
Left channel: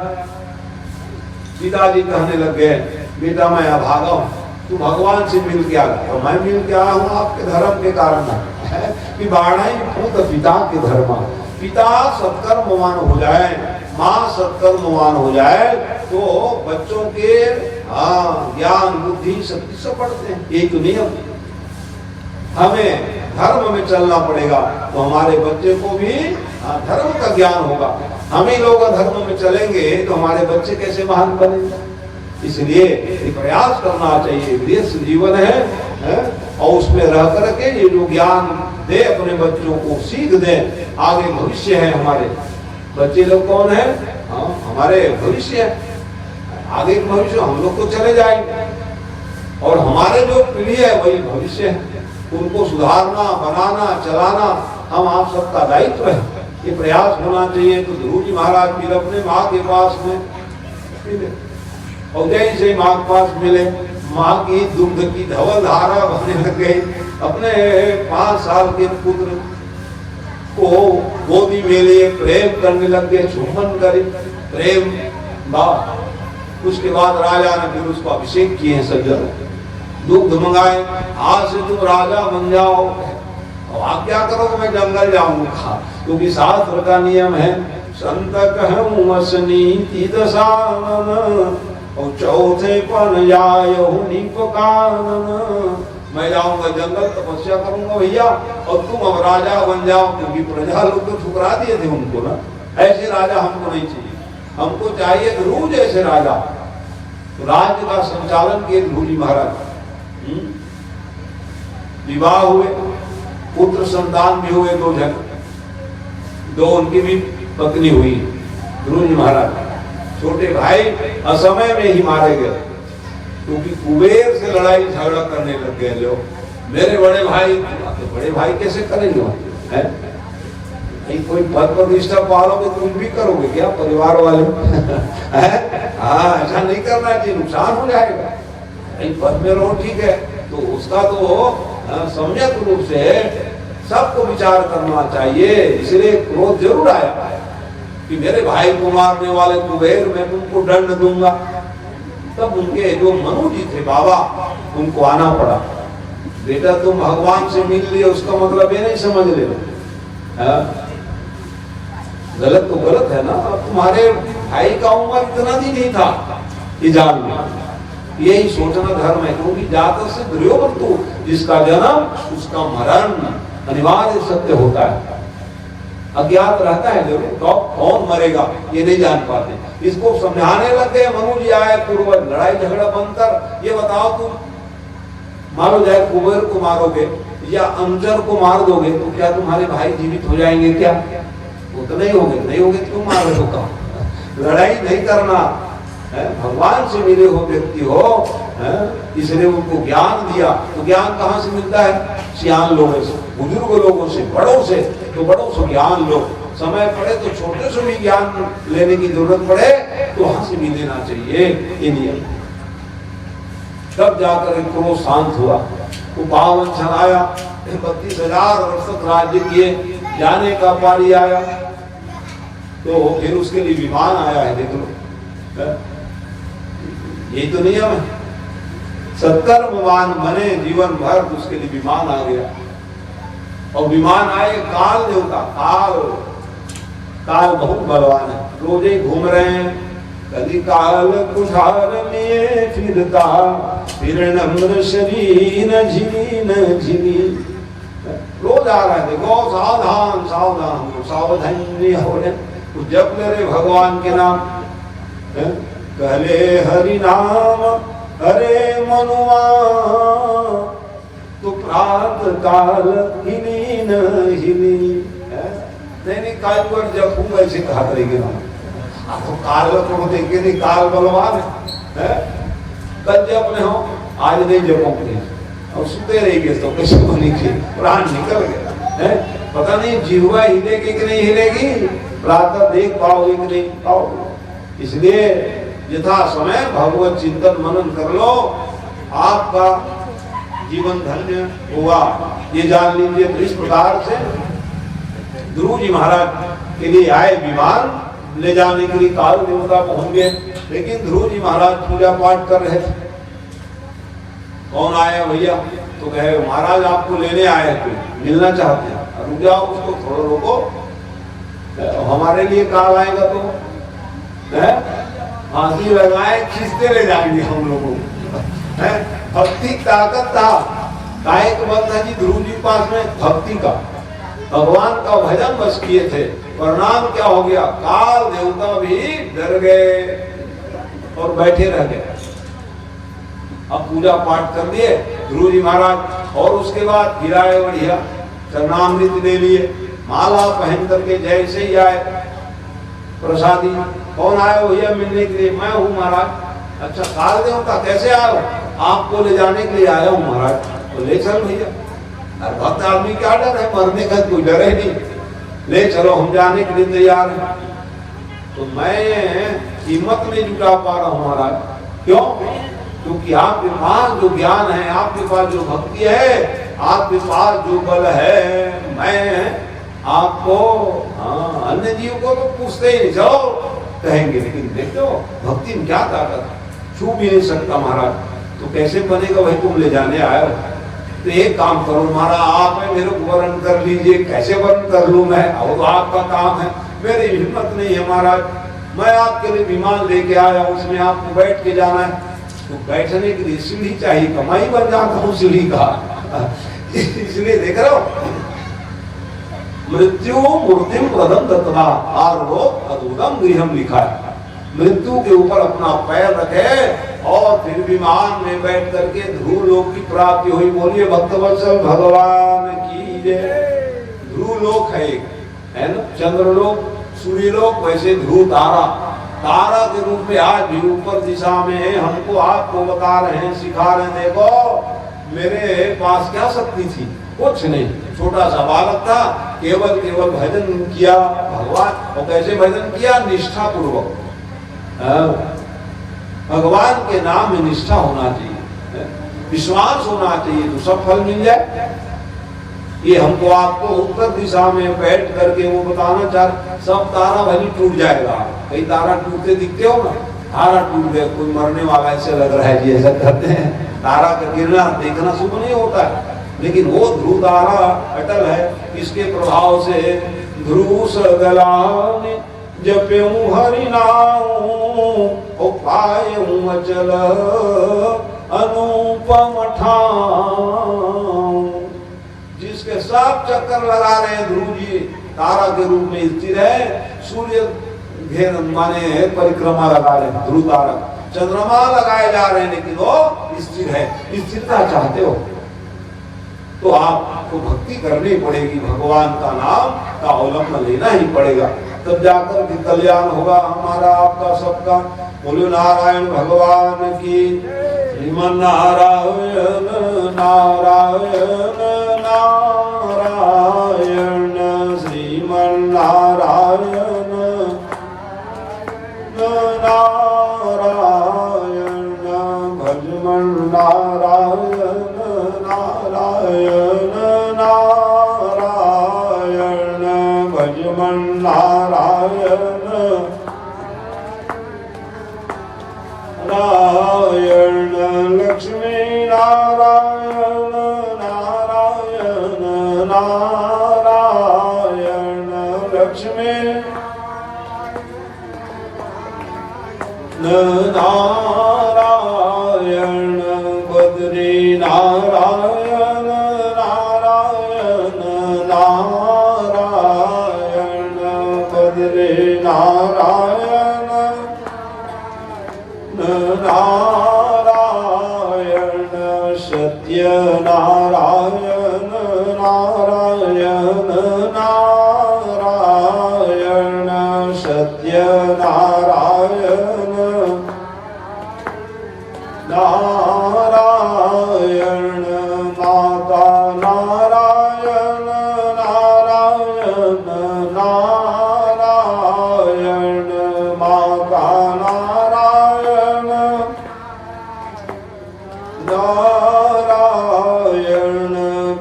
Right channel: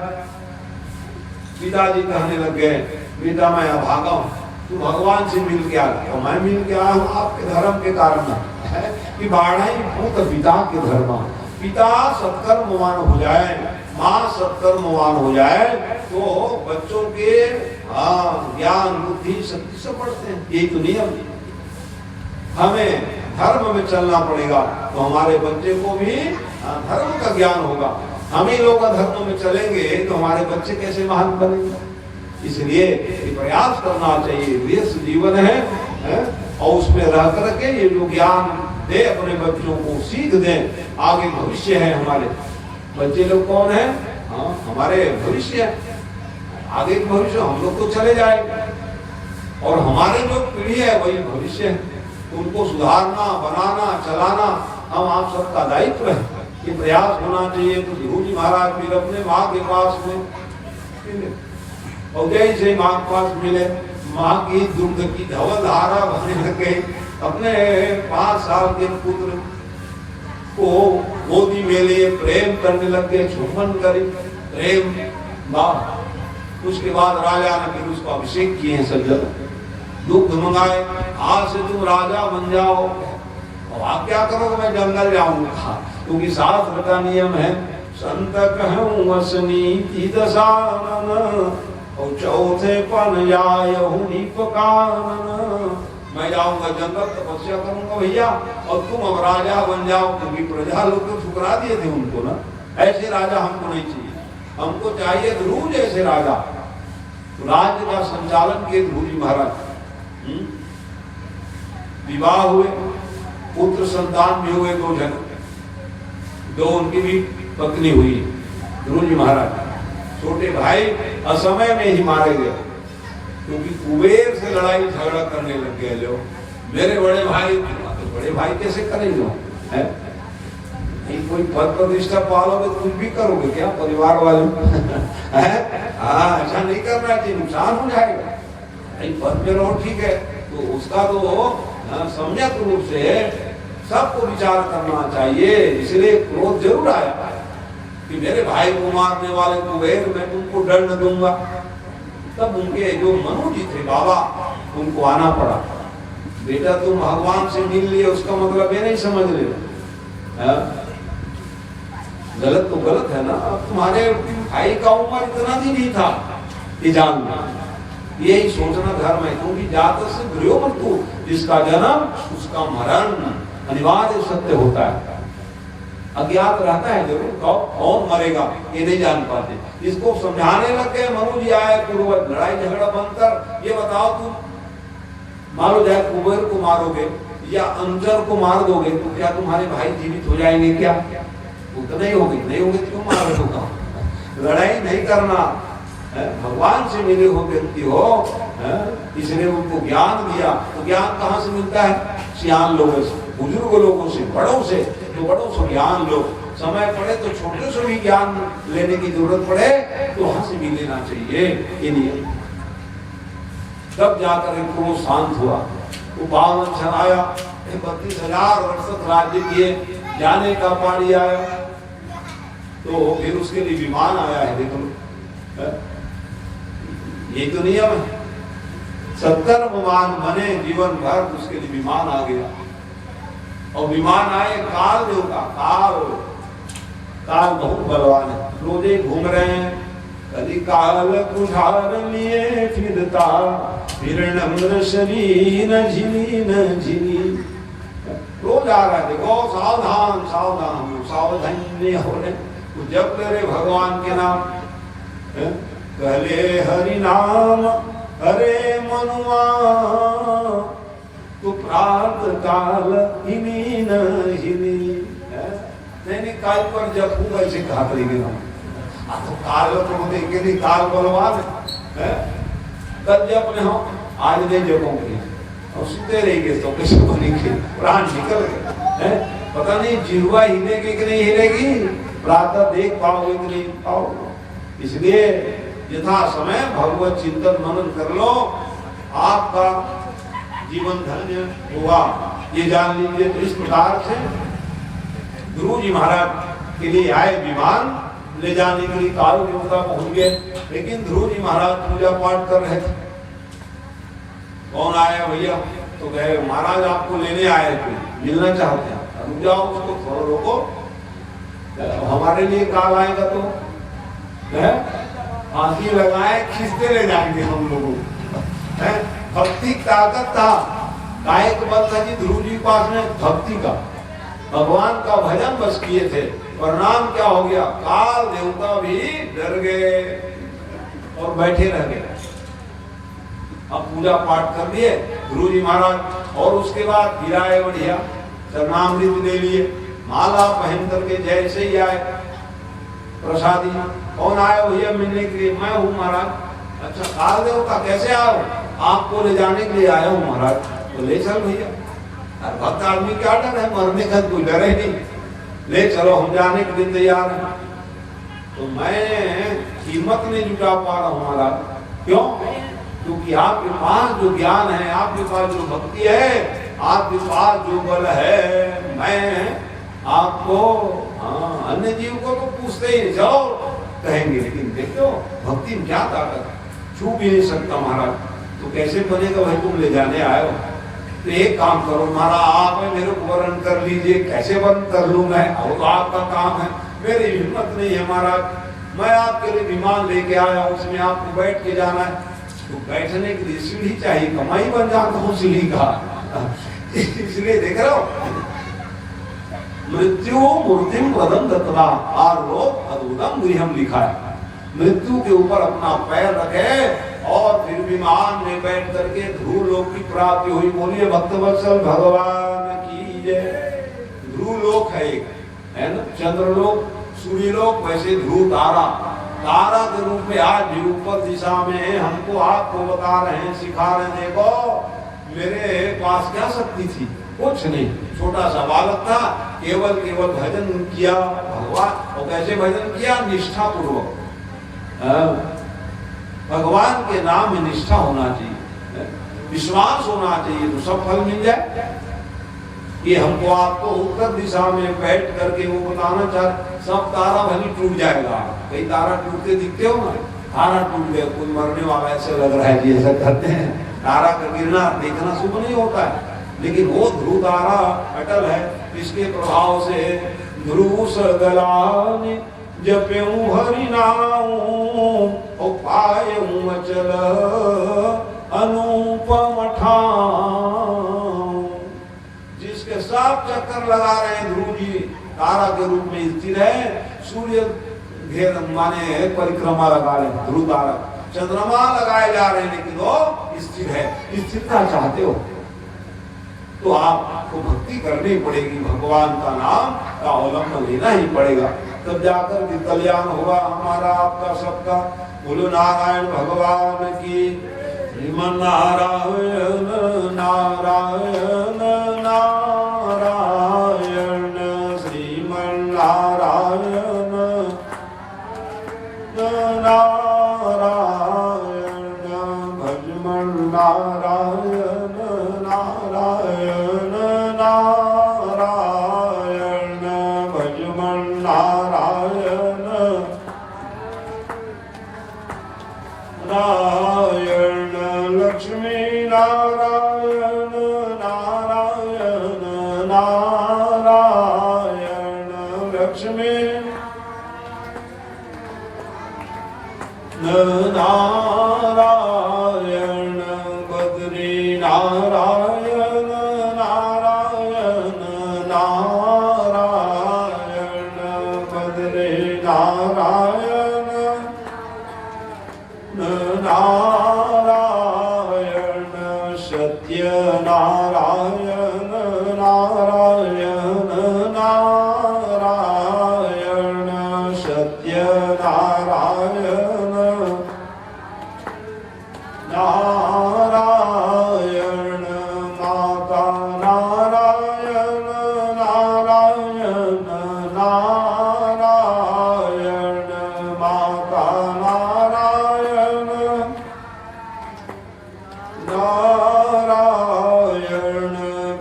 पिताजी कहने लग गए, बेटा मैं अभागा हूँ, तू भगवान से मिल के आया। तो मैं मिल के आया हूँ आपके धर्म के कारण है कि बाढ़ पुत्र पिता के धर्म। पिता सत्कर्मवान हो जाए, माँ सत्कर्मवान हो जाए, तो बच्चों के ज्ञान बुद्धि शक्ति से बढ़ते हैं। एक नियम, हमें धर्म में चलना पड़ेगा तो हमारे बच्चे को भी धर्म का ज्ञान होगा। हम ही लोग धर्म में चलेंगे तो हमारे बच्चे कैसे महान बनेंगे? इसलिए प्रयास करना चाहिए। देश जीवन है और उसमें रह करके ये जो ज्ञान दे अपने बच्चों को, सीख दे। आगे भविष्य है हमारे बच्चे लोग, कौन है? हमारे भविष्य है। आगे के भविष्य हम लोग तो चले जाएंगे और हमारे जो पीढ़ी है वही भविष्य है। उनको सुधारना, बनाना, चलाना हम आप सबका दायित्व है। ये प्रयास होना चाहिए। तो ध्रुव जी महाराज भी अपने माँ के पास में और जैसे माँ के पास मिले, माँ की दुग्ध की धवल धारा बहने लग गई। अपने 5 साल के पुत्र को गोदी में लिए प्रेम करने लग गए, चुम्बन करी, प्रेम बाप। उसके बाद राजा ने फिर उसको अभिषेक किए सज्जन, दुग्ध मंगाए, आज से तुम राजा बन जाओ। और आप क्या करोगे? मैं जंगल जाऊंगा, क्योंकि शास्त्र का नियम है संत कहूं असनीति दशानन और चौथे पन जायो निपकानन। मैं जाऊंगा जंगल, तपस्या करूंगा भैया, और तुम अब राजा बन जाओ। क्योंकि प्रजा लोग तो ठुकरा दिए थे उनको ना, ऐसे राजा हमको नहीं चाहिए। हमको चाहिए ध्रुव जैसे राजा। तो राज्य का संचालन किए ध्रुव जी महाराज। विवाह हुए, पुत्र संतान भी हुए 2 जन, 2 उनकी भी पत्नी हुई। ध्रुव जी महाराज छोटे भाई असमय में ही मारे गए, क्योंकि कुबेर से लड़ाई झगड़ा करने लग गए लोग। मेरे बड़े भाई, तो बड़े भाई कैसे करेंगे? कोई पद प्रतिष्ठा पालोगे तुम भी करोगे क्या? परिवार वाले ऐसा नहीं करना चाहिए, नुकसान हो जाएगा। पद में रहो ठीक है, तो उसका तो सम्यक रूप से सबको विचार करना चाहिए। इसलिए क्रोध जरूर आया कि मेरे भाई को मारने वाले कुबेर, मैं तुमको दंड दूंगा। तब उनके जो मनु जी थे बाबा, उनको आना पड़ा। बेटा तुम भगवान से मिल लिए, उसका मतलब ये नहीं समझ ले गलत तो गलत है ना। अब तुम्हारे भाई का उम्र इतना भी नहीं था कि जान यही सोचना धर्म है। क्योंकि जात से द्रव्यवंतु, जिसका जन्म उसका मरण अनिवार्य सत्य होता है। अज्ञात रहता है जरूर, कौन मरेगा ये नहीं जान पाते। इसको समझाने लग गए। मनु जी आए, पूर्वज लड़ाई झगड़ा बंद कर। ये बताओ तुम मान लो जाए कुबेर को मारोगे या अंजर को मार दोगे, तो क्या तुम्हारे भाई जीवित हो जाएंगे? क्या वो तो नहीं होंगे। नहीं होंगे क्यों मार रहे हो? लड़ाई नहीं करना। भगवान से मिले हो व्यक्ति हो, इसलिए उनको ज्ञान दिया। तो ज्ञान कहाँ से मिलता है? सियान लोगों से, बुजुर्ग लोगों से, बड़ों से। तो बड़ों से ज्ञान लो। समय पड़े तो छोटे से भी ज्ञान लेने की जरूरत पड़े तो वहां से भी लेना चाहिए। इंडिया तब जाकर एक क्रोध शांत हुआ। तो पावन क्षण आया, 32,000 वर्ष तक राज्य किए, जाने का पारी आया। तो फिर उसके लिए विमान आया है। देख लो, ये तो नियम है। सत्कर्मवान बने जीवन भर, उसके लिए विमान आ गया। और विमान आए काल देवता, काल काल बहुत बलवान है, रोज ही घूम रहे हैं। कभी काल कुठार में फिरता, फिर नम्र शरीर झिली न झिली। रोज आ रहे हैं, देखो सावधान सावधान सावधानी हो रहे, जप ले रहे भगवान के नाम। कहले हरि नाम हरे मनुआ, तो प्रात काल हिली न हिली। नहीं काल पर जब खूब ऐसे कहा करेंगे आपको, काल तो देखे नहीं, काल बलवान है। कल जब नहीं हो, आज नहीं जपोगे और सुते रहेंगे तो कैसे बोलेंगे, प्राण निकल गए। पता नहीं जीवा हिलेगी कि नहीं हिलेगी, प्रातः देख पाओगे कि नहीं पाओगे। इसलिए यथा समय भगवत चिंतन मनन कर लो, आपका जीवन धन्य होगा। ये जान लीजिए। तो इस प्रकार से ध्रुव जी महाराज के लिए आए विमान ले जाने के लिए, काल देवता पहुंच गए, लेकिन ध्रुव जी महाराज पूजा पाठ कर रहे थे। कौन आया भैया? तो कहे महाराज आपको लेने आए थे, मिलना चाहते हैं। रुक जाओ, उसको थोड़ा रोको, हमारे लिए काल आएगा तो फांसी लगाए खींचते ले जाएंगे हम लोगों को। भक्ति ताकत था, कायक बल था कि ध्रुव जी पास में भक्ति का, भगवान का भजन बस किए थे। परिणाम क्या हो गया? काल देवता भी डर गए और बैठे रह गए। अब पूजा पाठ कर लिए ध्रुव जी महाराज, और उसके बाद फिर आए बढ़िया, चरणामृत ले लिए, माला पहन करके जैसे ही आए प्रसादी। कौन आए भैया मिलने के लिए? मैं हूँ महाराज। अच्छा काल देवता कैसे आए? आपको ले जाने के लिए आया हूँ महाराज। तो ले चल भैया, भक्त आदमी क्या डर है, मरने का कोई डर ही नहीं, ले चलो हम जाने के लिए तैयार हैं। तो मैं हिम्मत नहीं जुटा पा रहा हूँ महाराज। क्यों? क्योंकि आपके पास जो ज्ञान है, आपके पास जो भक्ति है, आपके पास जो बल है, मैं आपको अन्य जीव को तो पूछते ही नहीं, चलो कहेंगे, लेकिन देखो भक्ति में क्या ताकत, छू भी नहीं सकता महाराज। तो कैसे बनेगा भाई, तुम ले जाने आए हो। तो एक काम करो महाराज, आप मेरे को वर्ण कर लीजिए, कैसे वर्ण कर लूं मैं, और आपका काम है, मेरी हिम्मत नहीं है महाराज। मैं आपके लिए विमान लेके आया हूँ, उसमें आपको बैठ के जाना है। तो बैठने के लिए सीढ़ी चाहिए, कमाई बन जाता हूँ सीढ़ी का। इसलिए देख रहे हो, मृत्यु मूर्तिम प्रदम दत्तवा आरोप अद्भुतम गृहम लिखा है। मृत्यु के ऊपर अपना पैर रखे और फिर विमान में बैठ करके ध्रुव लोक की प्राप्ति हुई। बोलिए भक्तवत्सल भगवान की जय। ध्रुव लोक है ना, चंद्रलोक, सूर्यलोक, वैसे ध्रुव तारा, तारा के रूप में आज भी ऊपर दिशा में हमको आपको बता रहे हैं, सिखा रहे हैं। देखो मेरे पास क्या शक्ति थी, कुछ नहीं, छोटा सा बालक था, केवल भजन किया भगवान। और कैसे भजन किया? निष्ठा पूर्वक। भगवान के नाम में निष्ठा होना चाहिए, विश्वास होना चाहिए, तो सब फल मिल जाए। ये हमको आपको उत्तर दिशा में बैठ करके वो बताना चाह, सब तारा भली टूट जाएगा। कई तारा टूटते दिखते हो ना, तारा टूट गए, कोई मरने वाला ऐसे लग रहा है, ऐसा करते हैं। तारा का गिरना देखना शुभ नहीं होता है, लेकिन वो ध्रुव तारा अटल है। इसके प्रभाव से ध्रुव सगलाने जप्यूं हरि नाम, उपायूं अचल अनुपम ठाम। जिसके सब चक्कर लगा रहे हैं ध्रुव जी, तारा के रूप में स्थिर है। सूर्य घेर माने परिक्रमा लगा रहे हैं ध्रुव तारा, चंद्रमा लगाए जा रहे हैं, लेकिन वो स्थिर है। स्थिरता चाहते हो तो आपको भक्ति करनी पड़ेगी, भगवान का नाम का अवलंबन लेना ही पड़ेगा, तब जाकर के कल्याण होगा हमारा आपका सबका। बोलो नारायण भगवान की। श्रीमन नारायण नारायण नारायण, श्रीमन नारायण नारायण, भजमन नारायण नारायण नारायण, भजमन नारायण नारायण, लक्ष्मी नारायण नारायण नारायण, लक्ष्मी सत्य नारायण नारायण नारायण सत्य नारायण नारायण माता नारायण नारायण नारायण माता नारायण नारायण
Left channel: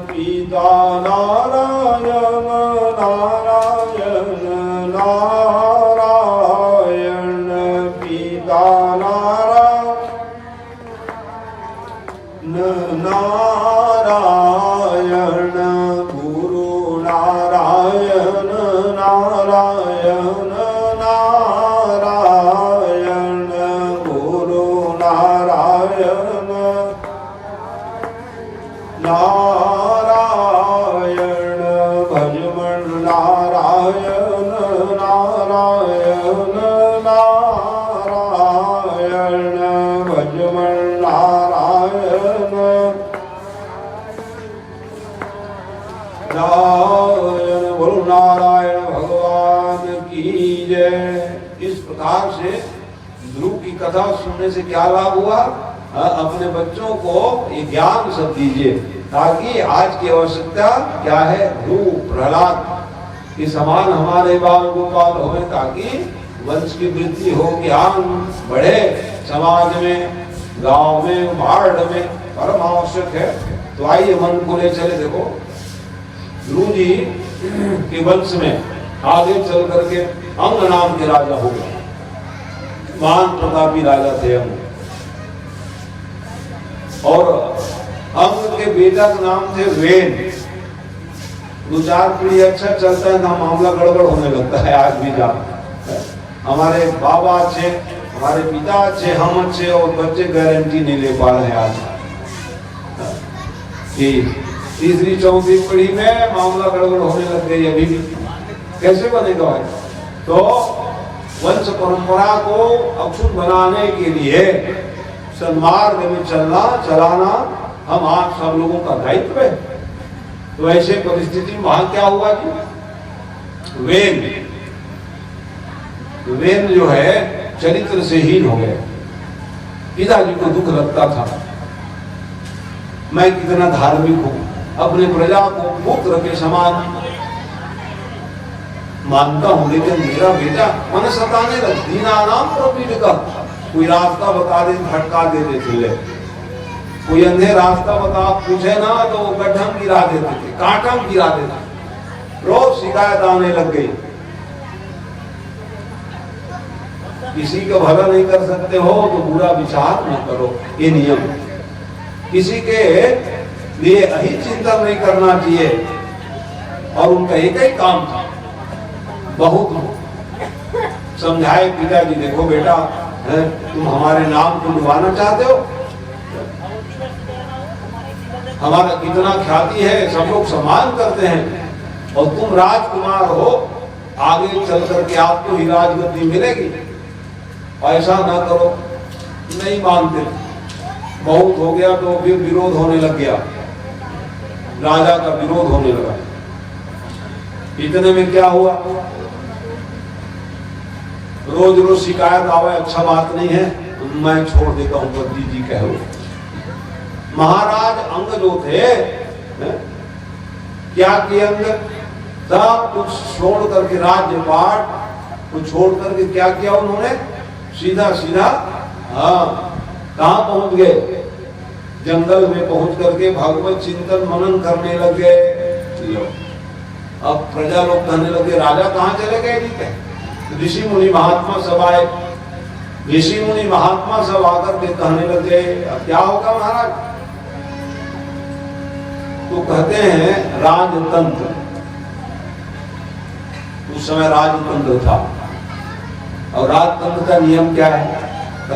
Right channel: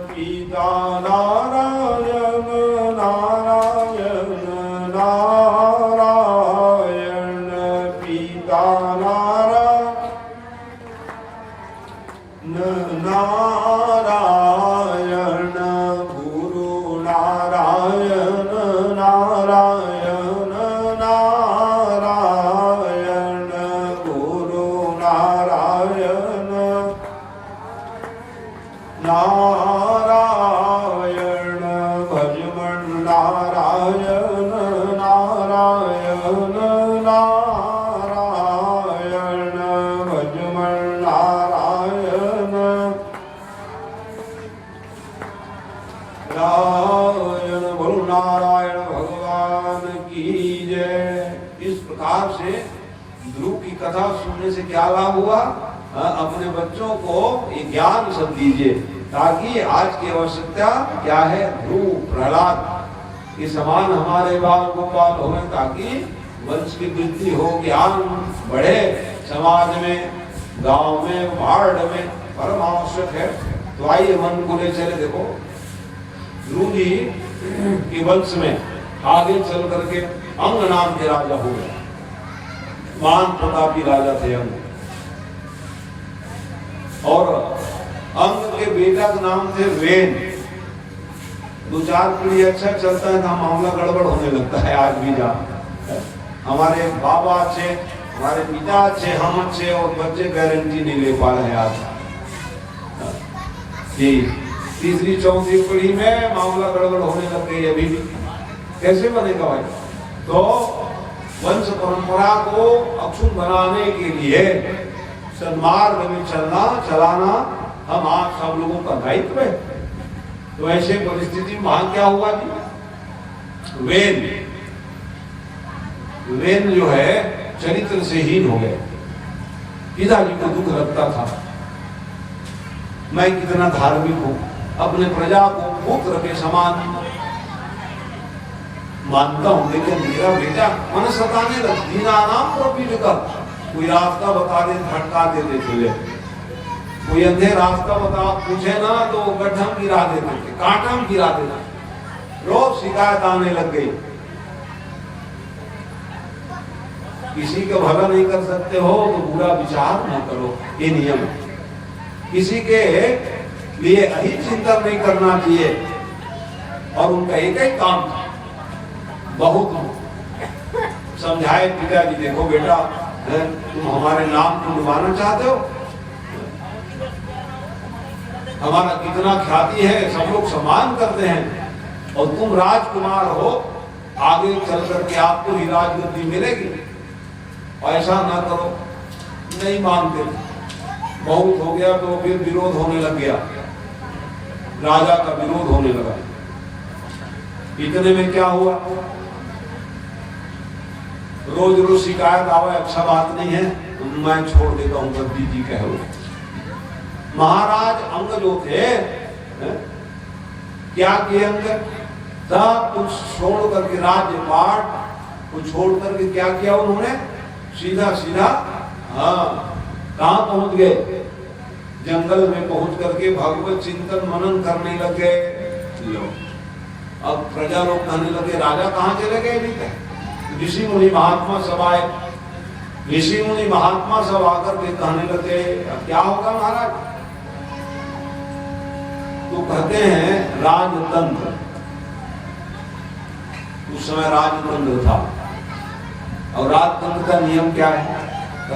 पिता नारायण नारायण नारायण पिता नारायण गुरु नारायण नारायण नारायण गुरु नारायण नारायण भजमन नारायण नारायण नारायण भजमन नारायण नारायण गुरु नारायण भगवान की जय। इस प्रकार से ध्रुव की कथा सुनने से क्या लाभ हुआ? अपने बच्चों को ये ज्ञान सब दीजिए ताकि आज की आवश्यकता क्या है? ध्रुव प्रहलाद के समान हमारे बाल गोपाल हो ताकि वंश की वृद्धि हो, ज्ञान बढ़े समाज में, गांव में, वार्ड में, परम आवश्यक है। तो आइए मन को ले चले। देखो ध्रुव जी के वंश में आगे चल करके अंग नाम के राजा हो गए। महान प्रतापी राजा थे अंग। और अंग के बेटा का नाम थे वेन। 2-4 पीढ़ी अच्छा चलता है ना, मामला गड़बड़ होने लगता है। आज भी जा हमारे बाबा अच्छे, हमारे पिता अच्छे, हम अच्छे, और बच्चे गारंटी नहीं ले पा रहे हैं आज। तीसरी चौथी पीढ़ी में मामला गड़बड़ होने लग गई। अभी कैसे बनेगा भाई? तो वंश परंपरा को अक्षुण्ण बनाने के लिए सन्मार्ग में चलाना हम आप सब लोगों का दायित्व है। तो ऐसे परिस्थिति वहां क्या हुआ कि वेन जो है चरित्र से हीन हो गए। पिताजी को दुख लगता था, मैं कितना धार्मिक हूं, अपने प्रजा को पुत्र के समान मानता हूं, लेकिन मेरा बेटा मन सताने लग। दीना नाम प्रोपीड का कोई रास्ता बता दे, भटका दे देते थे। कोई अंधे रास्ता बता पूछे ना तो गड्ढम गिरा देते थे, कांटम गिरा देते थे। रोज शिकायत आने लग गई। किसी का भला नहीं कर सकते हो तो बुरा विचार न करो, ये नियम। किसी के लिए अहित चिंतन नहीं करना चाहिए। और उनका एक ही काम था, बहुत समझाए पिताजी, देखो बेटा तुम हमारे नाम को डुबाना चाहते हो, हमारा कितना ख्याति है, सब लोग सम्मान करते हैं, और तुम राजकुमार हो, आगे चल करके आपको ही राजगद्दी मिलेगी, ऐसा ना करो। नहीं मानते, बहुत हो गया तो फिर विरोध होने लग गया, राजा का विरोध होने लगा। इतने में क्या हुआ? रोज रोज शिकायत आवे, अच्छा बात नहीं है, मैं छोड़ देता हूं, गद्दी जी कह लो। महाराज अंग जो थे, क्या किए अंग? सब कुछ छोड़ करके, राज्य पाठ को छोड़ करके क्या किया उन्होंने? सीधा सीधा कहां पहुंच गए? जंगल में पहुंच करके भगवत चिंतन मनन करने लगे। अब प्रजा लोग कहने लगे राजा कहां चले गए? ऋषि मुनि महात्मा सब आए। ऋषि मुनि महात्मा सब आकर के कहने लगे क्या होगा महाराज? तो कहते हैं राजतंत्र। उस समय राजतंत्र था, और राजतंत्र का नियम क्या है?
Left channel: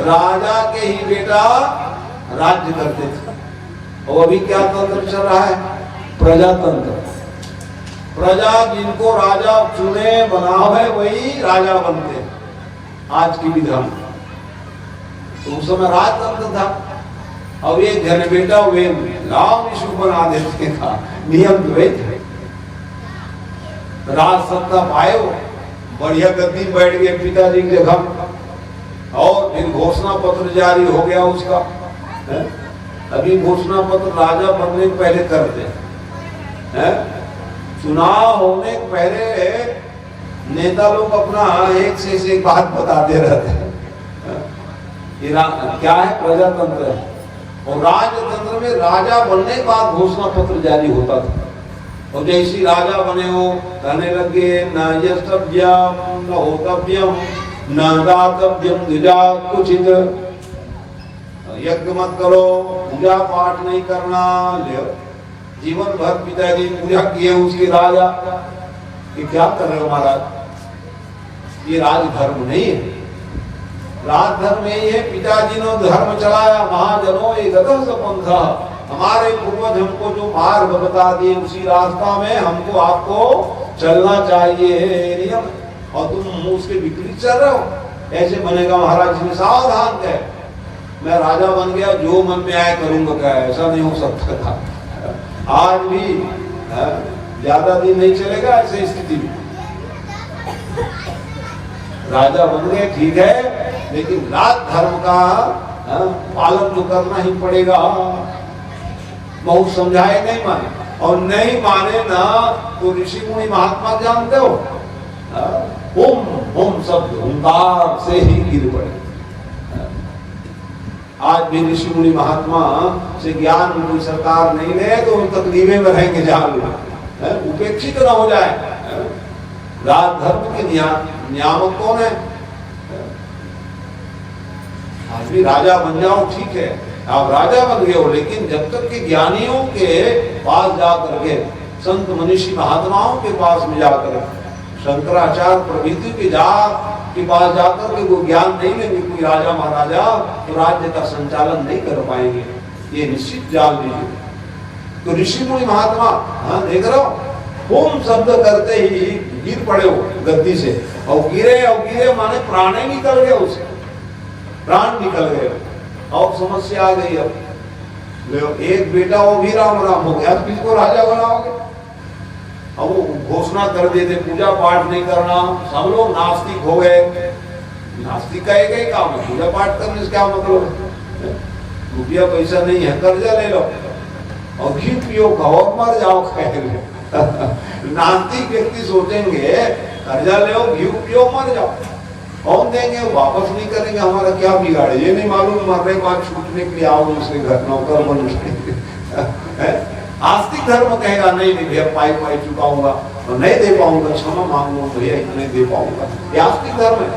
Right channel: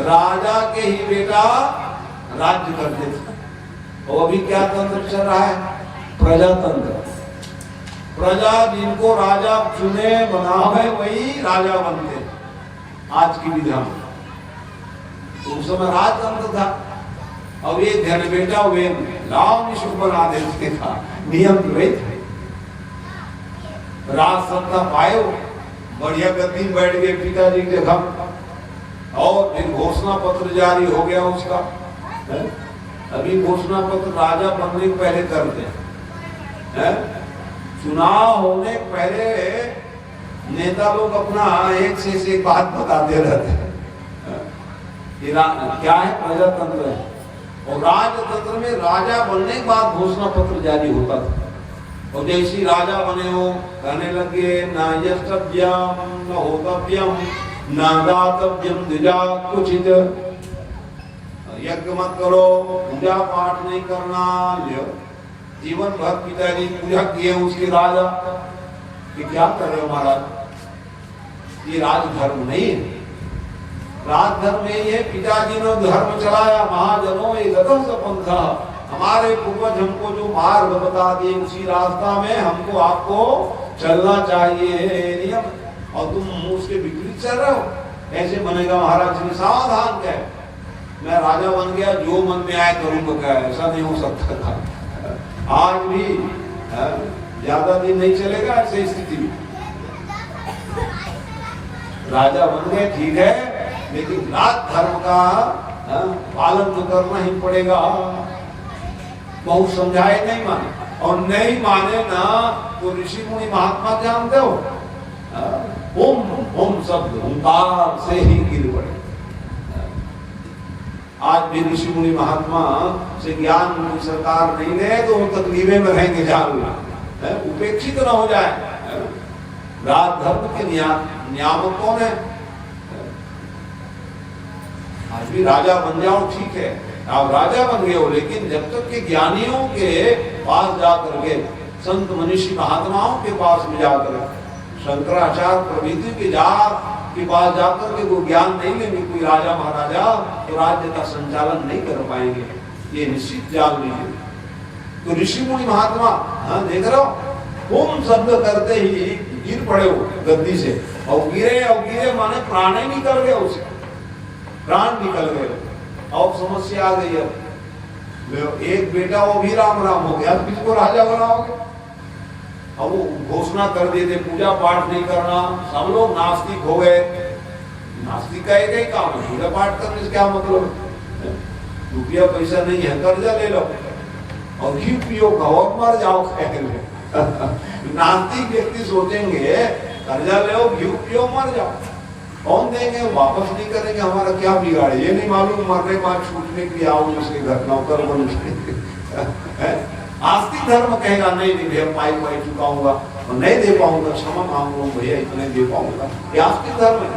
राजा के ही बेटा राज्य करते थे। और अभी क्या तंत्र चल रहा है? प्रजातंत्र। प्रजा जिनको राजा चुने बनावे वही राजा बनते, आज की विधान। तो उस समय राजतंत्र था। और ये जन बेटा वे नाम ही शुभ बना देते था। नियम द्वैत है। राज सत्ता पाए हो, बढ़िया गद्दी बैठ गए पिताजी के जगह और फिर घोषणा पत्र जारी हो गया उसका। अभी घोषणा पत्र राजा बनने के पहले करते हैं। चुनाव होने के पहले नेता लोग अपना एक से एक बात बताते रहते हैं। क्या है? प्रजातंत्र है। और राजतंत्र में राजा बनने के बाद घोषणा पत्र जारी होता था। और जैसी राजा बने हो कहने लगे न यस्तव्यम न होतव्यम न दातव्यम द्विजात कुचित, यज्ञ मत करो, पूजा पाठ नहीं करना। जीवन भर पिताजी पूजा किए उसके राजा कि क्या कर रहे हो महाराज, ये राजधर्म नहीं है। राजधर्म यही है, पिताजी ने धर्म चलाया, महाजनों ये गतम पंथा, हमारे पूर्वज हमको जो मार्ग बता दिए उसी रास्ता में हमको आपको चलना चाहिए नियम, और तुम उसके विपरीत चल रहे हो, ऐसे बनेगा महाराज ने सावधान कहे। मैं राजा बन गया, जो मन में आए करूंगा, क्या ऐसा नहीं हो सकता था। आज भी ज्यादा दिन नहीं चलेगा ऐसी स्थिति में। राजा बन गए ठीक है, लेकिन राज धर्म का पालन तो करना ही पड़ेगा। बहुत समझाए नहीं माने, और नहीं माने ना तो ऋषि मुनि महात्मा जानते हो, हुम शब्द हुंकार से ही गिर पड़े। आज भी ऋषि मुनि महात्मा से ज्ञान उनकी सरकार नहीं ले तो उन तकलीफे में रहेंगे, जान लो, उपेक्षित न हो जाए। राज धर्म के नियामक कौन है? आज भी राजा बन जाओ ठीक है, आप राजा बन गए हो, लेकिन जब तक के ज्ञानियों के पास जाकर के, संत मनीषी महात्माओं के पास में जाकर, शंकराचार्य प्रभृति के पास जाकर के वो ज्ञान नहीं लेंगे कोई राजा महाराजा, तो राज्य का संचालन नहीं कर पाएंगे, ये निश्चित जान लीजिए। तो ऋषि मुनि महात्मा देख रहे हो, ओम शब्द करते ही गिर पड़े हो गद्दी से, और गिरे माने प्राण ही निकल गए, उसे प्राण निकल गए, और समस्या आ गई। अब एक बेटा वो भी राम हो गया, किसको राजा बनाओगे? अब वो घोषणा कर देते पूजा पाठ नहीं करना, सब लोग नास्तिक हो गए। नास्तिक का एक काम है, पूजा पाठ करने से क्या मतलब? रुपया पैसा नहीं है, कर्जा ले लो और घी पियो, और मर जाओ। नास्तिक व्यक्ति सोचेंगे कर्जा ले, घी पियो, मर जाओ, कौन देंगे? वापस नहीं करेंगे, हमारा क्या बिगाड़े? ये नहीं मालूम मरने के बाद छूटने के लिए आओ उसके घर नौकर बन। आस्तिक धर्म कहेगा नहीं भैया पाई चुकाऊंगा और नहीं दे पाऊंगा, क्षमा मांगूंगा भैया, इतने दे पाऊंगा, ये आस्तिक धर्म है।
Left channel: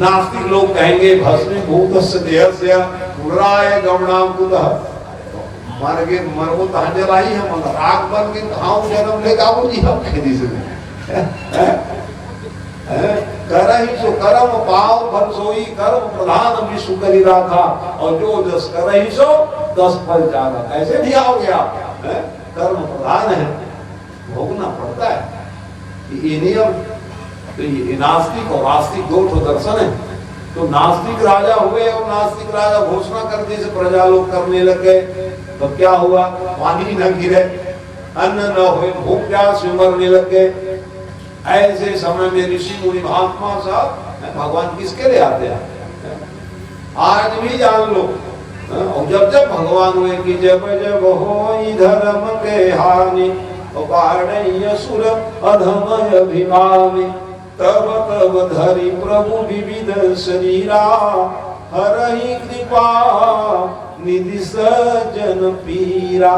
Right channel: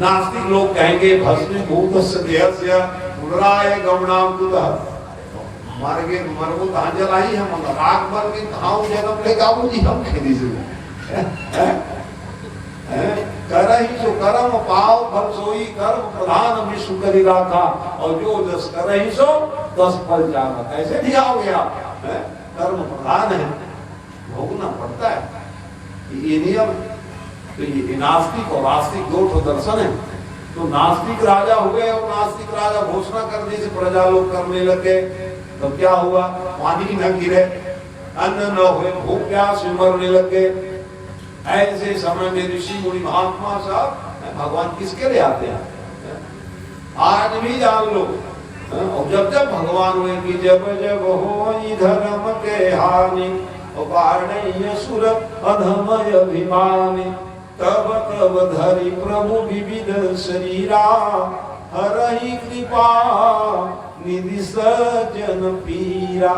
नास्तिक लोग कहेंगे भस्मीभूतस्य देहस्य पुनराय गमनाकुल, मर गए मरगो तांजला ही हम राग बन के कहाँ जन्म लेगा वो जी हम खेती से कर ही सो कर्म पाव फल सोई, कर्म प्रधान विश्व करी रखा, और जो दस कर ही सो 10 फल जाना, ऐसे दिया हो गया। कर्म प्रधान है, भोगना पड़ता है ये नियम। तो ये नास्तिक और आस्तिक दो दर्शन है। तो नास्तिक राजा हो गए, और नास्तिक राजा घोषणा कर दी, प्रजा लोग करने लग गए, तो क्या हुआ? पानी न गिरे, अन्न न हो, भूख प्यास में मरने लग गए। ऐसे समय में ऋषि मुनि महात्मा साहब भगवान किसके लिए आते हैं? आज भी जान लो, और जब जब भगवान हुए कि जब जब होई धर्म के हानि, असुर अधम अभिमानी, तब तब धरि प्रभु विविध शरीरा, हरहि कृपा निधि सज्जन पीरा।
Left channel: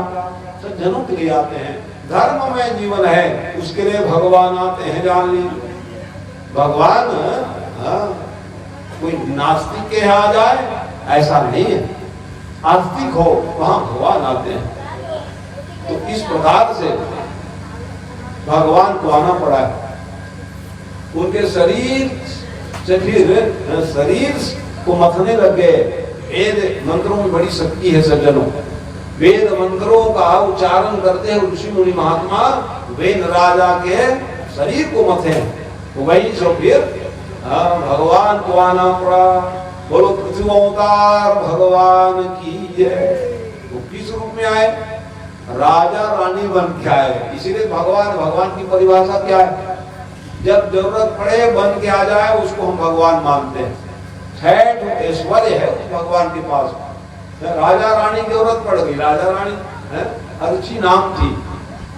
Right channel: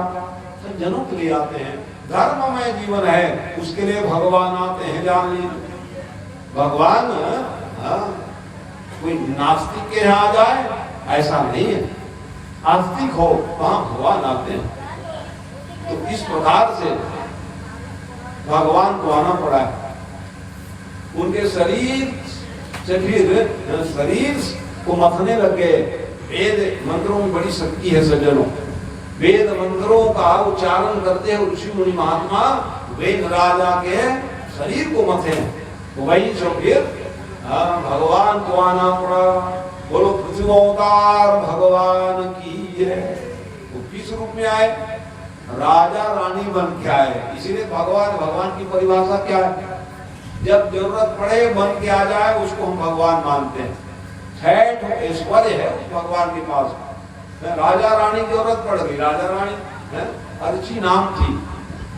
सज्जनों के लिए आते हैं, धर्म में जीवन है उसके लिए भगवान आते हैं, जान लीजिए। भगवान कोई नास्तिक के यहाँ जाए ऐसा नहीं है, आस्तिक हो वहां भगवान आते हैं। तो इस प्रकार से भगवान को आना पड़ा है। उनके शरीर से फिर शरीर को मथने लग गए। वेद मंत्रों में बड़ी शक्ति है सज्जनों, वेद मंत्रों का उच्चारण करते हैं ऋषि मुनि महात्मा, वेद राजा के शरीर को मथे, वही जो फिर भगवान को आना पड़ा। बोलो पृथ्वी अवतार भगवान की जय। में आए, राजा रानी बन के आए। इसीलिए भगवान की परिभाषा क्या है? जब जरूरत पड़े बन के आ जाए उसको हम भगवान मानते हैं। ठेठ ऐश्वर्य है भगवान के पास। राजा रानी की जरूरत पड़ गई, राजा रानी अर्ची नाम थी।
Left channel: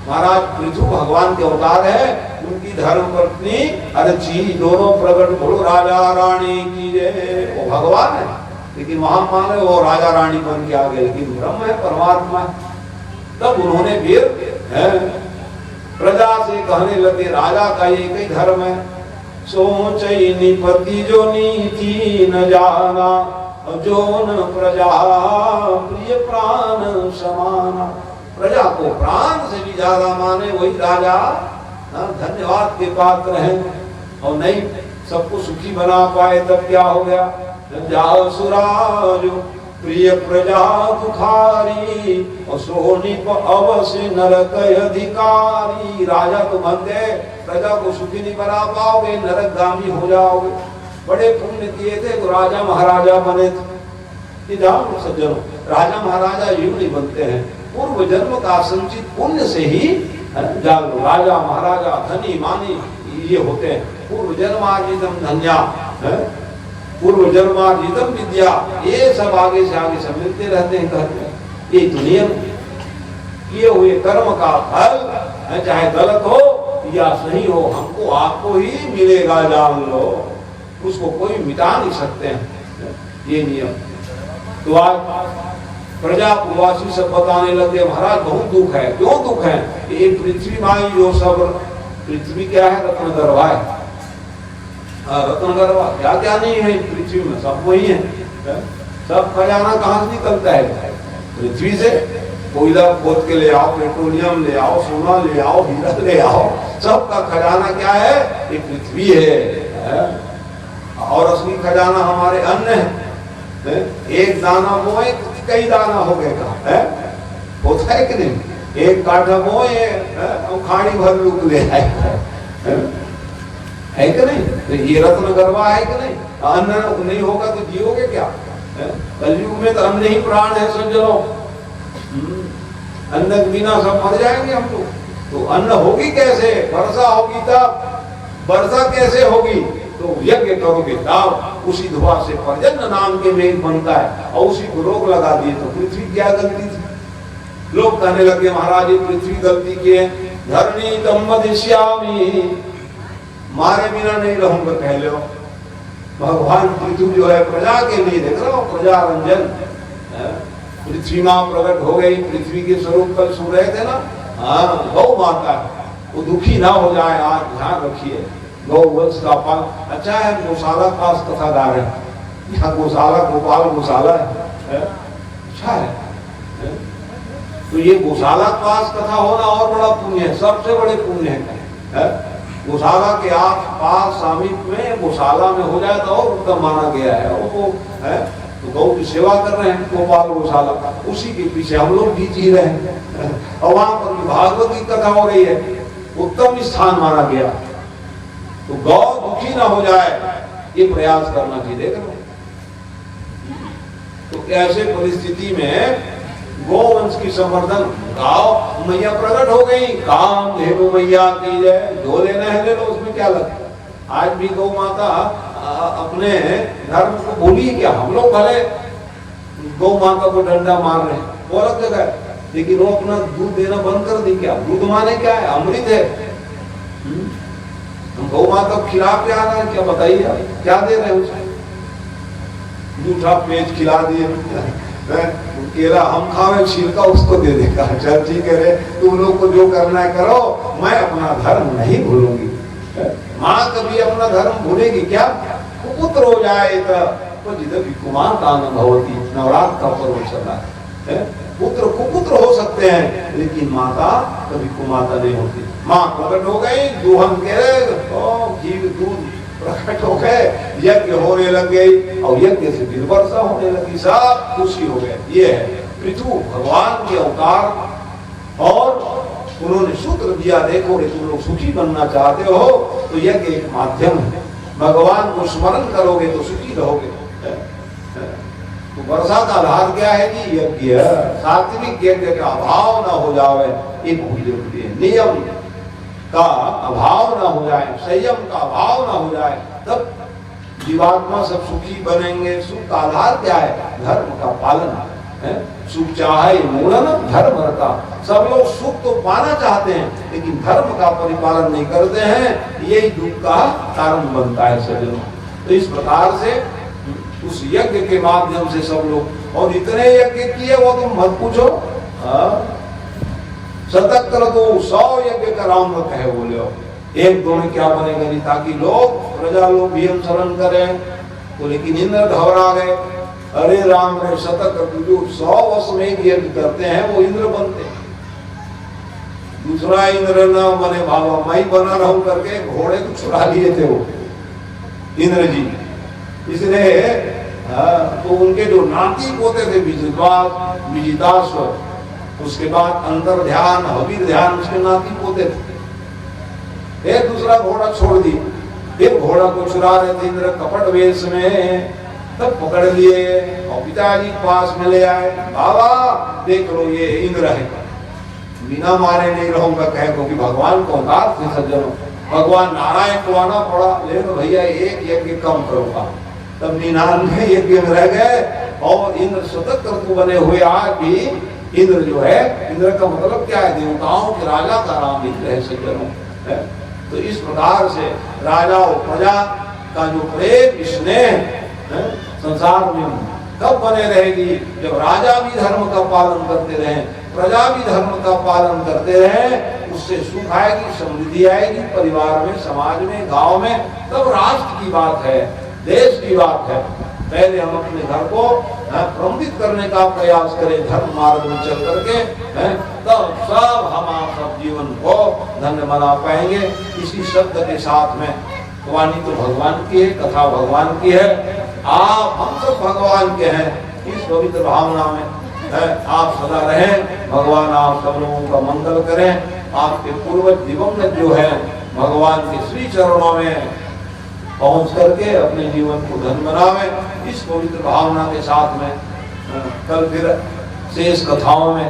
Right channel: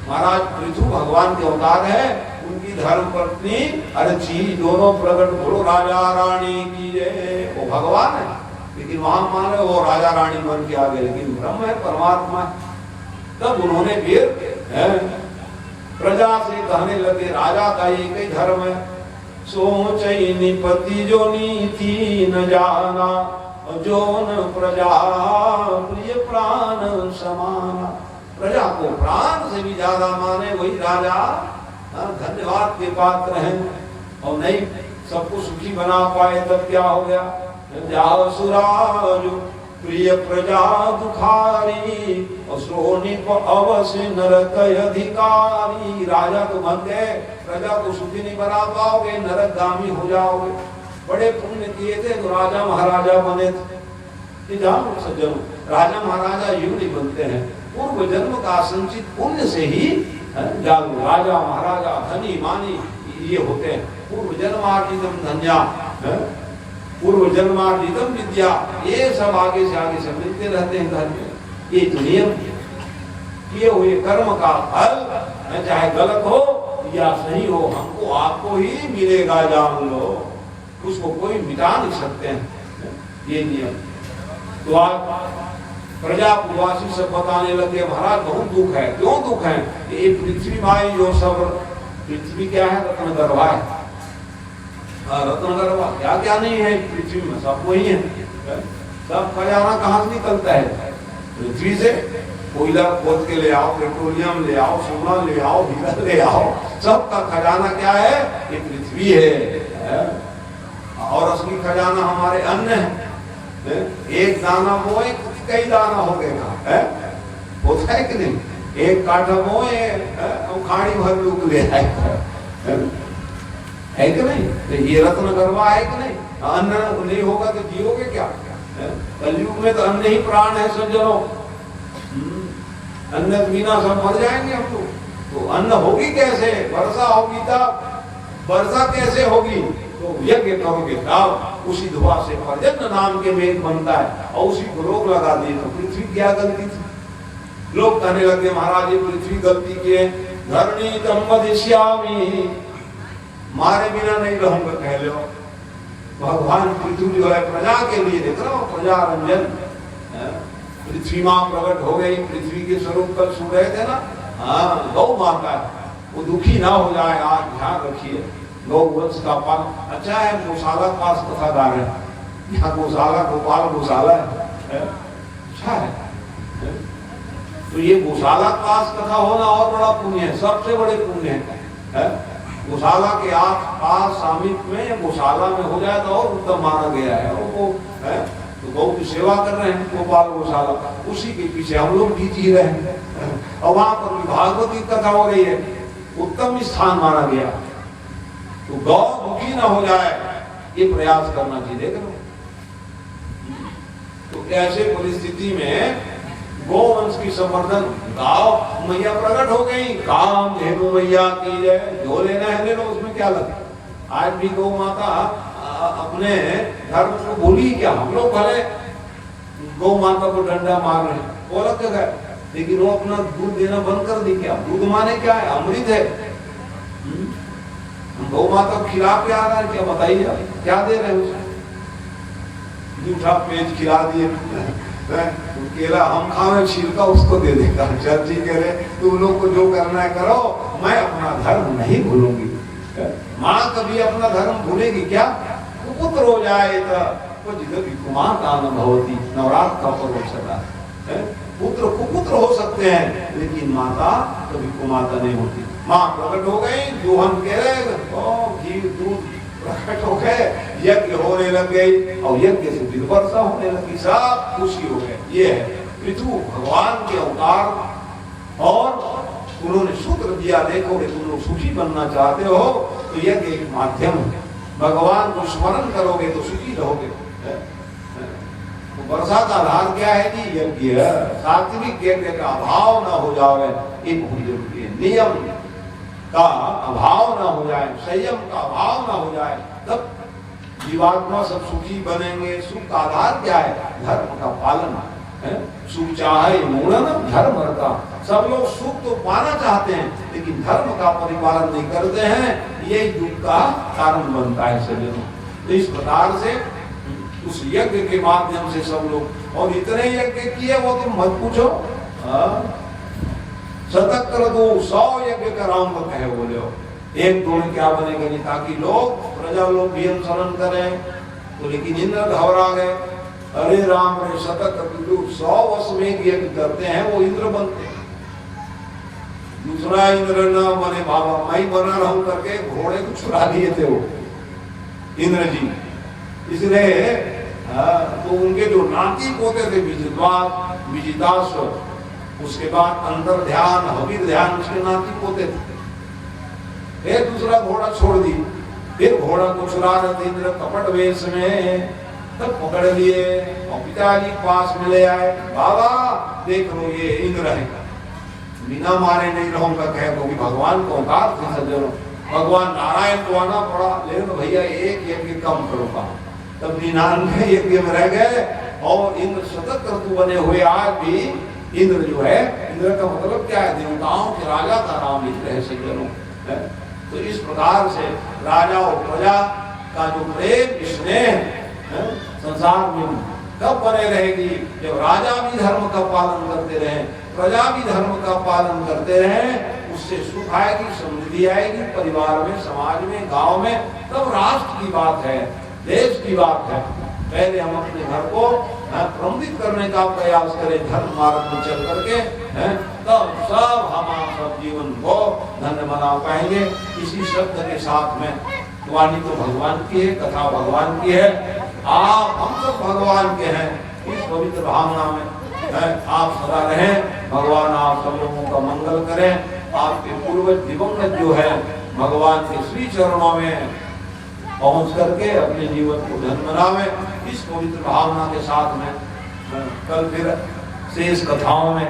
महाराज पृथु भगवान के अवतार है, उनकी धर्म पत्नी अर्ची, दोनों प्रकट हो राजा रानी की जय। वो भगवान है लेकिन वहां माने वो राजा रानी बन के आ गए, लेकिन ब्रह्म है, परमात्मा। तब उन्होंने फिर प्रजा से कहने लगे राजा का एक ही धर्म है, सोच निपति जो नीति न जाना, जो न प्रजा प्रिय प्राण समाना। प्रजा को प्राण से भी ज्यादा माने वही राजा धन्यवाद के पात्र हैं। और नहीं सबको सुखी बना पाए तब क्या हो गया? सुराज प्रिय प्रजा दुखारी, सोनिप अवश्य नरक अधिकारी। राजा तो बन गए, प्रजा को सुखी नहीं बना पाओगे, नरकगामी हो जाओगे। बड़े पुण्य किए थे तो राजा महाराजा बने थे। सज्जनों, राजा महाराजा यूं नहीं बनते हैं, पूर्व जन्म का संचित पुण्य से ही राजा महाराजा धनी मानी ये होते हैं। पूर्व जन्मार्जितम धन्या, पूर्व जन्मार्जितम विद्या, ये सब आगे से मिलते रहते हैं घर में। ये दुनिया किए हुए कर्म का फल चाहे गलत हो या सही हो, हमको आपको ही मिलेगा, जान लो। उसको कोई मिटा नहीं सकते हैं, ये नियम। तो आज प्रजा प्रवासी सब बताने लगे महाराज बहुत दुख है। क्यों दुख है? ये पृथ्वी माई जो सब, पृथ्वी क्या है? रत्न गर्भा है। रत्न गर्भा क्या क्या नहीं है पृथ्वी में, सब वही है। सब खजाना कहाँ से निकलता है? पृथ्वी से। कोयला खोद के ले आओ, पेट्रोलियम ले आओ, सोना ले आओ, हीरा ले आओ, सबका खजाना क्या है? ये पृथ्वी है। और असली खजाना हमारे अन्न है। एक दाना बोए कई दाना हो गए है? होता है कि नहीं? एक काठा बोए खाड़ी भर भी उगले है कि नहीं? तो ये रत्न गर्भा है कि नहीं? अन्न नहीं होगा तो जियोगे क्या? कलयुग में तो अन्न ही प्राण है सज्जनों। अन्न के बिना सब मर जाएंगे हम लोग। तो अन्न होगी कैसे? वर्षा होगी तब। वर्षा कैसे होगी? तो यज्ञ करोगे तब। उसी धुआं से पर्जन्य नाम के मेघ बनता है, और उसी को रोक लगा दिए तो पृथ्वी क्या गलती थी? लोग कहने लगे महाराज ये पृथ्वी गलती की है। धरणी तम वदिष्यामि, मारे बिना नहीं रहूंगा कह लो। भगवान पृथ्वी जो है प्रजा के लिए, देख रहा हूँ प्रजा रंजन। पृथ्वी माँ प्रकट हो गई, पृथ्वी के स्वरूप कल सुन रहे थे ना। हाँ, गौ माता है, वो दुखी ना हो जाए, आज ध्यान रखिए। गौ वंश का पाल अच्छा है। गौशाला के पास कथा गा रहे हैं, यहाँ गौशाला गोपाल गौशाला है, अच्छा है। तो ये गौशाला के पास कथा होना और बड़ा पुण्य है, सबसे बड़े पुण्य है। गौशाला के आस पास सामिप्य में गौशाला में हो जाए तो और उत्तम माना गया है। और वो है तो गौ की सेवा कर रहे हैं गोपाल गौशाला, उसी के पीछे हम लोग भी जी रहे हैं। और वहां पर भागवत की कथा हो रही है, उत्तम स्थान माना गया। तो गौ दुखी ना हो जाए ये प्रयास करना चाहिए। देख लो, तो ऐसे परिस्थिति में गोवंश की संवर्धन, गाँव मैया प्रकट हो गई, काम धेनु मैया की जय। जो लेना है ले लो, उसमें क्या लगा। आज भी गौ माता अपने धर्म को भूली क्या? हम लोग भले गौ माता को डंडा मार रहे हैं वो अलग जगह, लेकिन वो अपना दूध देना बंद कर दी। क्या दूध माने क्या है? अमृत है। गौ माता खिला के आ रहा है, क्या बताइए क्या दे रहे हैं उसे? जूठा पेज खिला दिए, केला हम खावे छिलका उसको दे देगा। चल ठीक है रे, तुम लोग को जो करना है करो, मैं अपना धर्म नहीं भूलूंगी। माँ कभी अपना धर्म भूलेगी क्या? कुपुत्र हो जाए तो जिधर कुमार का अनुभवती, नवरात्र का पर्व चला है। पुत्र कुपुत्र हो सकते हैं, लेकिन माता कभी कुमाता नहीं होती। माँ प्रकट हो गई, दुहन के घी दूध प्रकट हो गए, यज्ञ होने लग गई, और यज्ञ से फिर वर्षा होने लगी, सब खुशी हो गए। ये है पृथु भगवान के अवतार। और उन्होंने सूत्र दिया, देखो तुम लोग सुखी बनना चाहते हो तो यज्ञ एक माध्यम है। भगवान को स्मरण करोगे तो सुखी रहोगे। तो वर्षा का आधार क्या है जी? यज्ञ। सात्विक यज्ञ का अभाव ना हो जाए, ये बहुत जरूरी है। नियम का अभाव ना हो जाए, संयम का अभाव ना हो जाए, तब जीवात्मा सब सुखी बनेंगे। सुख का आधार क्या है? धर्म का पालन है। सुख चाहे मूलम धर्म का। सब लोग सुख तो पाना चाहते हैं, लेकिन धर्म का परिपालन नहीं करते हैं, यही दुख का कारण बनता है सज्जनों। तो इस प्रकार से उस यज्ञ के माध्यम से सब लोग, और इतने यज्ञ किए वो तुम मत पूछो। शतक कर दो 100 यज्ञ कराऊंगा कहे बोले हो, एक दो में क्या बनेगा नहीं, ताकि लोग प्रजा लोग भी हम शरण करें। तो लेकिन इंद्र घबरा गए, अरे राम ने शतक जो 100 वर्ष में एक यज्ञ करते हैं वो इंद्र बनते हैं। दूसरा इंद्र न बने बाबा, मैं बना रहूं करके घोड़े को छुड़ा लिए थे वो इंद्र जी। इसलिए तो उनके जो नाती पोते थे विजिताश्व, उसके बाद अंतर ध्यान हवीर ध्यान, उसके नाती पोते थे। एक दूसरा घोड़ा छोड़ दी, फिर घोड़ा को चुरा रहे थे इंद्र कपट वेश में, तब पकड़ लिए और पिताजी पास में ले आए। बाबा देख लो ये इंद्र है, बिना मारे नहीं रहूंगा कहे, क्योंकि भगवान को अवतार थे सज्जनों, भगवान नारायण को आना पड़ा। ले लो भैया एक यज्ञ कम करूंगा, तब 99 यज्ञ में रह गए। और इंद्र शतक कर्तु बने हुए आज भी इंद्र जो है, इंद्र का मतलब क्या है? देवताओं के राजा का नाम इंद्र है सज्जनों। तो इस प्रकार से राजा और प्रजा का जो प्रेम स्नेह संसार में कब बने रहेगी? जब राजा भी धर्म का पालन करते रहे, प्रजा भी धर्म का पालन करते रहे, उससे सुख आएगी, समृद्धि आएगी परिवार में, समाज में, गांव में। तब राष्ट्र की बात है, देश की बात है। पहले हम अपने घर को प्रमुदित करने का प्रयास करें धर्म मार्ग में चल करके, तब सब हम सब जीवन को धन्य बना पाएंगे। इसी शब्द के साथ में वाणी तो भगवान की है, कथा भगवान की है, आप हम सब भगवान के हैं। इस पवित्र भावना में आप सदा रहें। भगवान आप सब लोगों का मंगल करें। आपके पूर्वज दिवंगत जो है भगवान के श्री चरणों में पहुंच करके अपने जीवन को धन्य बनावें। इस पवित्र भावना के साथ में कल फिर शेष कथाओं में